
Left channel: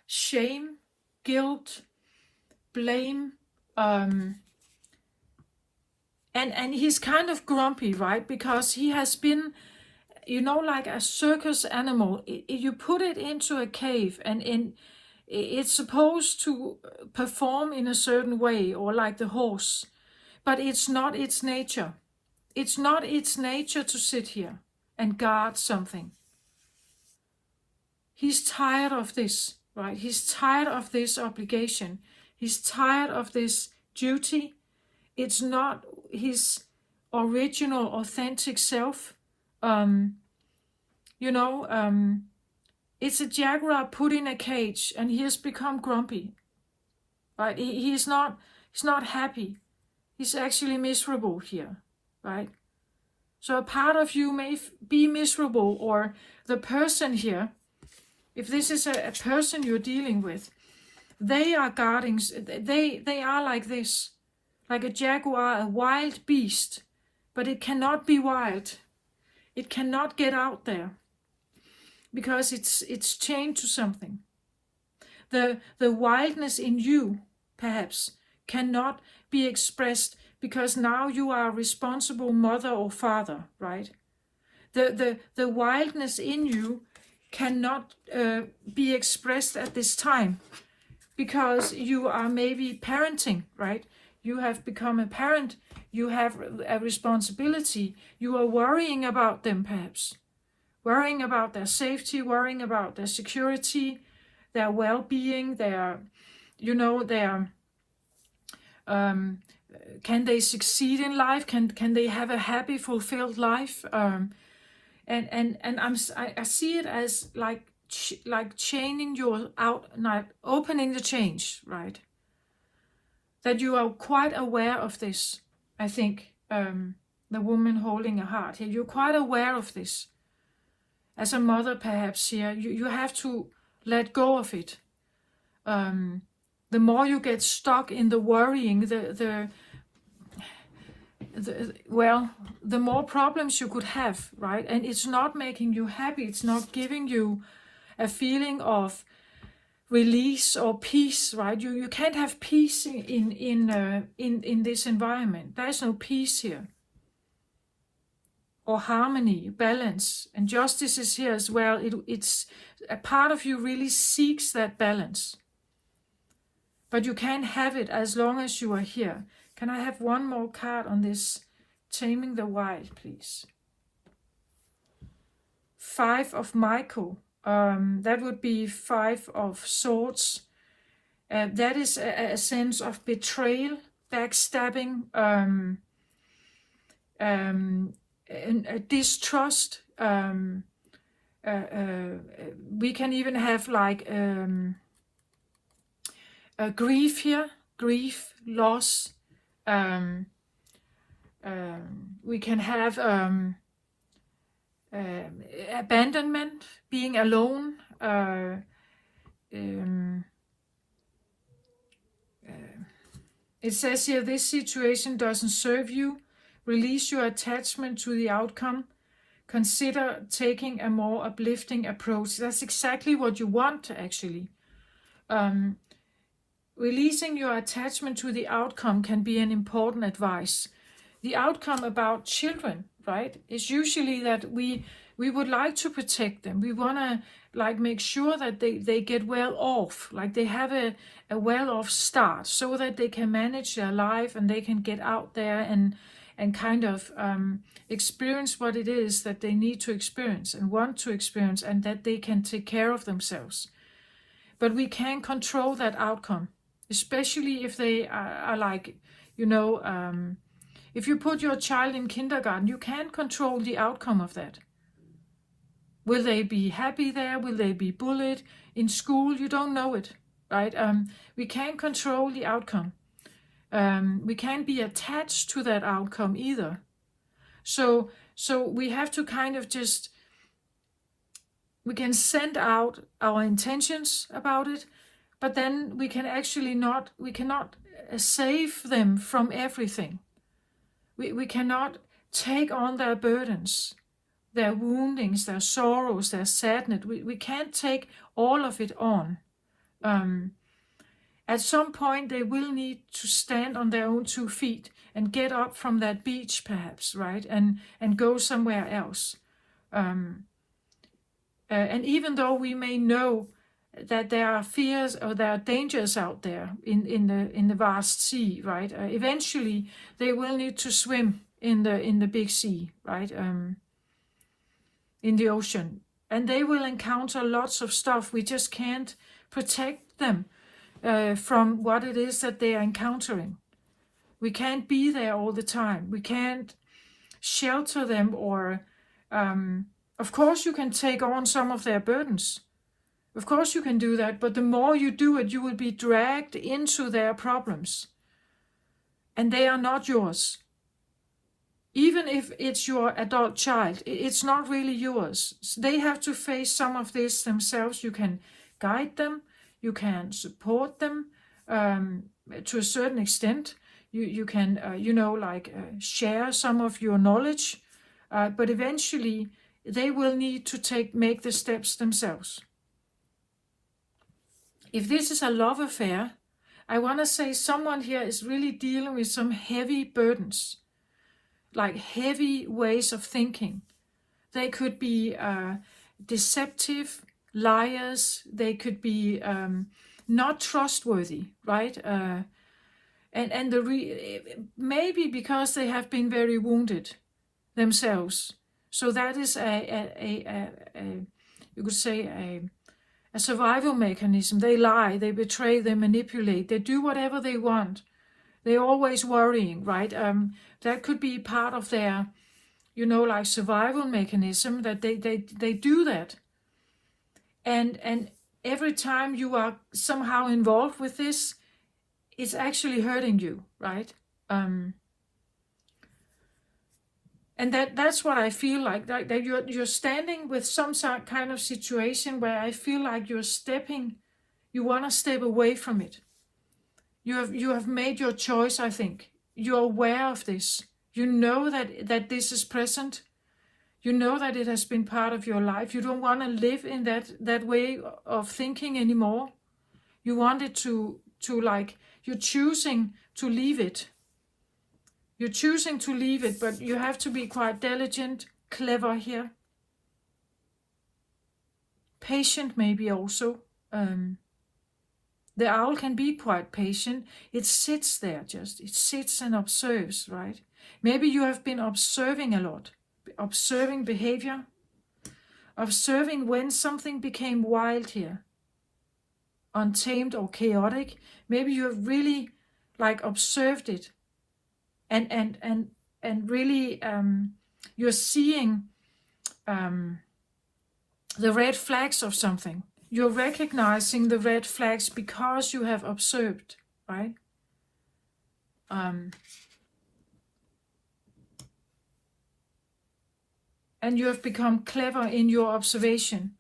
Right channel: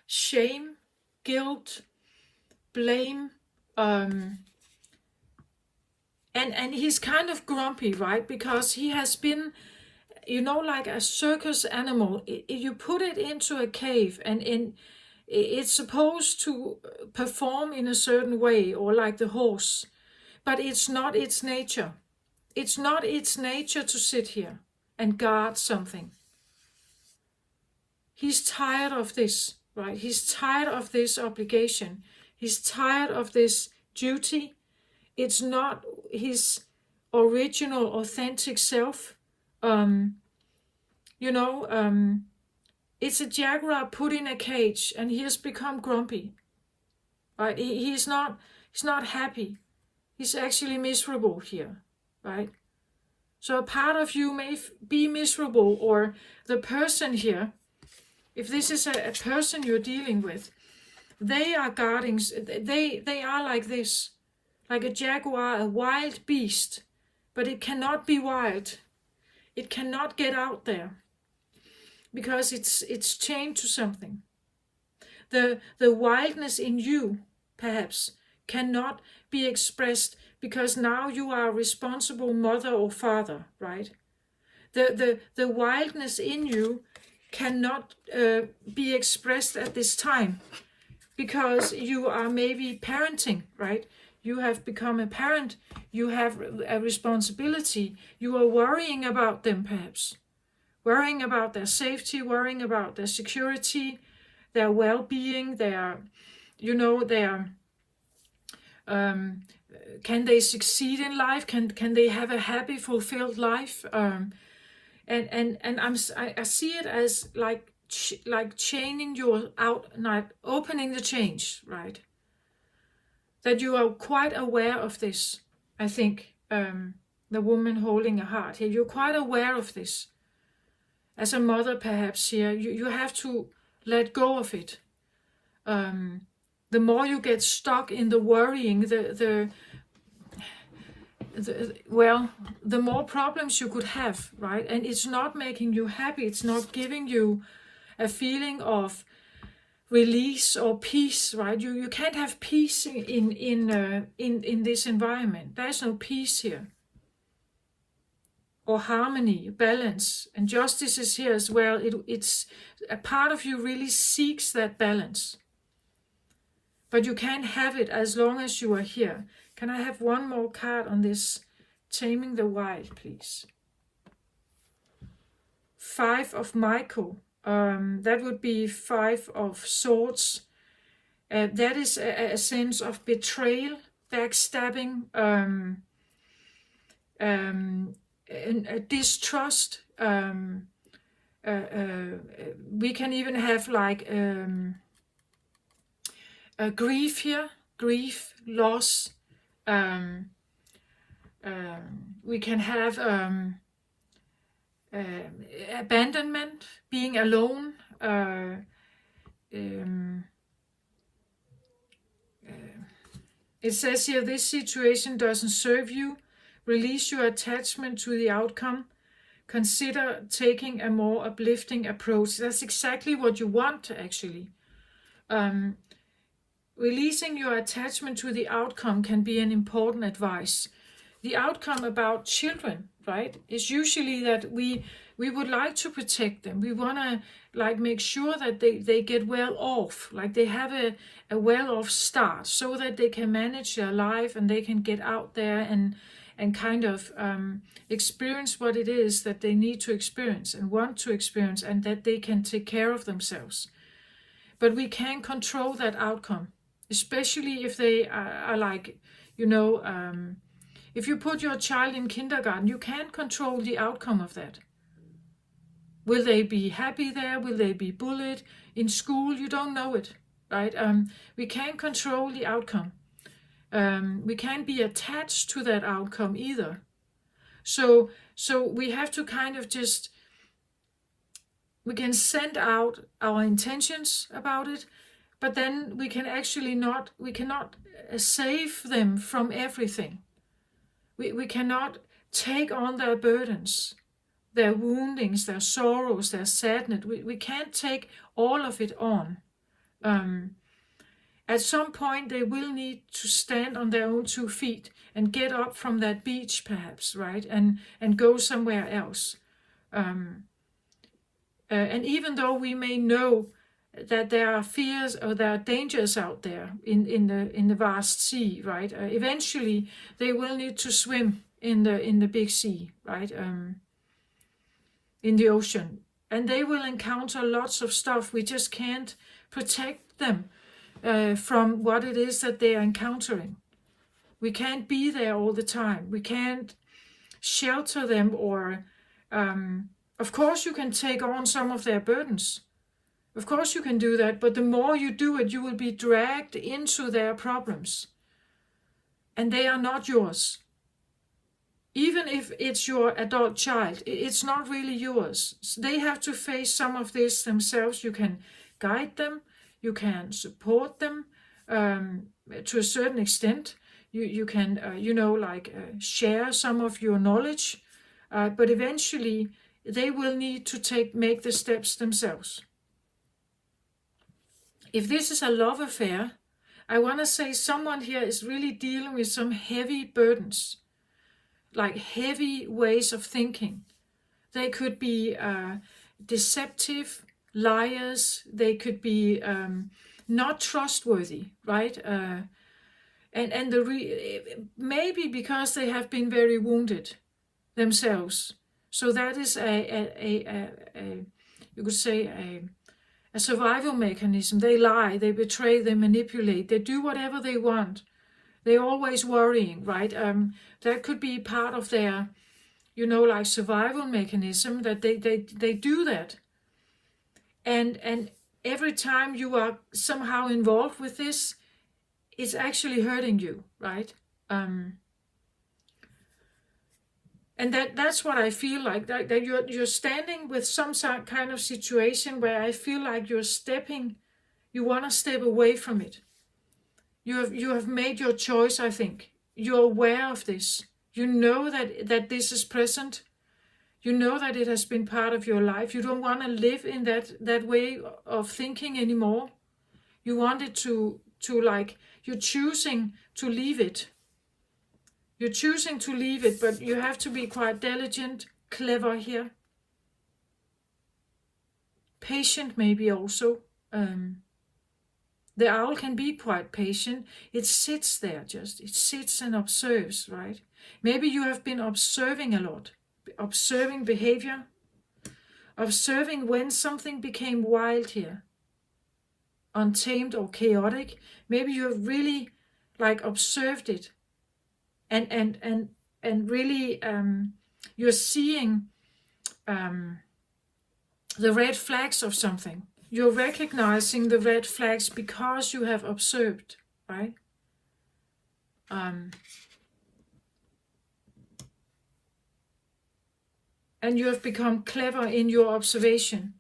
shame, guilt, blame, and he's kind of grumpy, right? Because he has been, you know, like a circus animal. You put it into a cave and it's supposed to perform in a certain way, or like the horse, but it's not its nature. It's not its nature to sit here and guard something. He's tired of this, right? He's tired of this obligation. He's tired of this duty. It's not his original, authentic self. It's a jaguar put in a cage, and he has become grumpy. Right? He's not happy. He's actually miserable here, right? So a part of you may be miserable, or the person here, if this is a person you're dealing with, they are guarding, they are like this, like a jaguar, a wild beast, but it cannot be wild. It cannot get out there because it's chained to something. The wildness in you, perhaps, cannot be expressed because now you are a responsible mother or father, right? The wildness in you cannot be expressed at this time because you are maybe parenting, right? You have become a parent, you have a responsibility, you are worrying about them perhaps, worrying about their safety, worrying about their security, their well-being, their, can they succeed in life? Can they have a happy, fulfilled life? I see it as like chaining you out, like opening the chains, right? That you are quite aware of this. I think the woman holding a heart here, you're quite aware of this. As a mother, perhaps here, you have to let go of it. The more you get stuck in the worrying, the more problems you could have, right? And it's not making you happy. It's not giving you a feeling of release or peace, right? You can't have peace in this environment. There's no peace here, or harmony, balance, and justice is here as well. It's a part of you really seeks that balance, but you can't have it as long as you are here. Can I have one more card on this Taming the Wild, please? 5 of Michael. That would be 5 of Swords. That is a sense of betrayal, backstabbing, a distrust. We can even have like a grief here, grief, loss. We can have abandonment, being alone. It says here, this situation doesn't serve you. Release your attachment to the outcome. Consider taking a more uplifting approach. That's exactly what you want, actually. Releasing your attachment to the outcome can be an important advice. The outcome about children, right, is usually that we would like to protect them. We want to like make sure that they get well off, like they have a well off start, so that they can manage their life and they can get out there and kind of experience what it is that they need to experience and want to experience, and that they can take care of themselves. But we can't control that outcome, especially if they are like, if you put your child in kindergarten, you can't control the outcome of that. Will they be happy there? Will they be bullied? In school, you don't know it, right? We can't control the outcome. We can't be attached to that outcome either. So we have to kind of just, we can send out our intentions about it, but then we can actually we cannot save them from everything. We cannot take on their burdens, their woundings, their sorrows, their sadness. We can't take all of it on. At some point, they will need to stand on their own 2 feet and get up from that beach, perhaps, right? And go somewhere else. And even though we may know that there are fears or there are dangers out there in the vast sea, right? Eventually, they will need to swim in the big sea, right? In the ocean, and they will encounter lots of stuff. We just can't protect them from what it is that they are encountering. We can't be there all the time. We can't shelter them, or of course you can take on some of their burdens, Of course you can do that, but the more you do it, you will be dragged into their problems. And they are not yours. Even if it's your adult child, it's not really yours. They have to face some of this themselves. You can guide them, you can support them to a certain extent. You can, share some of your knowledge, but eventually they will need to make the steps themselves. If this is a love affair, I want to say someone here is really dealing with some heavy burdens, like heavy ways of thinking. They could be deceptive, liars. They could be not trustworthy, right? Maybe because they have been very wounded themselves. So that is you could say a survival mechanism. They lie, they betray, they manipulate, they do whatever they want. They're always worrying, right? That could be part of their, survival mechanism, that they do that. And every time you are somehow involved with this, it's actually hurting you, right? And that's what I feel like, that you're standing with some kind of situation where I feel like you want to step away from it. You have made your choice, I think. You're aware of this. You know that this is present. You know that it has been part of your life. You don't want to live in that way of thinking anymore. You want it to you're choosing to leave it. You're choosing to leave it, but you have to be quite diligent, clever here. Patient maybe also. The owl can be quite patient. It sits there just. It sits and observes, right? Maybe you have been observing a lot. Observing behavior. Observing when something became wild here. Untamed or chaotic. Maybe you have really observed it. And really you're seeing the red flags of something. You're recognizing the red flags because you have observed, right? And you have become clever in your observation.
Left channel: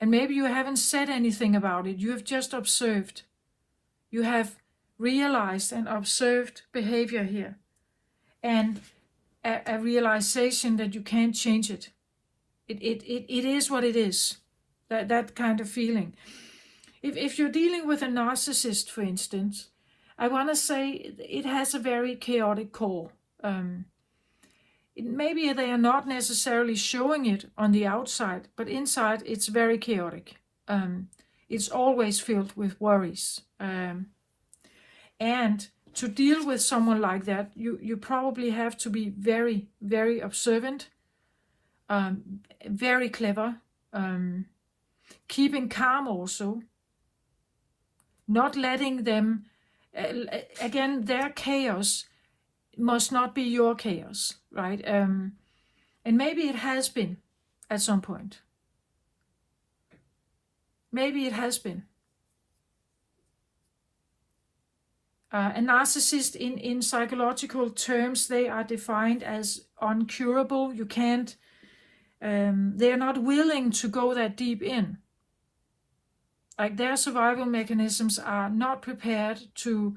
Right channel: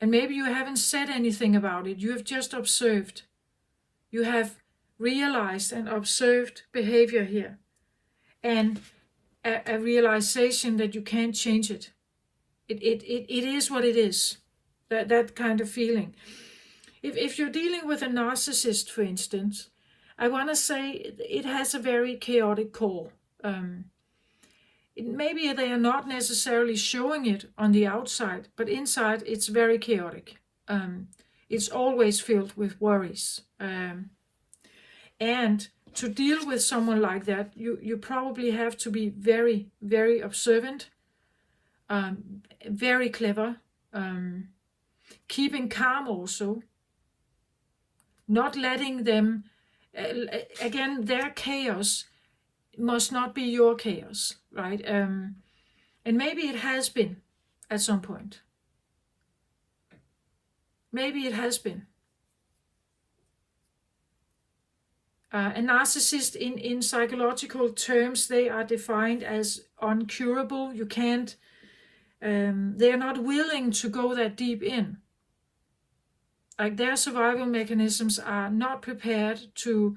And maybe you haven't said anything about it. You have just observed. You have realized and observed behavior here. And a realization that you can't change it. It is what it is. That kind of feeling. If you're dealing with a narcissist, for instance, I want to say it has a very chaotic core. Maybe they are not necessarily showing it on the outside, but inside it's very chaotic. It's always filled with worries. And to deal with someone like that, you probably have to be very, very observant, very clever, keeping calm also, not letting them, again, their chaos must not be your chaos, right? And maybe it has been at some point. Maybe it has been. A narcissist in psychological terms, they are defined as uncurable. You can't, they're not willing to go that deep in. Like their survival mechanisms are not prepared to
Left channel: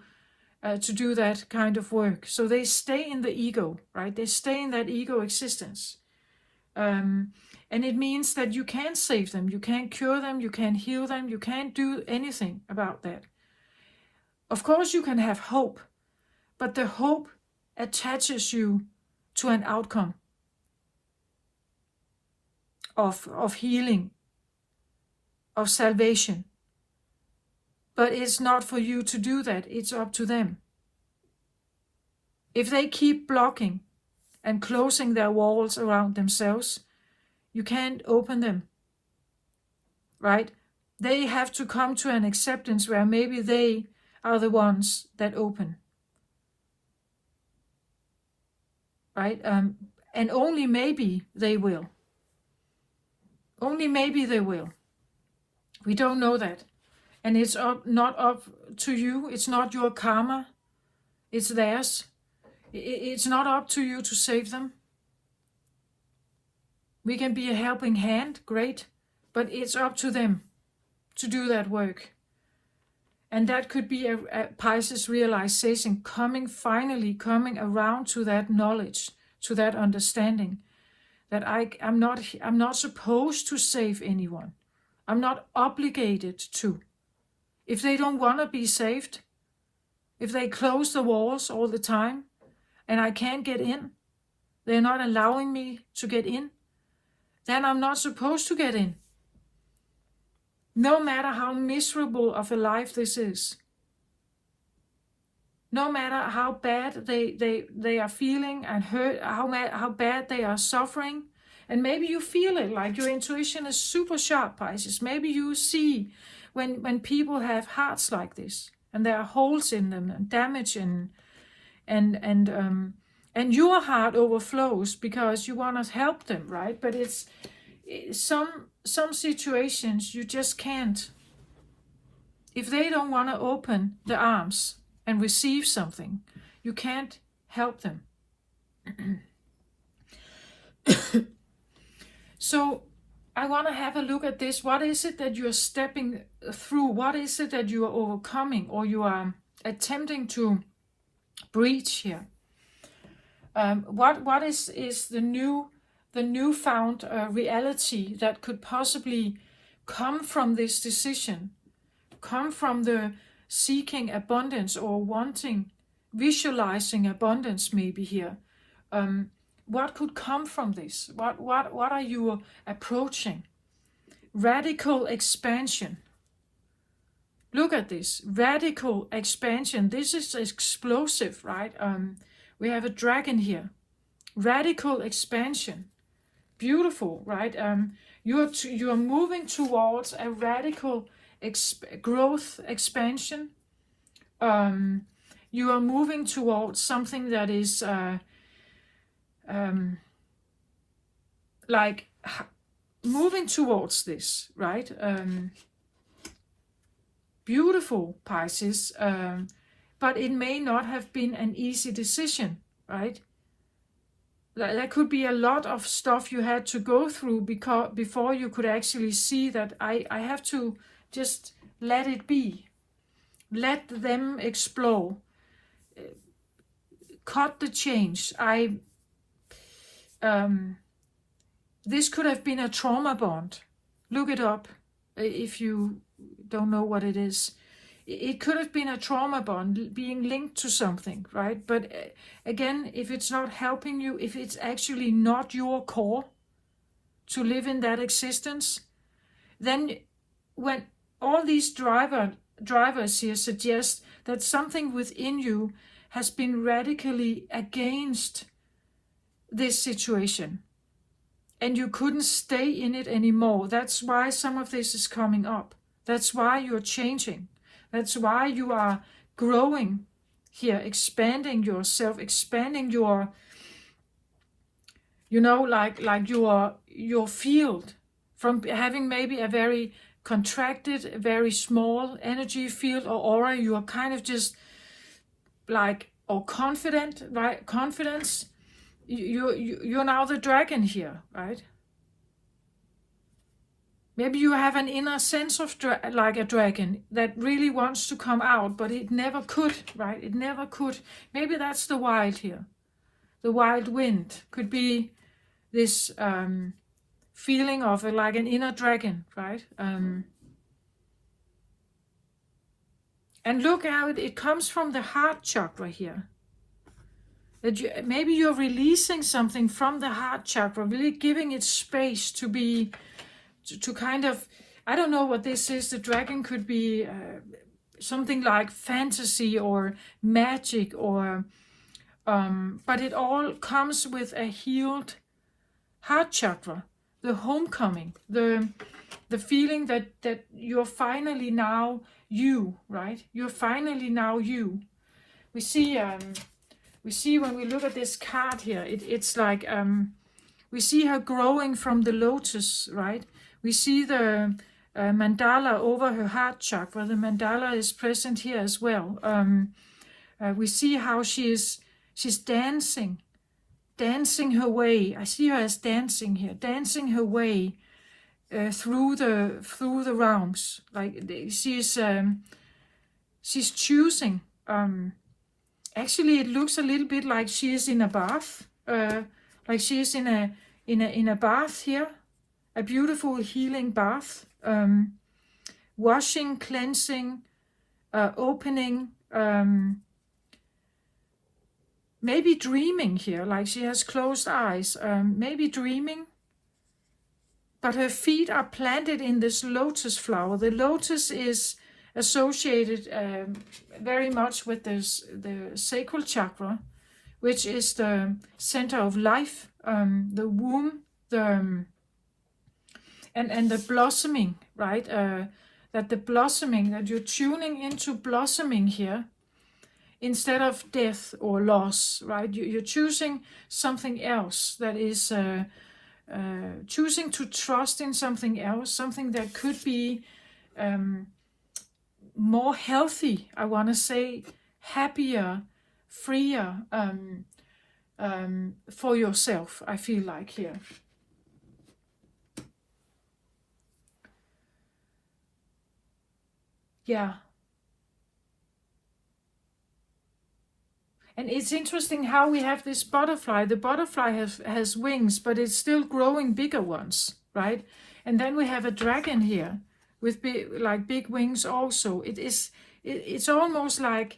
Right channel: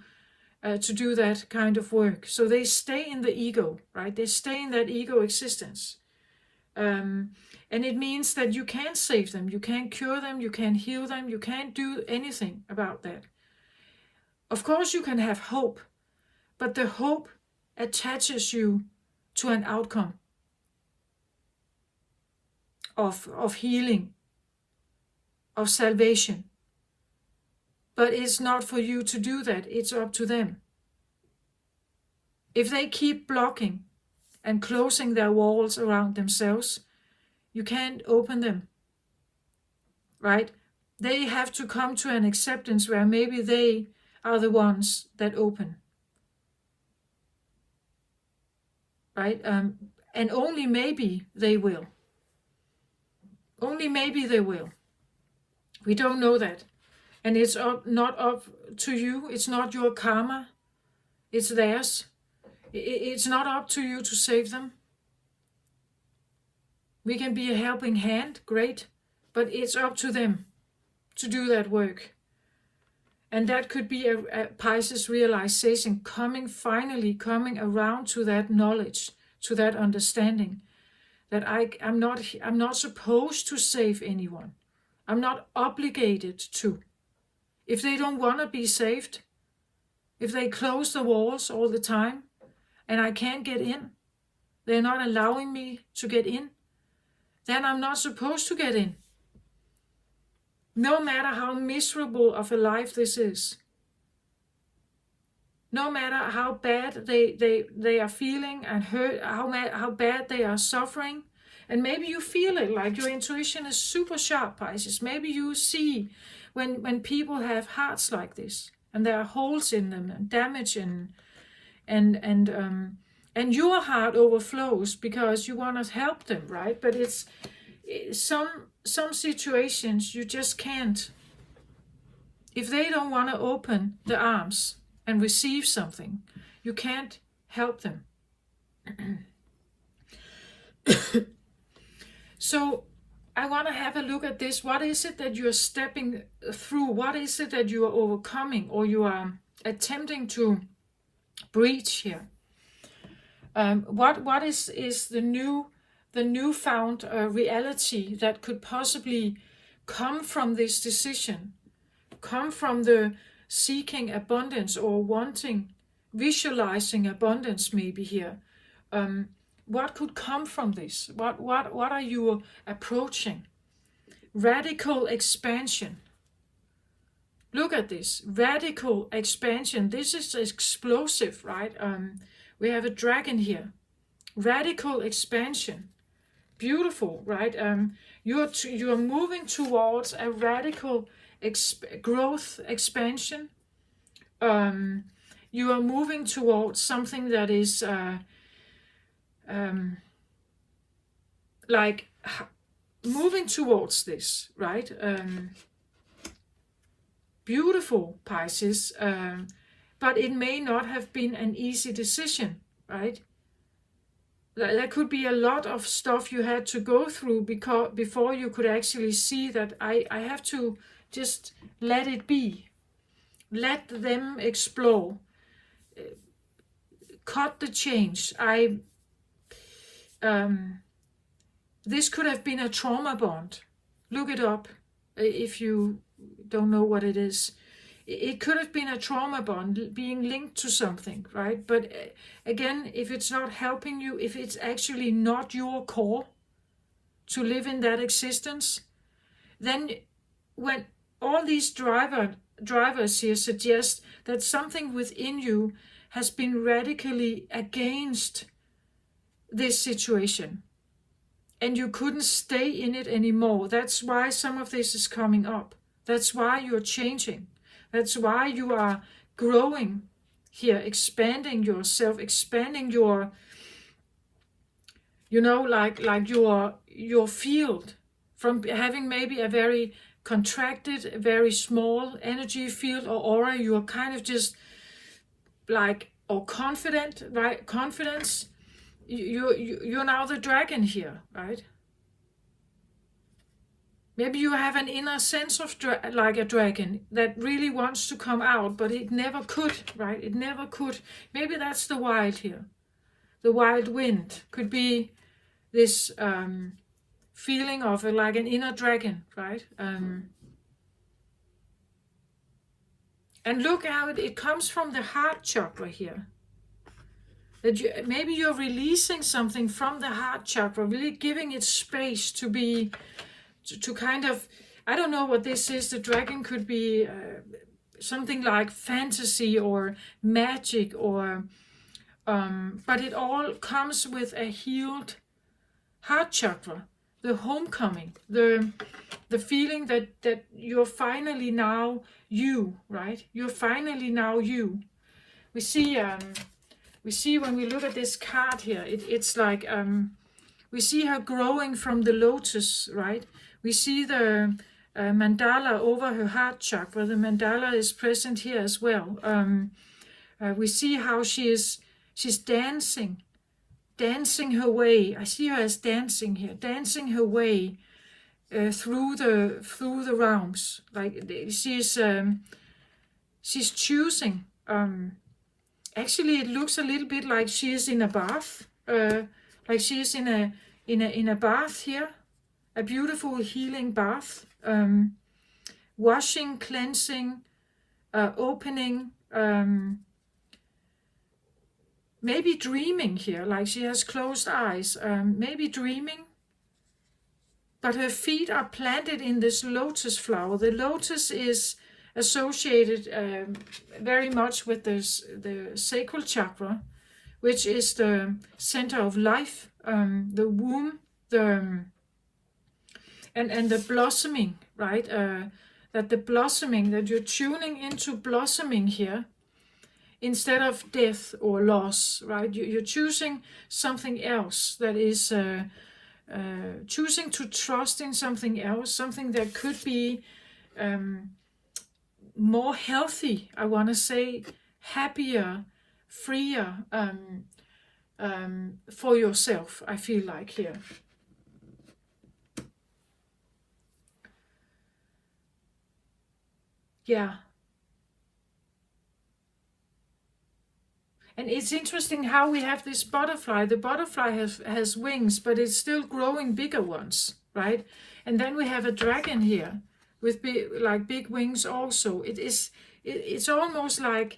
do that kind of work. So they stay in the ego, right? They stay in that ego existence. And it means that you can't save them, you can't cure them, you can't heal them, you can't do anything about that. Of course you can have hope, but the hope attaches you to an outcome of healing, of salvation. But it's not for you to do that, it's up to them. If they keep blocking and closing their walls around themselves, you can't open them, right? They have to come to an acceptance where maybe they are the ones that open, right? And only maybe they will. Only maybe they will. We don't know that. And it's not up to you. It's not your karma. It's theirs. It's not up to you to save them. We can be a helping hand, great, but it's up to them to do that work. And that could be a Pisces realization, finally coming around to that knowledge, to that understanding, that I'm not supposed to save anyone. I'm not obligated to. If they don't want to be saved, if they close the walls all the time and I can't get in, they're not allowing me to get in, then I'm not supposed to get in. No matter how miserable of a life this is, no matter how bad they are feeling and hurt, how bad they are suffering, and maybe you feel it, like your intuition is super sharp, Pisces. Maybe you see when people have hearts like this, and there are holes in them and damage, and your heart overflows because you want to help them, right? But it's some situations you just can't. If they don't want to open the arms and receive something, you can't help them. So I want to have a look at this. What is it that you're stepping through? What is it that you are overcoming or you are attempting to breach here? What is the newfound reality that could possibly come from this decision, come from the seeking abundance or wanting, visualizing abundance maybe here? What could come from this? What are you approaching? Radical expansion. Look at this, radical expansion. This is explosive, right? We have a dragon here. Radical expansion. Beautiful, right? You're moving towards a radical growth expansion. You are moving towards something that is like moving towards this, right? Beautiful, Pisces, but it may not have been an easy decision, right? There could be a lot of stuff you had to go through before you could actually see that I have to just let it be. Let them explore. Cut the change. This could have been a trauma bond. Look it up if you don't know what it is. It could have been a trauma bond being linked to something, right? But again, if it's not helping you, if it's actually not your core to live in that existence, then when all these drivers here suggest that something within you has been radically against this situation and you couldn't stay in it anymore. That's why some of this is coming up. That's why you're changing. That's why you are growing here, expanding yourself, expanding your, like your field, from having maybe a very contracted, very small energy field or aura. You are kind of just like, or confident, right? Confidence. You're now the dragon here, right? Maybe you have an inner sense of like a dragon that really wants to come out, but it never could, right? It never could. Maybe that's the wild here. The wild wind could be this feeling of like an inner dragon, right? And look how it comes from the heart chakra here. That maybe you're releasing something from the heart chakra, really giving it space to be, to kind of, I don't know what this is. The dragon could be something like fantasy or magic, or but it all comes with a healed heart chakra, the homecoming, the feeling that you're finally now you, right? You're finally now you. We see when we look at this card here, it's like we see her growing from the lotus, right? We see the mandala over her heart chakra. The mandala is present here as well. We see how she's dancing her way. I see her as dancing here, dancing her way through the realms. Like she's choosing. Actually, it looks a little bit like she is in a bath, like she is in a bath here, a beautiful healing bath, washing, cleansing, opening, maybe dreaming here, like she has closed eyes, maybe dreaming, but her feet are planted in this lotus flower. The lotus is associated very much with the sacral chakra, which is the center of life, the womb, and the blossoming, right? That the blossoming, that you're tuning into blossoming here instead of death or loss, right? You're choosing something else, that is choosing to trust in something else, something that could be more healthy, I want to say, happier, freer for yourself, I feel like here. Yeah. And it's interesting how we have this butterfly. The butterfly has wings, but it's still growing bigger ones, right? And then we have a dragon here with big wings also. It's almost like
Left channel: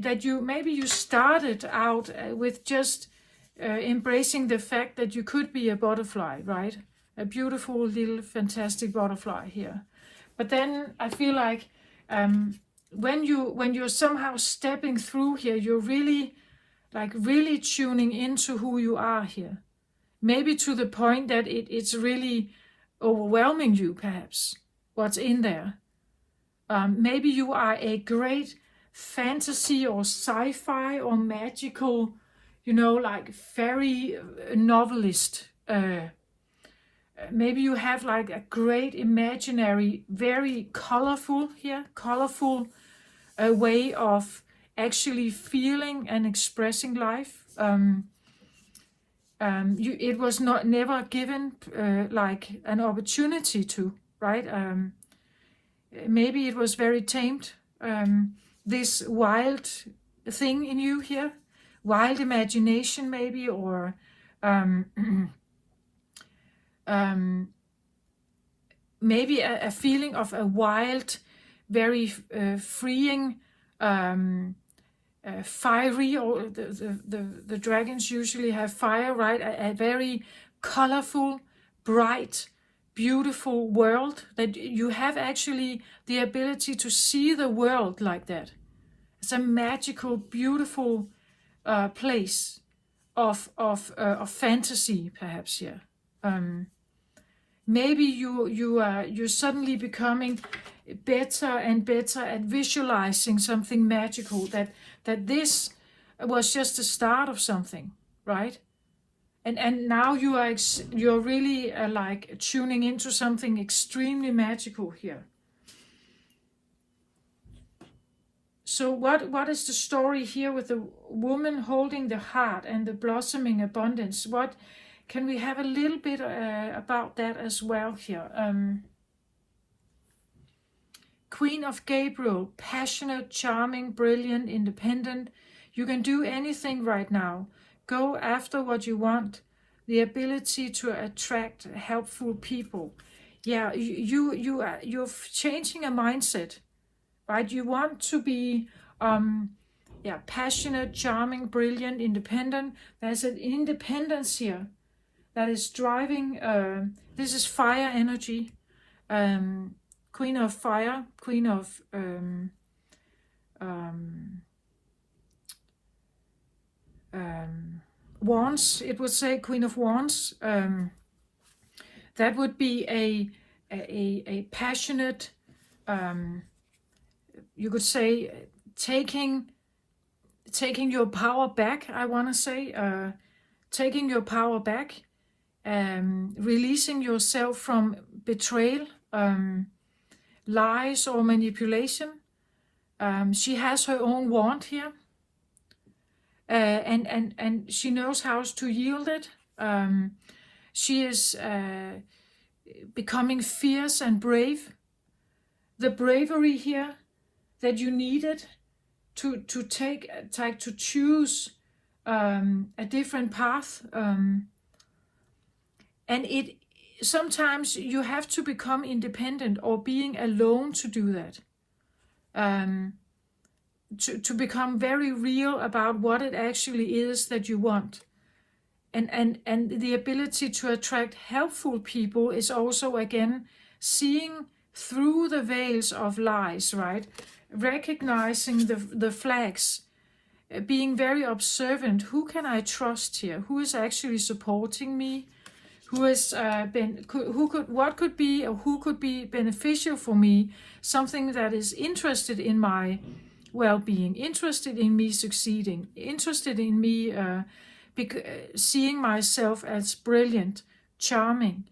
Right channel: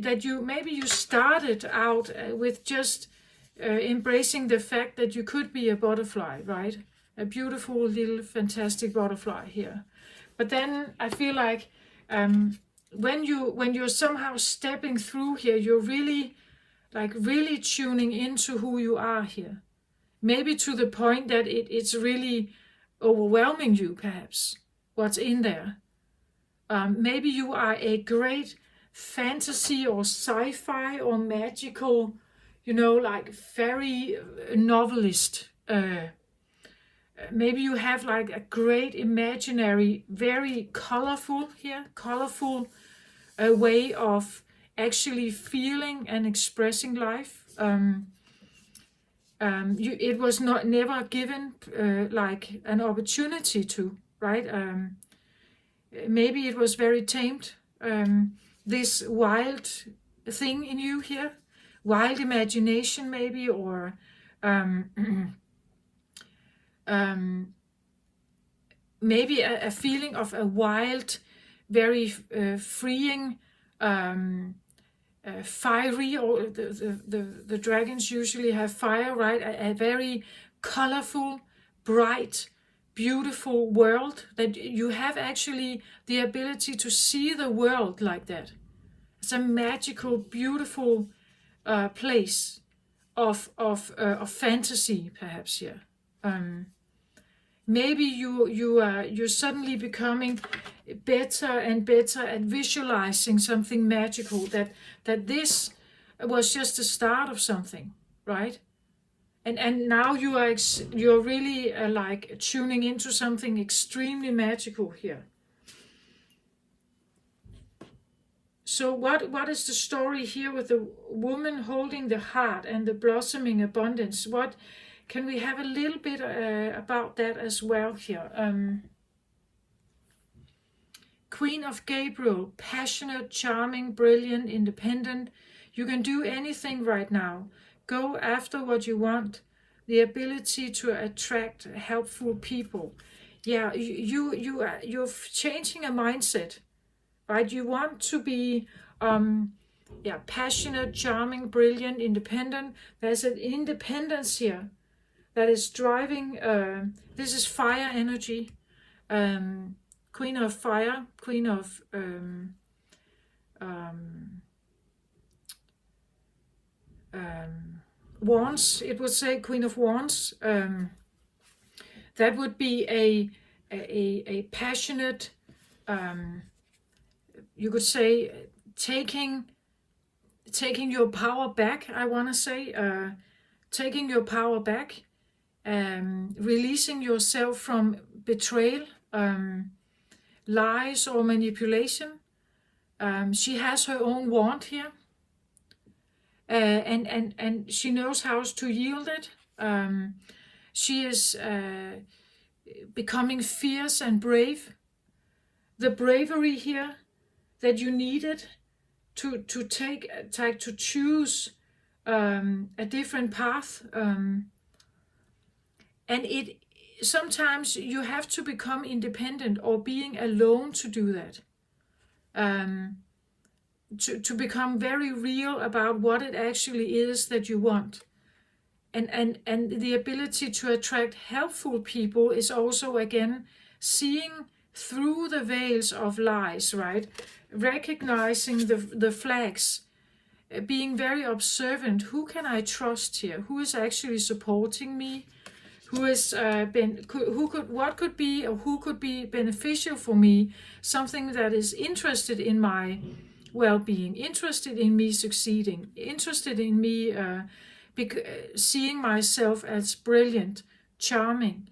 that maybe you started out with just embracing the fact that you could be a butterfly, right? A beautiful little fantastic butterfly here. But then I feel like when you're somehow stepping through here, you're really tuning into who you are here. Maybe to the point that it's really overwhelming you, perhaps, what's in there. Maybe you are a great fantasy or sci-fi or magical, like fairy novelist. Maybe you have like a great imaginary, very colorful way of actually feeling and expressing life. It was never given like an opportunity to, right? Maybe it was very tamed. This wild thing in you here, wild imagination maybe, or maybe a feeling of a wild, very freeing, fiery, or the dragons usually have fire, right? A very colorful, bright, beautiful world, that you have actually the ability to see the world like that. It's a magical, beautiful place of fantasy, perhaps here. Maybe you're suddenly becoming better and better at visualizing something magical, that this was just the start of something, right? And now you're really like tuning into something extremely magical here. So what is the story here with the woman holding the heart and the blossoming abundance? What can we have a little bit about that as well here? Queen of Gabriel, passionate, charming, brilliant, independent. You can do anything right now. Go after what you want. The ability to attract helpful people. Yeah, you're changing a mindset, right? You want to be passionate, charming, brilliant, independent. There's an independence here that is driving. This is fire energy. Queen of fire, queen of wands, it would say, queen of wands. That would be a passionate, you could say, taking your power back, I want to say, taking your power back, releasing yourself from betrayal, lies or manipulation. She has her own wand here, and she knows how to yield it. She is becoming fierce and brave. The bravery here that you needed to choose a different path, and it sometimes you have to become independent or being alone to do that. To become very real about what it actually is that you want. And the ability to attract helpful people is also, again, seeing through the veils of lies, right? Recognizing the flags, being very observant. Who can I trust here? Who is actually supporting me? What could be, or who could be beneficial for me? Something that is interested in my well-being, interested in me succeeding, interested in me seeing myself as brilliant, charming,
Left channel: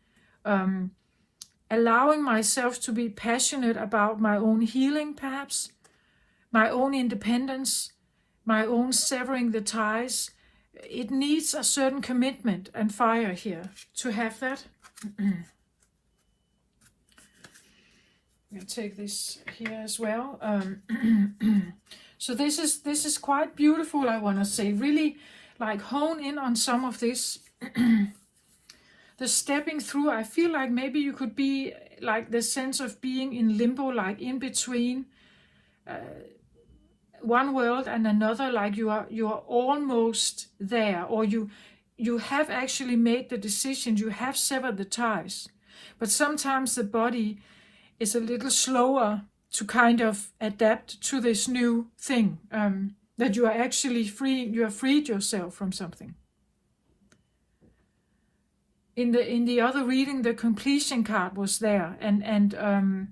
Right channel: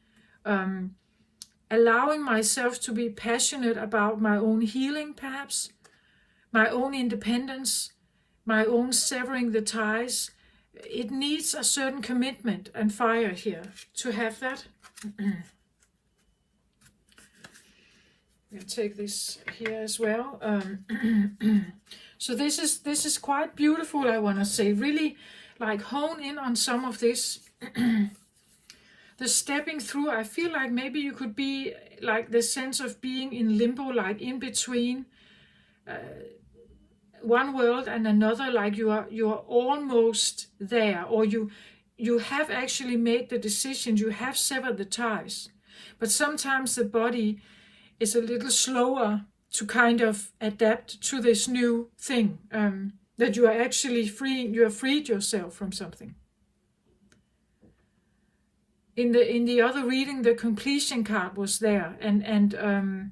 allowing myself to be passionate about my own healing, perhaps, my own independence, my own severing the ties. It needs a certain commitment and fire here to have that. I'll take this here as well. So this is quite beautiful, I want to say. Really, like, hone in on some of this. The stepping through, I feel like maybe you could be like the sense of being in limbo, like in between one world and another, like you are almost there, or you have actually made the decision, you have severed the ties, but sometimes the body is a little slower to kind of adapt to this new thing, that you are actually free, you have freed yourself from something. In the other reading, the completion card was there, and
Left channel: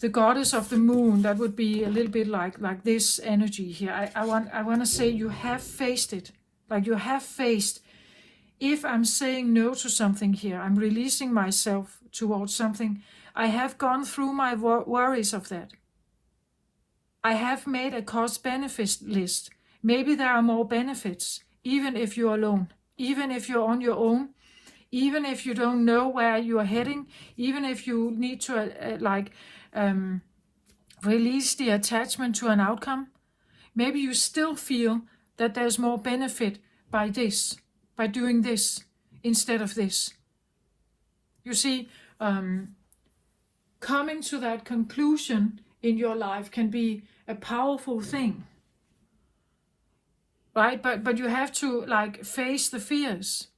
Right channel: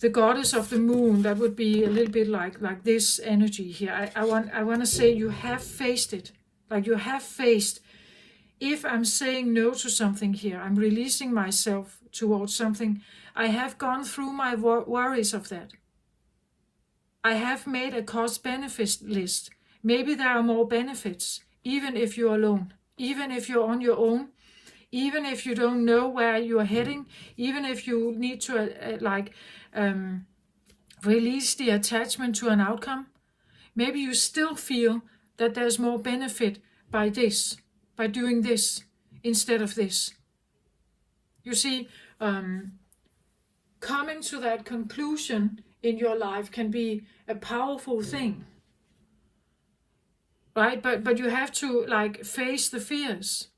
the goddess of the moon, that would be a little bit like this energy here. I want to say you have faced it, like you have faced. If I'm saying no to something here, I'm releasing myself towards something. I have gone through my worries of that. I have made a cost-benefit list. Maybe there are more benefits, even if you're alone, even if you're on your own, even if you don't know where you're heading, even if you need to release the attachment to an outcome. Maybe you still feel that there's more benefit by this, by doing this instead of this. You see, coming to that conclusion in your life can be a powerful thing, right? But you have to like face the fears.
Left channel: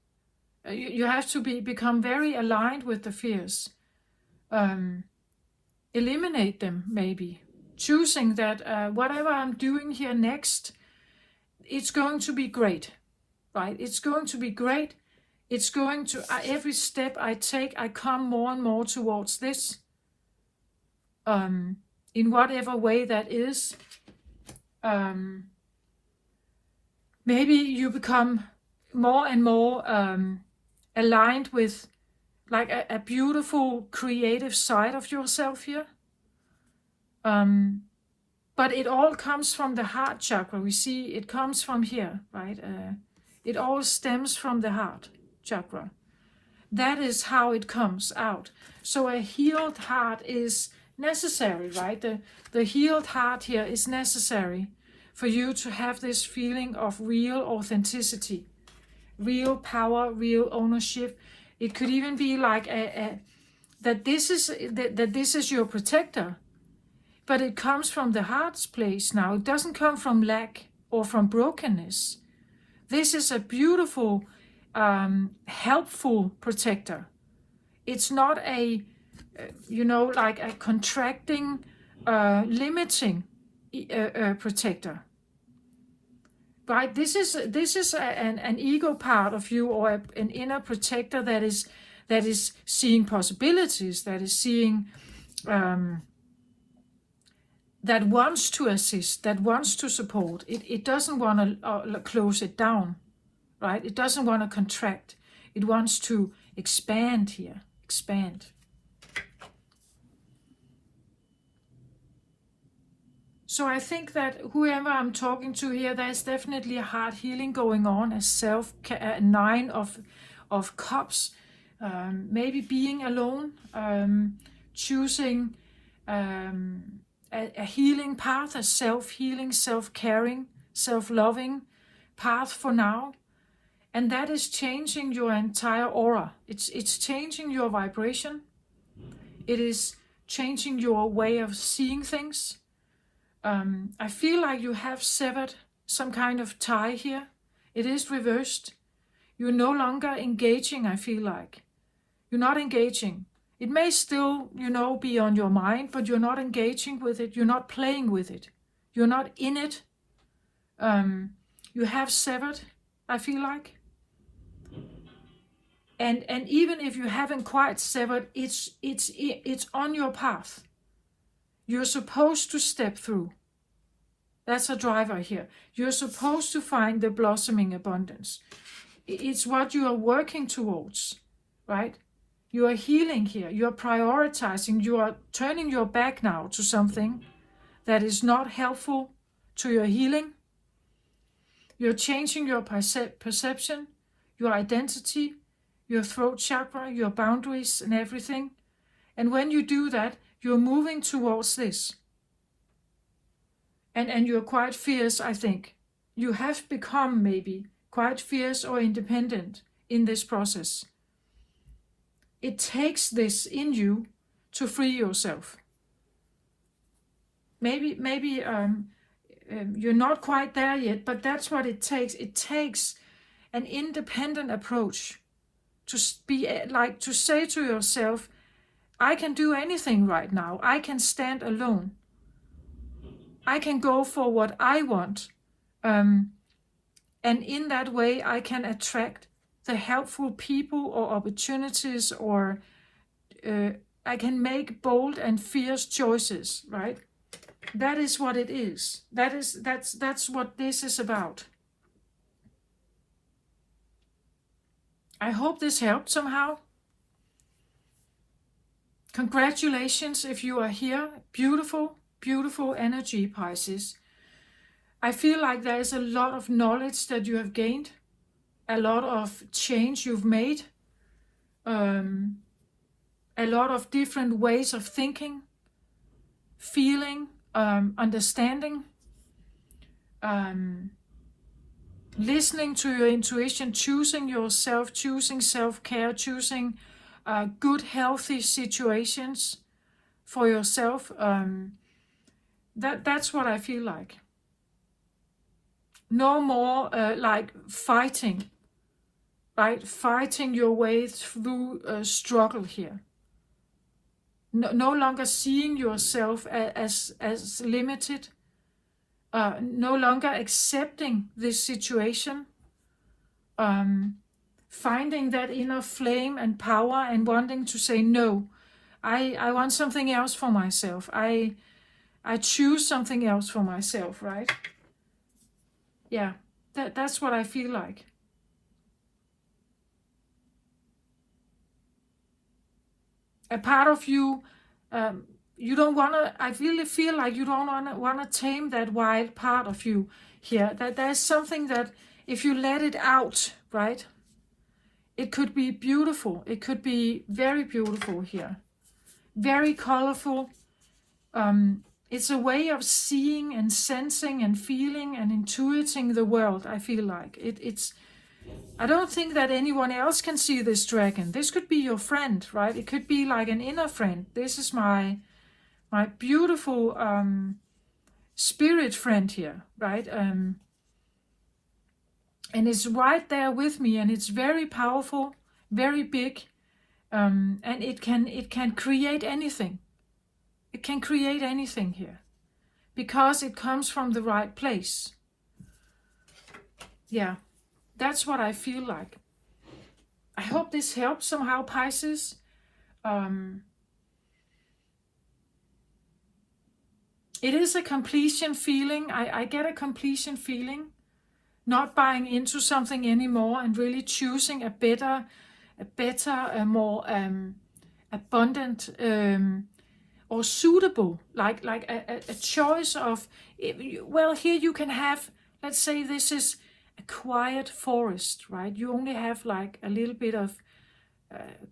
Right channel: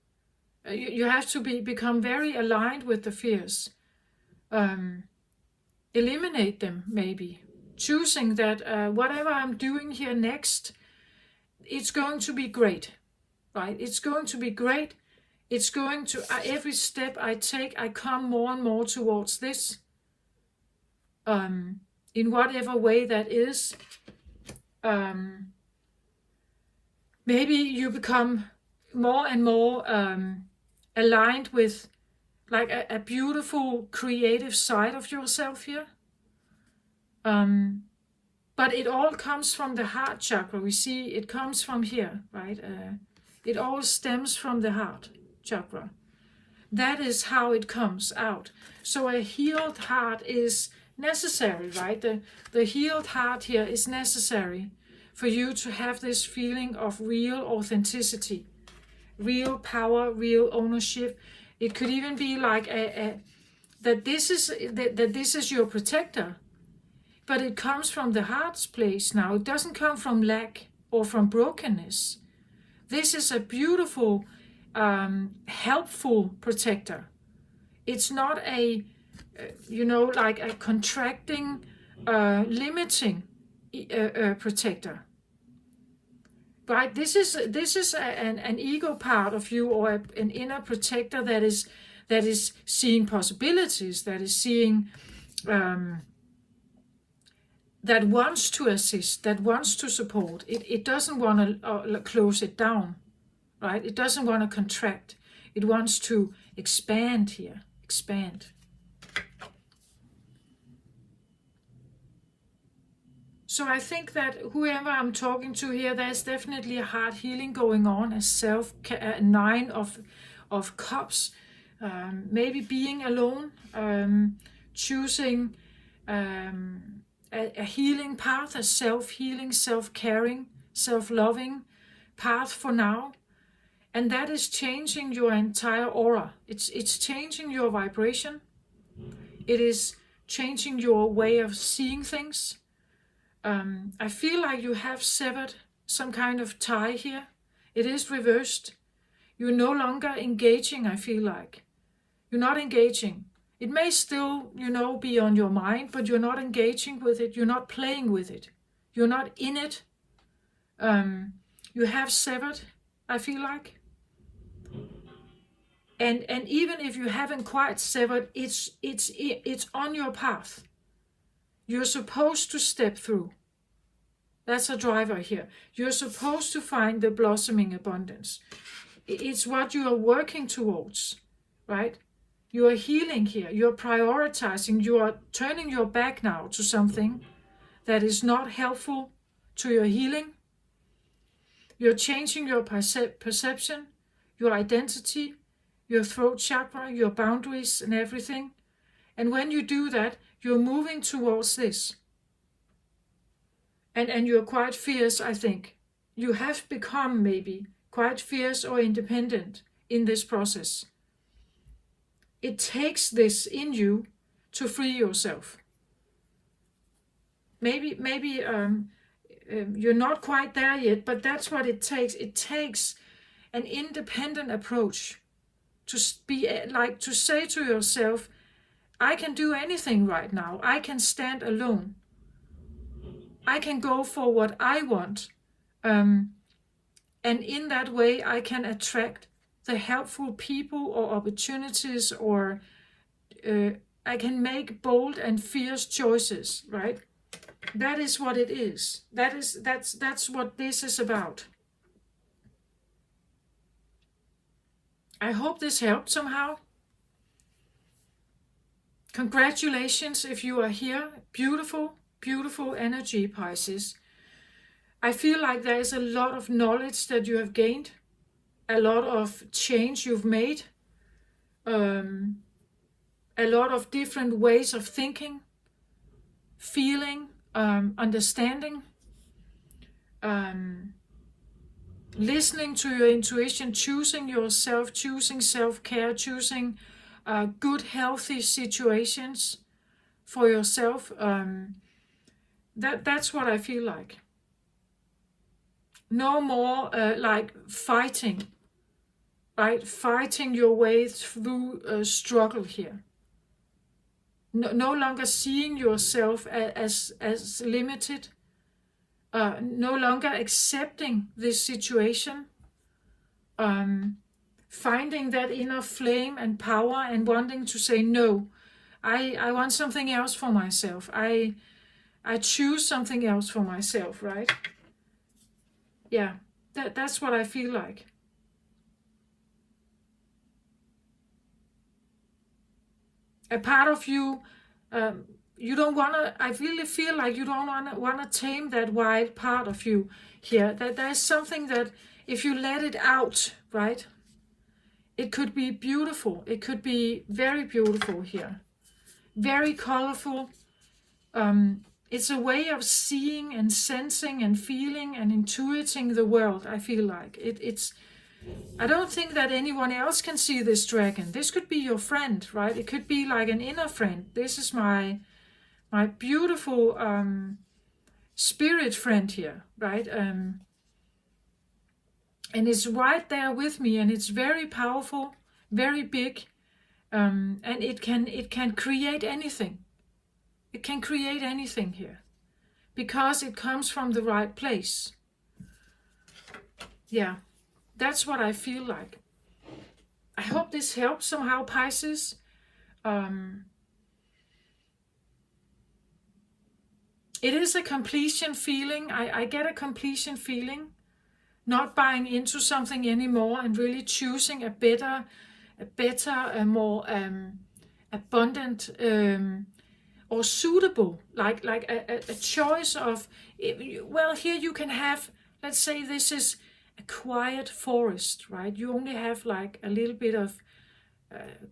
You have to become very aligned with the fears. Eliminate them, maybe. Choosing that whatever I'm doing here next, it's going to be great, right? It's going to be great. It's going to, every step I take, I come more and more towards this. In whatever way that is. Maybe you become more and more aligned with like a beautiful creative side of yourself here. But it all comes from the heart chakra. We see it comes from here, right? It all stems from the heart chakra. That is how it comes out. So a healed heart is necessary, right? The healed heart here is necessary for you to have this feeling of real authenticity, real power, real ownership. It could even be like that this is your protector, but it comes from the heart's place now. It doesn't come from lack or from brokenness. This is a beautiful, helpful protector. It's not a, like a contracting, limiting protector. Right? This is an ego part of you, or an inner protector that is seeing possibilities, that is seeing, that wants to assist, that wants to support. It doesn't want to close it down, right? It doesn't want to contract. It wants to expand here, expand. So I think that whoever I'm talking to here, there's definitely a heart healing going on, a 9 of cups, maybe being alone, choosing a healing path, a self-healing, self-caring, self-loving path for now. And that is changing your entire aura. It's changing your vibration. It is changing your way of seeing things. I feel like you have severed some kind of tie here. It is reversed. You're no longer engaging, I feel like. You're not engaging. It may still, be on your mind, but you're not engaging with it. You're not playing with it. You're not in it. You have severed, I feel like. And even if you haven't quite severed, it's on your path. You're supposed to step through. That's a driver here. You're supposed to find the blossoming abundance. It's what you are working towards, right? You are healing here. You are prioritizing. You are turning your back now to something that is not helpful to your healing. You're changing your perception, your identity, your throat chakra, your boundaries and everything. And when you do that, you're moving towards this. And you're quite fierce, I think. You have become maybe quite fierce or independent in this process. It takes this in you to free yourself. Maybe you're not quite there yet, but that's what it takes. It takes an independent approach to say to yourself, I can do anything right now. I can stand alone. I can go for what I want. And in that way, I can attract the helpful people or opportunities, or I can make bold and fierce choices, right? That is what it is. That's what this is about. I hope this helped somehow. Congratulations if you are here. Beautiful, beautiful energy, Pisces. I feel like there is a lot of knowledge that you have gained, a lot of change you've made, a lot of different ways of thinking, feeling, understanding, listening to your intuition, choosing yourself, choosing self-care, choosing good, healthy situations for yourself. That's what I feel like. No more like fighting, right? Fighting your way through struggle here. No longer seeing yourself as limited. No longer accepting this situation. Finding that inner flame and power and wanting to say, no, I want something else for myself. I choose something else for myself, right? Yeah, that's what I feel like. A part of you, you don't want to, I really feel like you don't want to tame that wild part of you here. That there's something that if you let it out, right, it could be beautiful. It could be very beautiful here. Very colorful. It's a way of seeing and sensing and feeling and intuiting the world, I feel like. I don't think that anyone else can see this dragon. This could be your friend, right? It could be like an inner friend. This is my beautiful spirit friend here, right? And it's right there with me, and it's very powerful, very big, and it can create anything. It can create anything here because it comes from the right place. Yeah, that's what I feel like. I hope this helps somehow, Pisces. It is a completion feeling. I get a completion feeling. Not buying into something anymore and really choosing a better, more abundant, or suitable, like a choice of, well, here you can have, let's say this is a quiet forest, right? You only have like a little bit of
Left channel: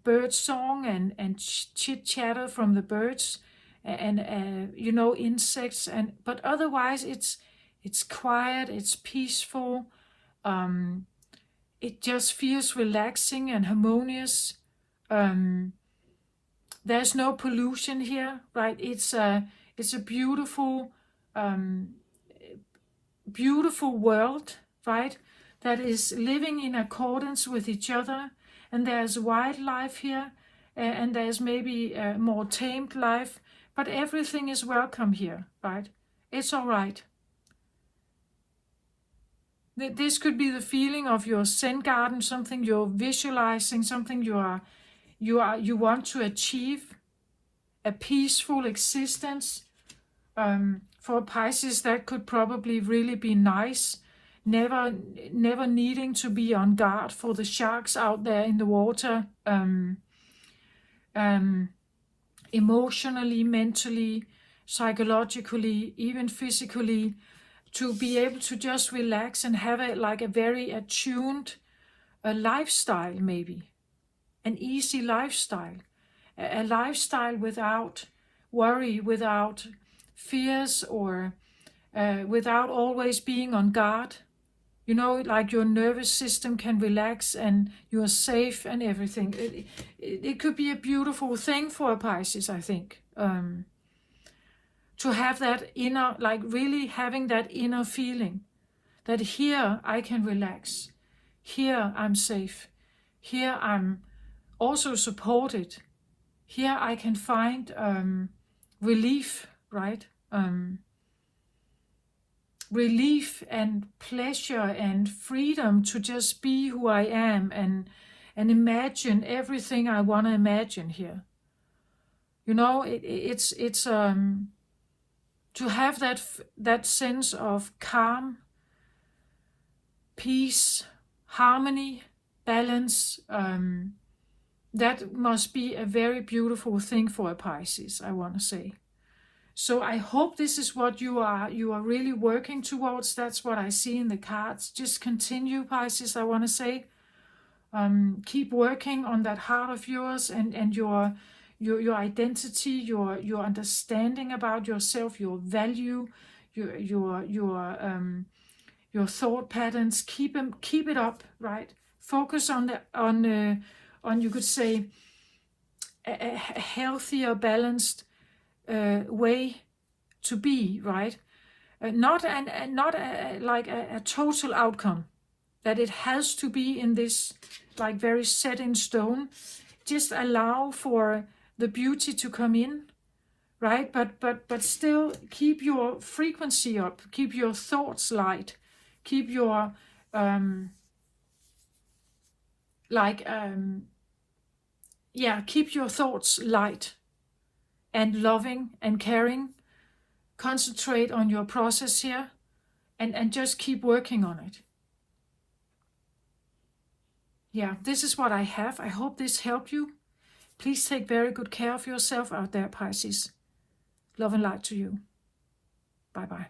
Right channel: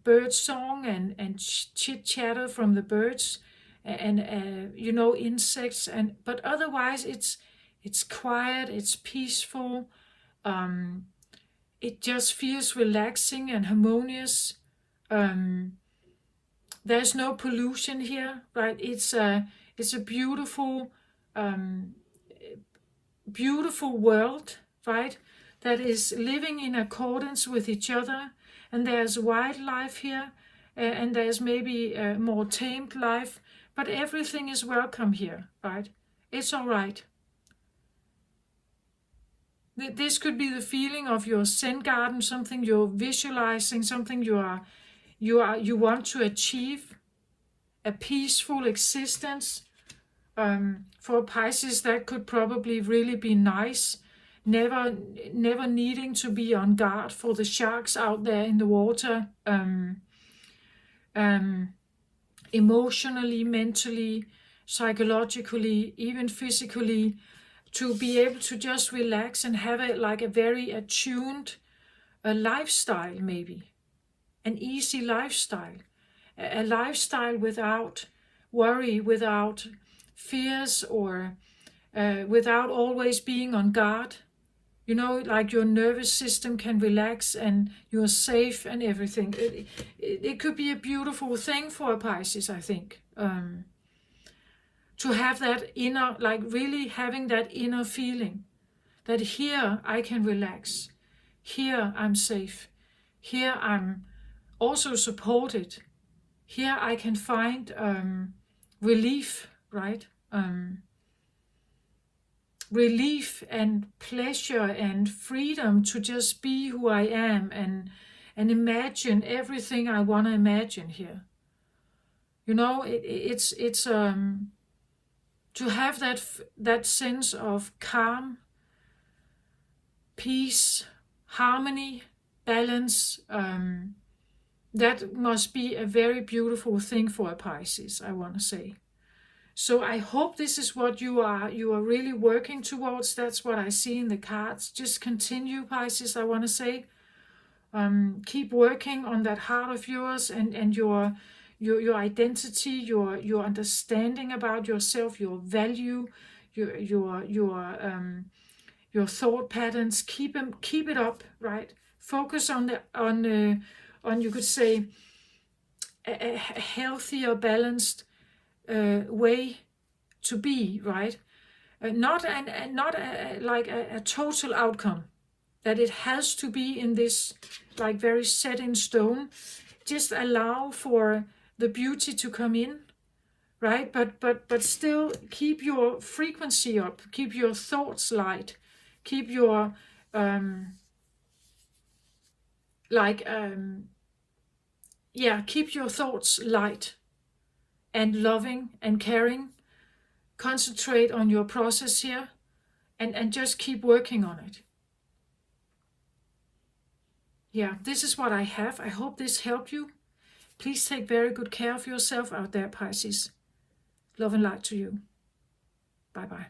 bird song and chit chatter from the birds and you know, insects, but otherwise it's quiet, it's peaceful, it just feels relaxing and harmonious. There's no pollution here, right? It's a beautiful beautiful world, right? That is living in accordance with each other, and there's wildlife here, and there's maybe more tamed life, but everything is welcome here, right? It's all right. This could be the feeling of your Zen garden, something you're visualizing, something you want to achieve, a peaceful existence. For Pisces, that could probably really be nice. Never needing to be on guard for the sharks out there in the water. Emotionally, mentally, psychologically, even physically, to be able to just relax and have a very attuned lifestyle, maybe an easy lifestyle, a lifestyle without worry, without fears, or without always being on guard. You know, like your nervous system can relax and you're safe and everything. It could be a beautiful thing for a Pisces, I think. To have that inner, like really having that inner feeling that here I can relax. Here I'm safe. Here I'm also supported. Here I can find relief, right? Relief and pleasure and freedom to just be who I am and imagine everything I want to imagine here. You know, it's to have that sense of calm, peace, harmony, balance. That must be a very beautiful thing for a Pisces, I want to say. So I hope this is what you are really working towards. That's what I see in the cards. Just continue, Pisces, I want to say. Keep working on that heart of yours and your identity, your understanding about yourself, your value, your thought patterns. Keep it up, right? Focus on you could say a healthier, balanced way to be, right? Not like a total outcome that it has to be in this like very set in stone. Just allow for the beauty to come in, right? But still keep your frequency up, keep your thoughts light, keep your keep your thoughts light and loving and caring. Concentrate on your process here and just keep working on it. Yeah, this is what I have. I hope this helped you. Please take very good care of yourself out there, Pisces. Love and light to you. Bye-bye.